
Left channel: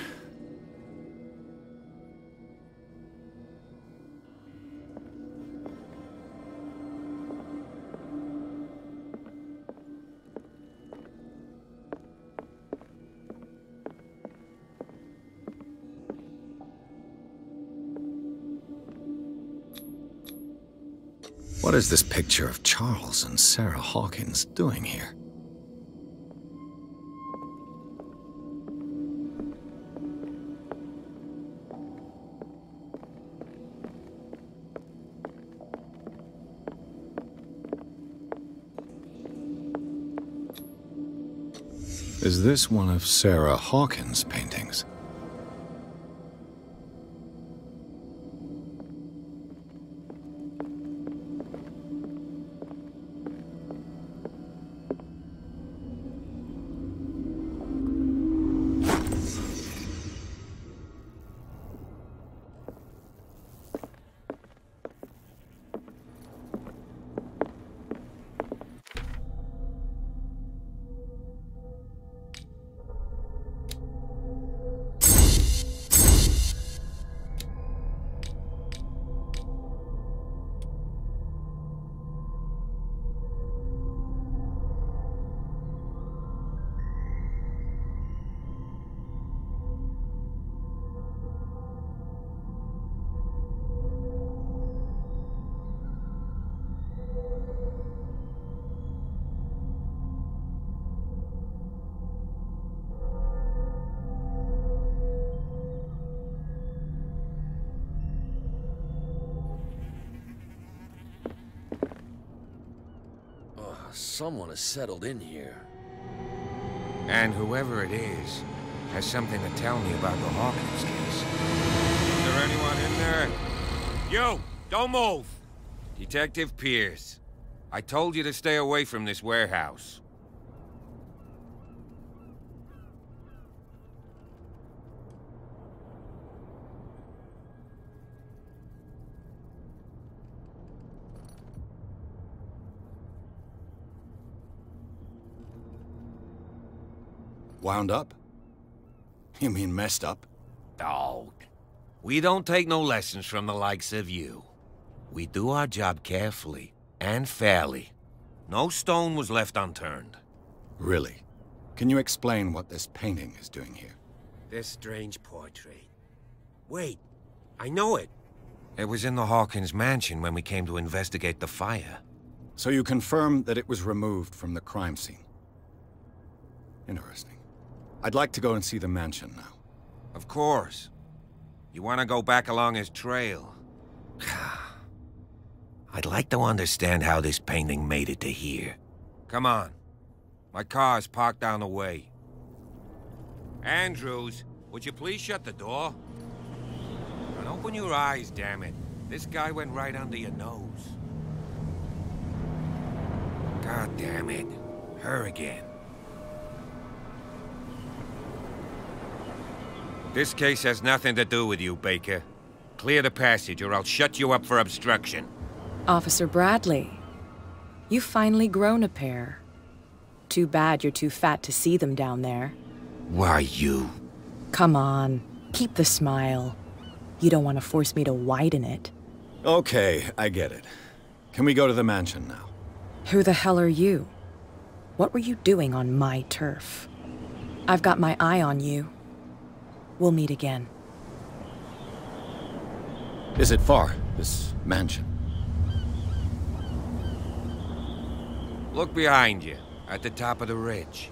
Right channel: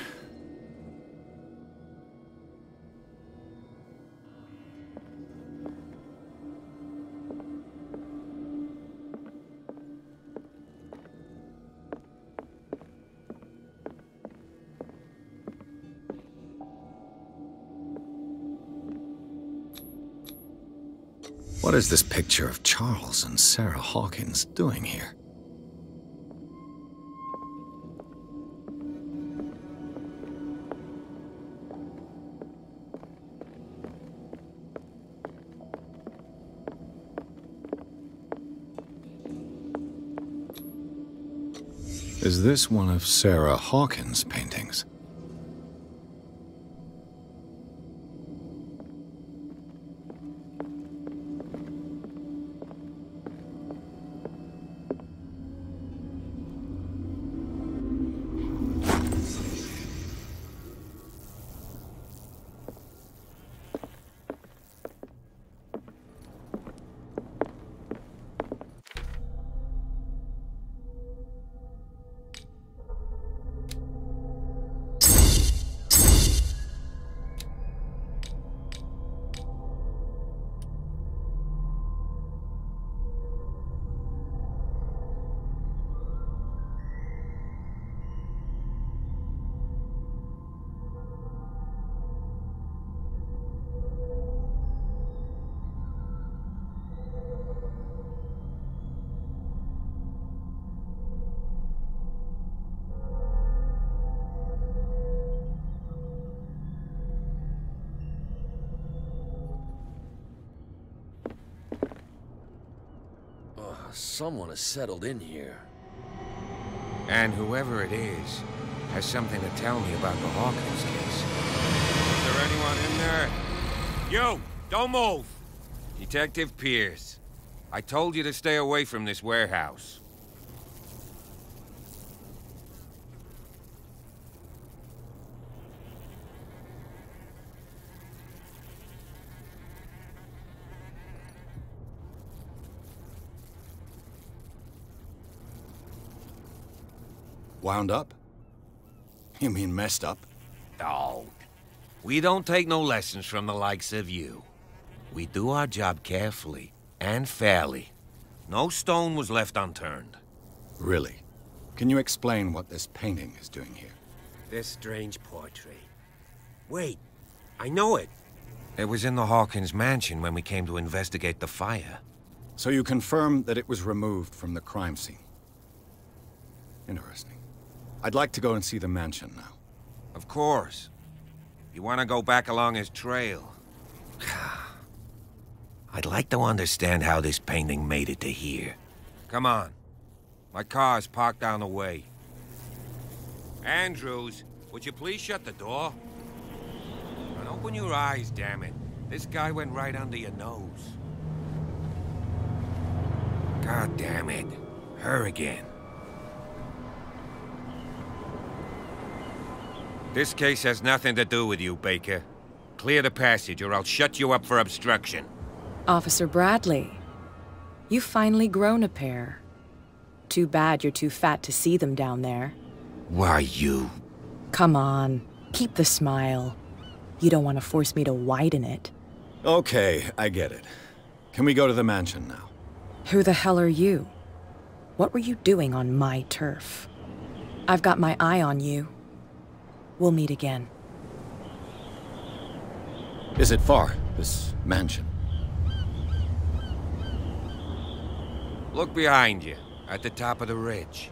What is this picture of Charles and Sarah Hawkins doing here? Is this one of Sarah Hawkins' paintings? Someone has settled in here. And whoever it is has something to tell me about the Hawkins case. Is there anyone in there? You! Don't move! Detective Pierce. I told you to stay away from this warehouse. Wound up? You mean messed up? Oh, we don't take no lessons from the likes of you. We do our job carefully and fairly. No stone was left unturned. Really? Can you explain what this painting is doing here? This strange portrait. Wait, I know it. It was in the Hawkins Mansion when we came to investigate the fire. So you confirm that it was removed from the crime scene? Interesting. I'd like to go and see the mansion now. Of course. You want to go back along his trail? I'd like to understand how this painting made it to here. Come on. My car's parked down the way. Andrews, would you please shut the door? And open your eyes, damn it. This guy went right under your nose. God damn it. Her again. This case has nothing to do with you, Baker. Clear the passage or I'll shut you up for obstruction. Officer Bradley, you've finally grown a pair. Too bad you're too fat to see them down there. Why, you... Come on, keep the smile. You don't want to force me to widen it. Okay, I get it. Can we go to the mansion now? Who the hell are you? What were you doing on my turf? I've got my eye on you. We'll meet again. Is it far, this mansion? Look behind you, at the top of the ridge.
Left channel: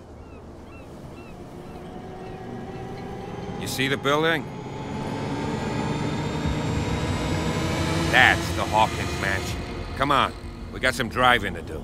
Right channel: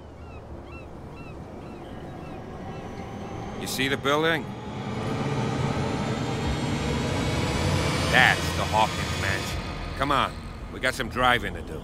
You see the building? That's the Hawkins Mansion. Come on, we got some driving to do.